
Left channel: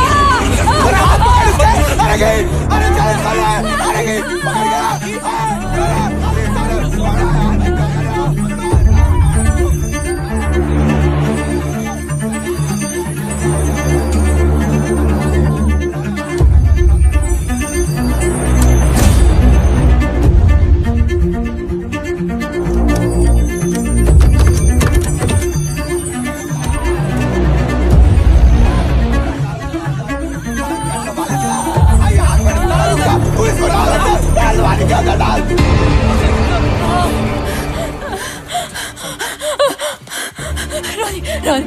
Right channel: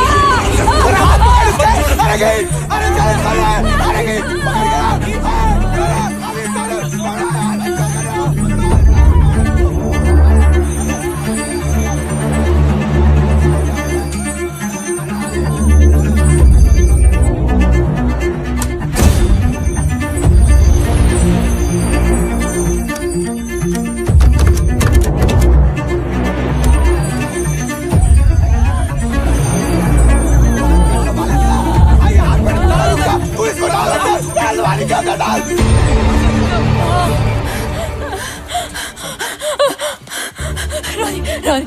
रानी,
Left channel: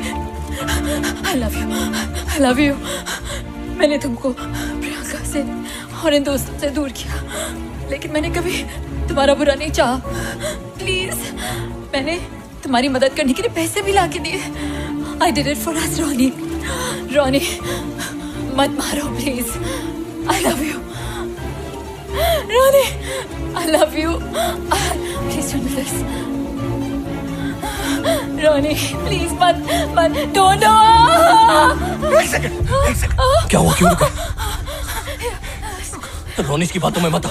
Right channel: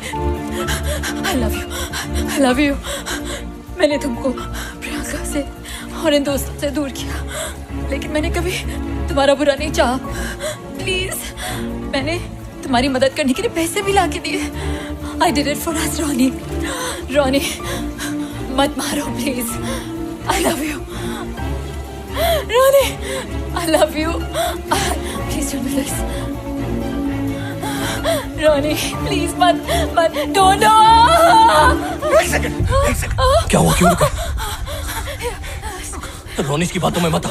I love you. मैंने तुमको प्रियंका से और इन दोस्तों से दूर किया, लेकिन मैंने कभी तुम्हारा बुरा नहीं चाहा। प्लीज, मैंने तुम्हारी मदद करने के लिए पैसे भी ला के दिए। I did it for us, Ronnie. मत मारो please. I love you. Ronnie, I love you. Please don't do this. Ronnie, please मत don't do. एक सेकंड। क्या हुआ? क्यों रुका? रोनिश की बातों में मत आ।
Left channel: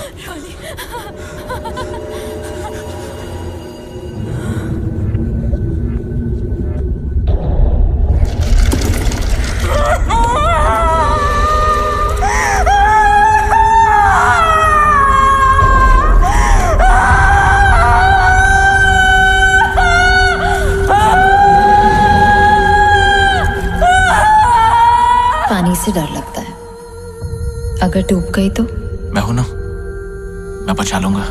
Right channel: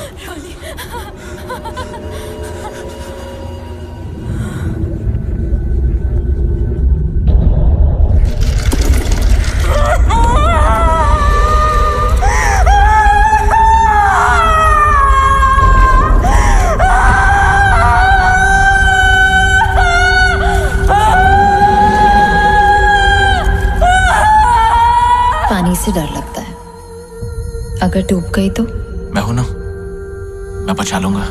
पानी से डर लगता है, अगर डूब गई तो? मैं हूं ना, मैं बचा लूंगा।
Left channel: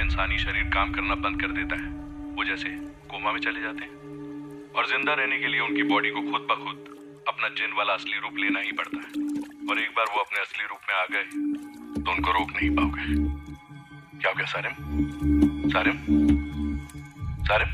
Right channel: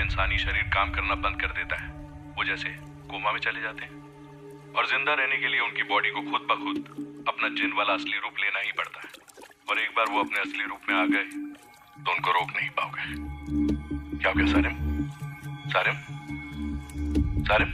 इंसानी शरीर काम करना बंद कर देता है, वो जैसे कोमा में चले जाते हैं, और जिंदा रहने के लिए उनकी बॉडी को खुद ब खुद अपना जिन वाला असली रूप लेना ही पड़ता है। और एक बार वो अपने असली रूप में आ गए तो उनको रोक नहीं पाओगे। क्या हो गया Sarim? Sarim? Sarim?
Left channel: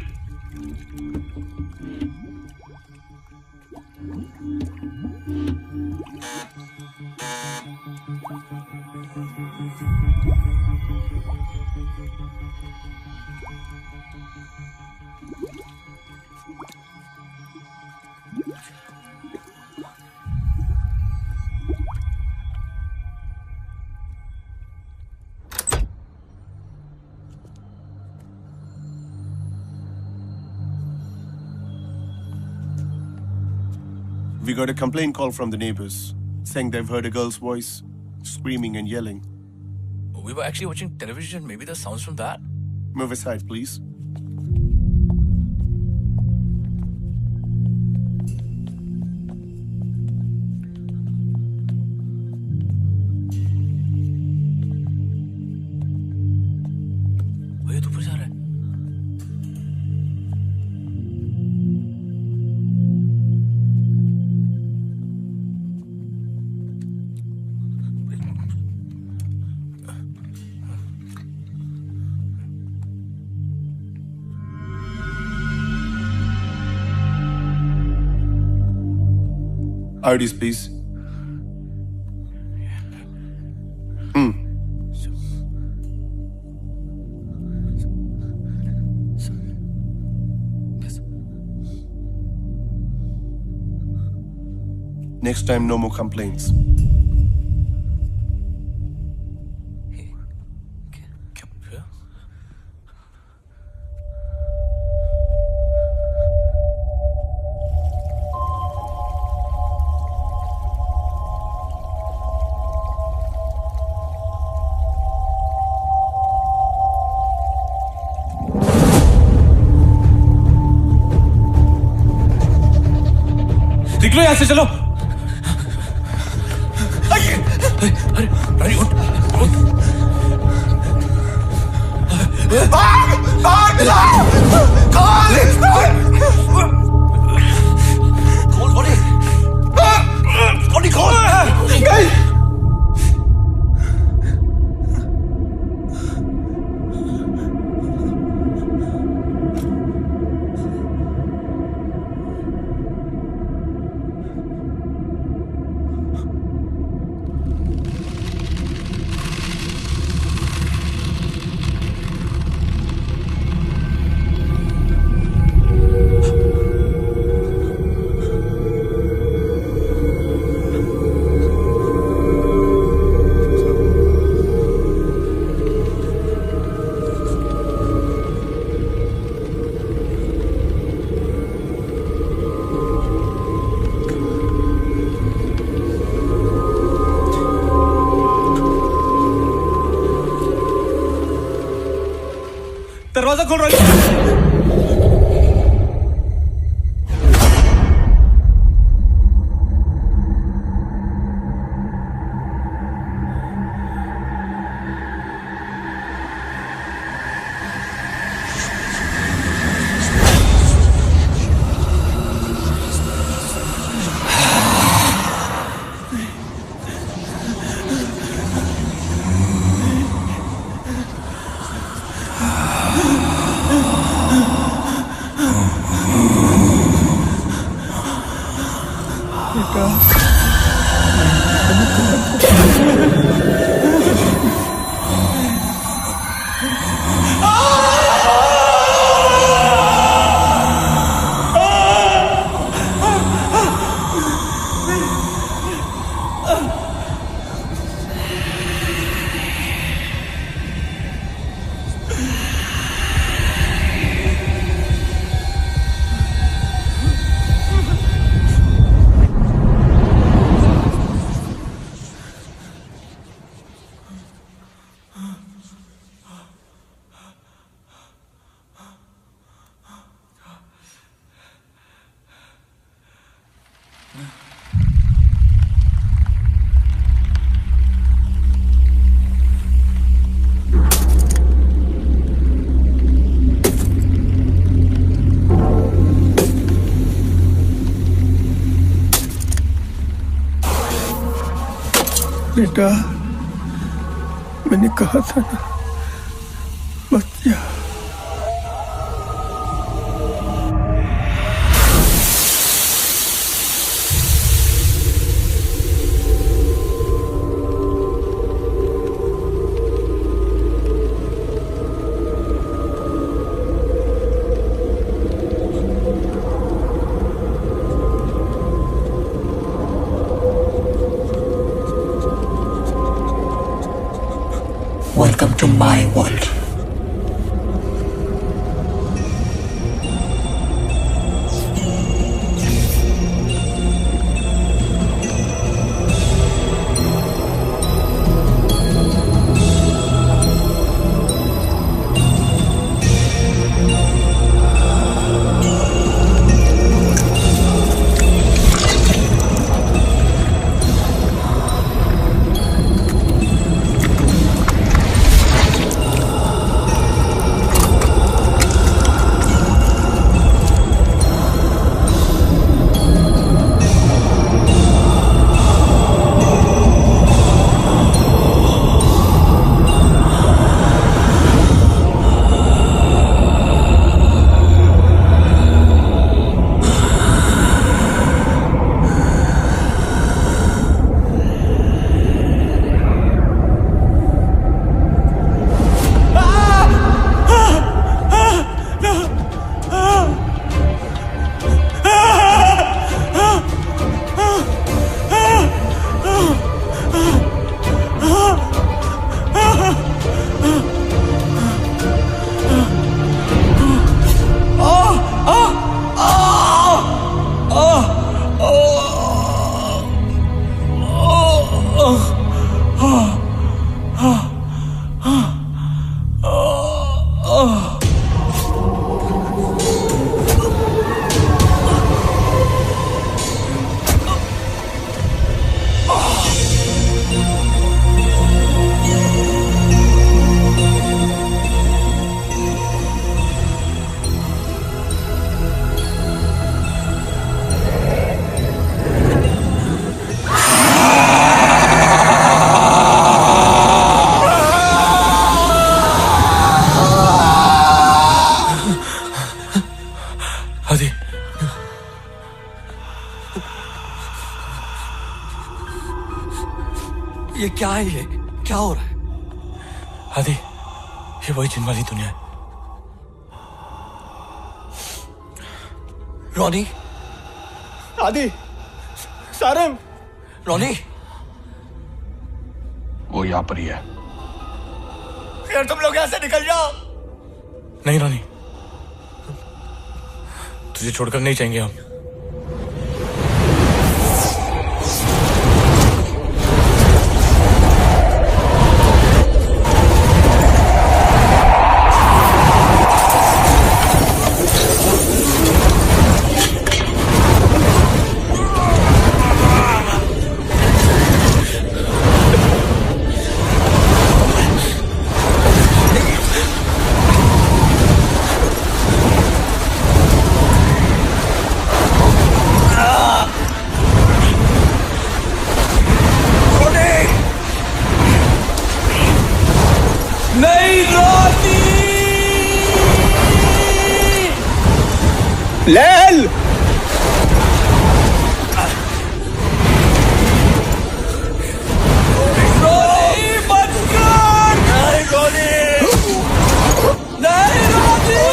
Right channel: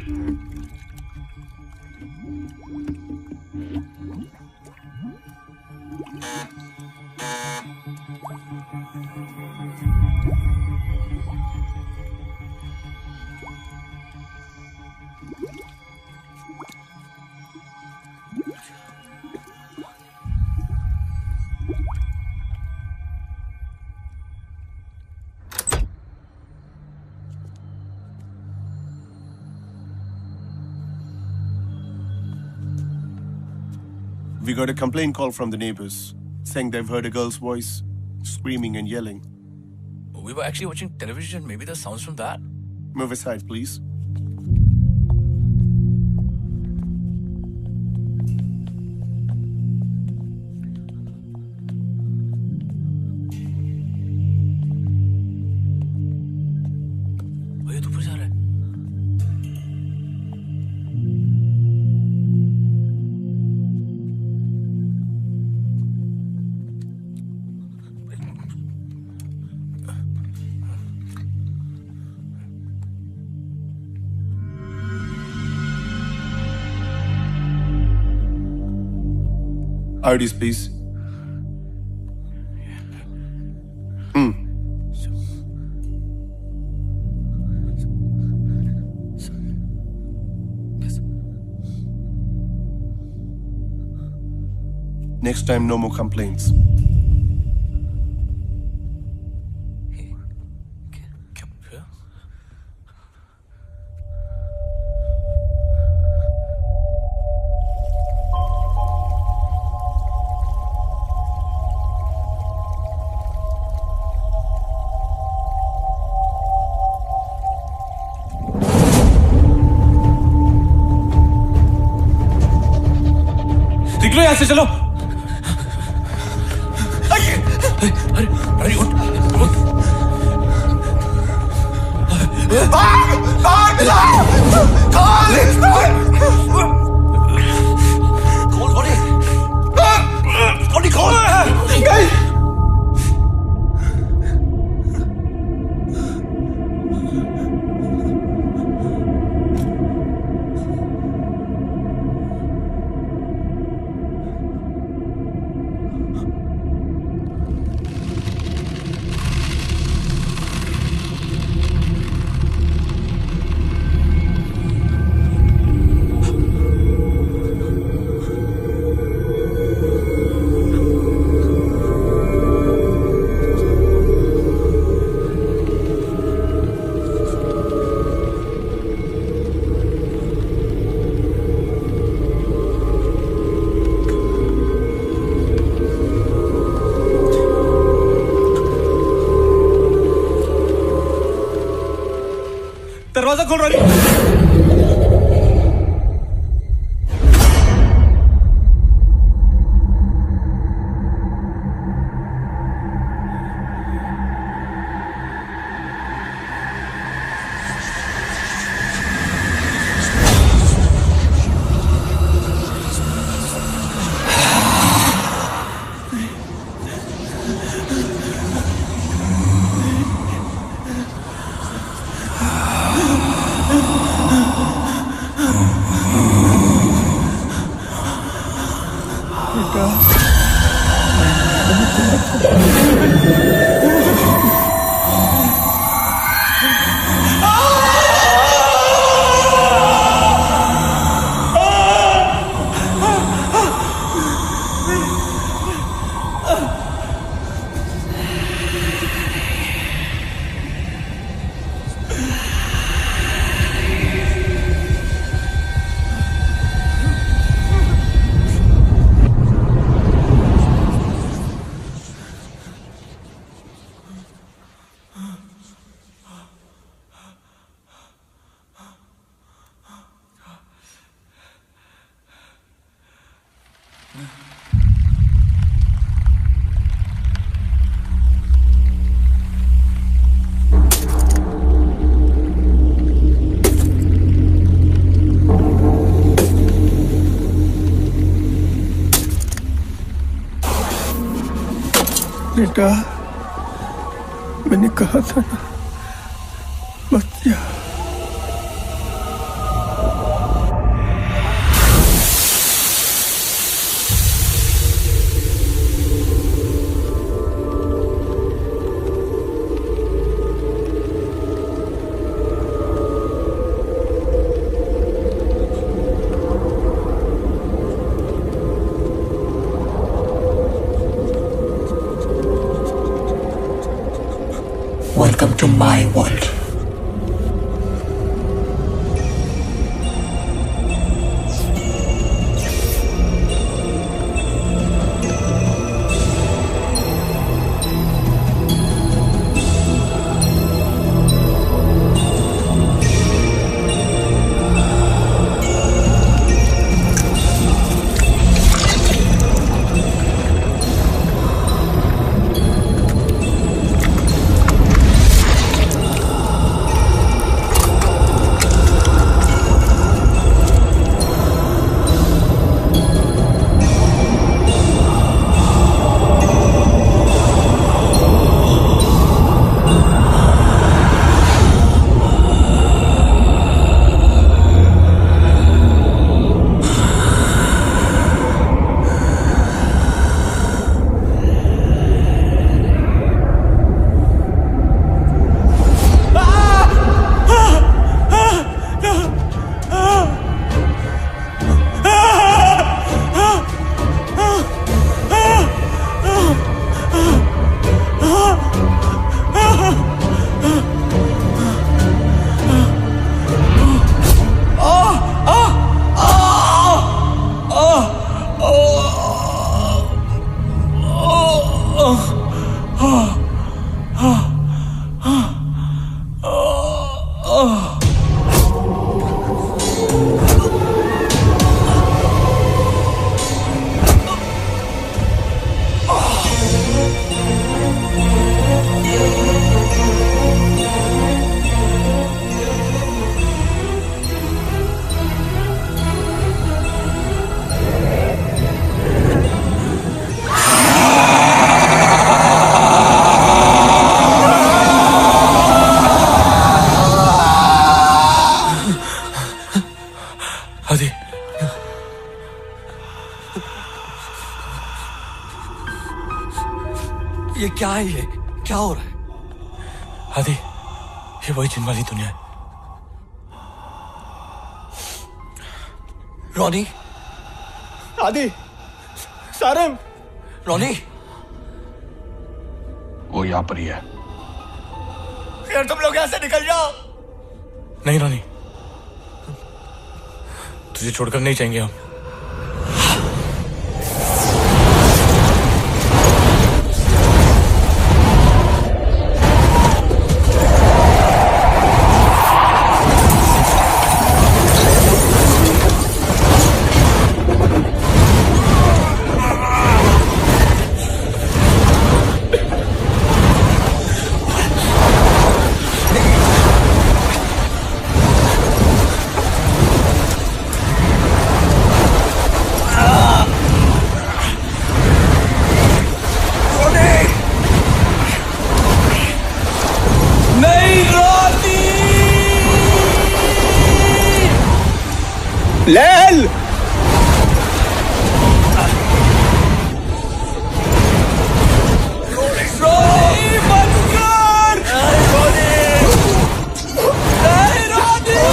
We got a complaint call from the neighbors saying they've heard a girl's voice screaming and yelling. We were actually watching television. Maybe the sounds from that. Move aside, please. भैया तू ऊपर जा रहा है? IDs, please. Next time, no more complaints. निकलो यहाँ से, चलो। अरे उठ, उठ। दरवाजा खोल रहा है। बेटा, मैंने कहा था ना, मत जा। Welcome to my world. आदि, ये क्या है? ये क्या हो रहा है? आदि, ये वही जिन वाली दुनिया है। रोनी, आदि, सारिम, रोनी, वो यहाँ पर ही है। यार तुम लोग यहाँ से निकल जाओ। नहीं रोनी, तुझे छोड़कर नहीं जाएंगे हम। लेल रोनी बंद कर। नहीं रोनी, नहीं रोनी।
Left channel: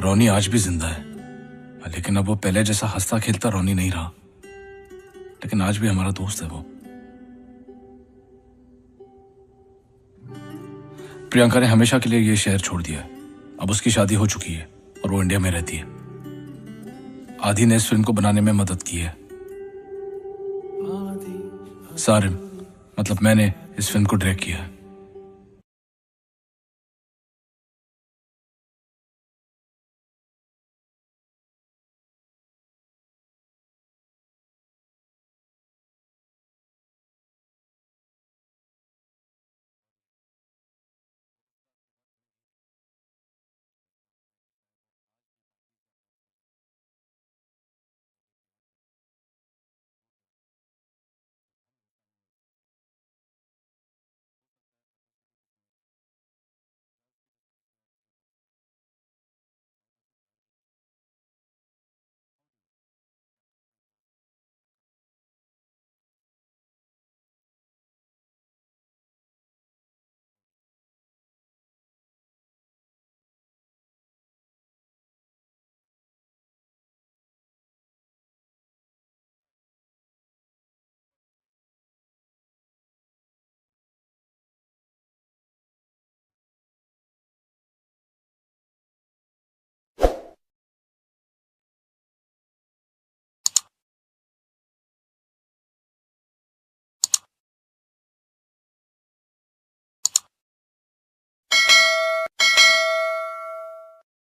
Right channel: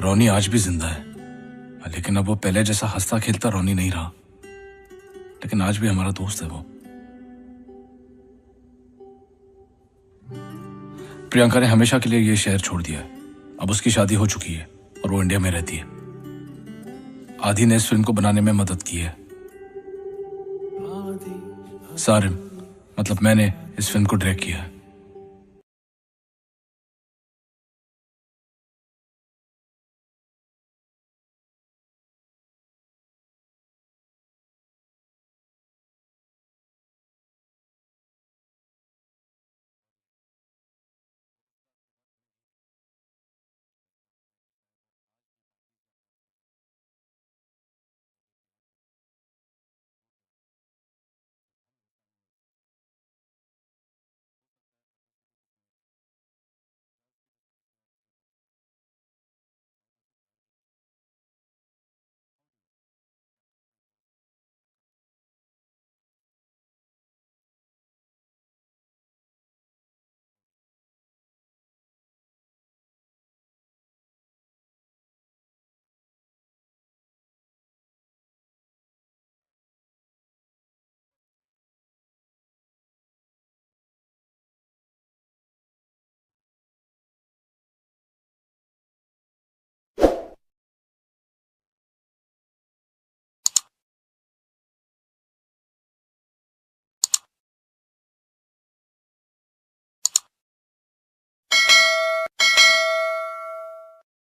रोनी आज भी जिंदा है, लेकिन अब वो पहले जैसा हंसता खेलता रोनी नहीं रहा। लेकिन आज भी हमारा दोस्त है वो। प्रियंका ने हमेशा के लिए ये शहर छोड़ दिया है। अब उसकी शादी हो चुकी है और वो इंडिया में रहती है। आदि ने इस फिल्म को बनाने में मदद की है। सारिम, मतलब मैंने इस फिल्म को डायरेक्ट किया है।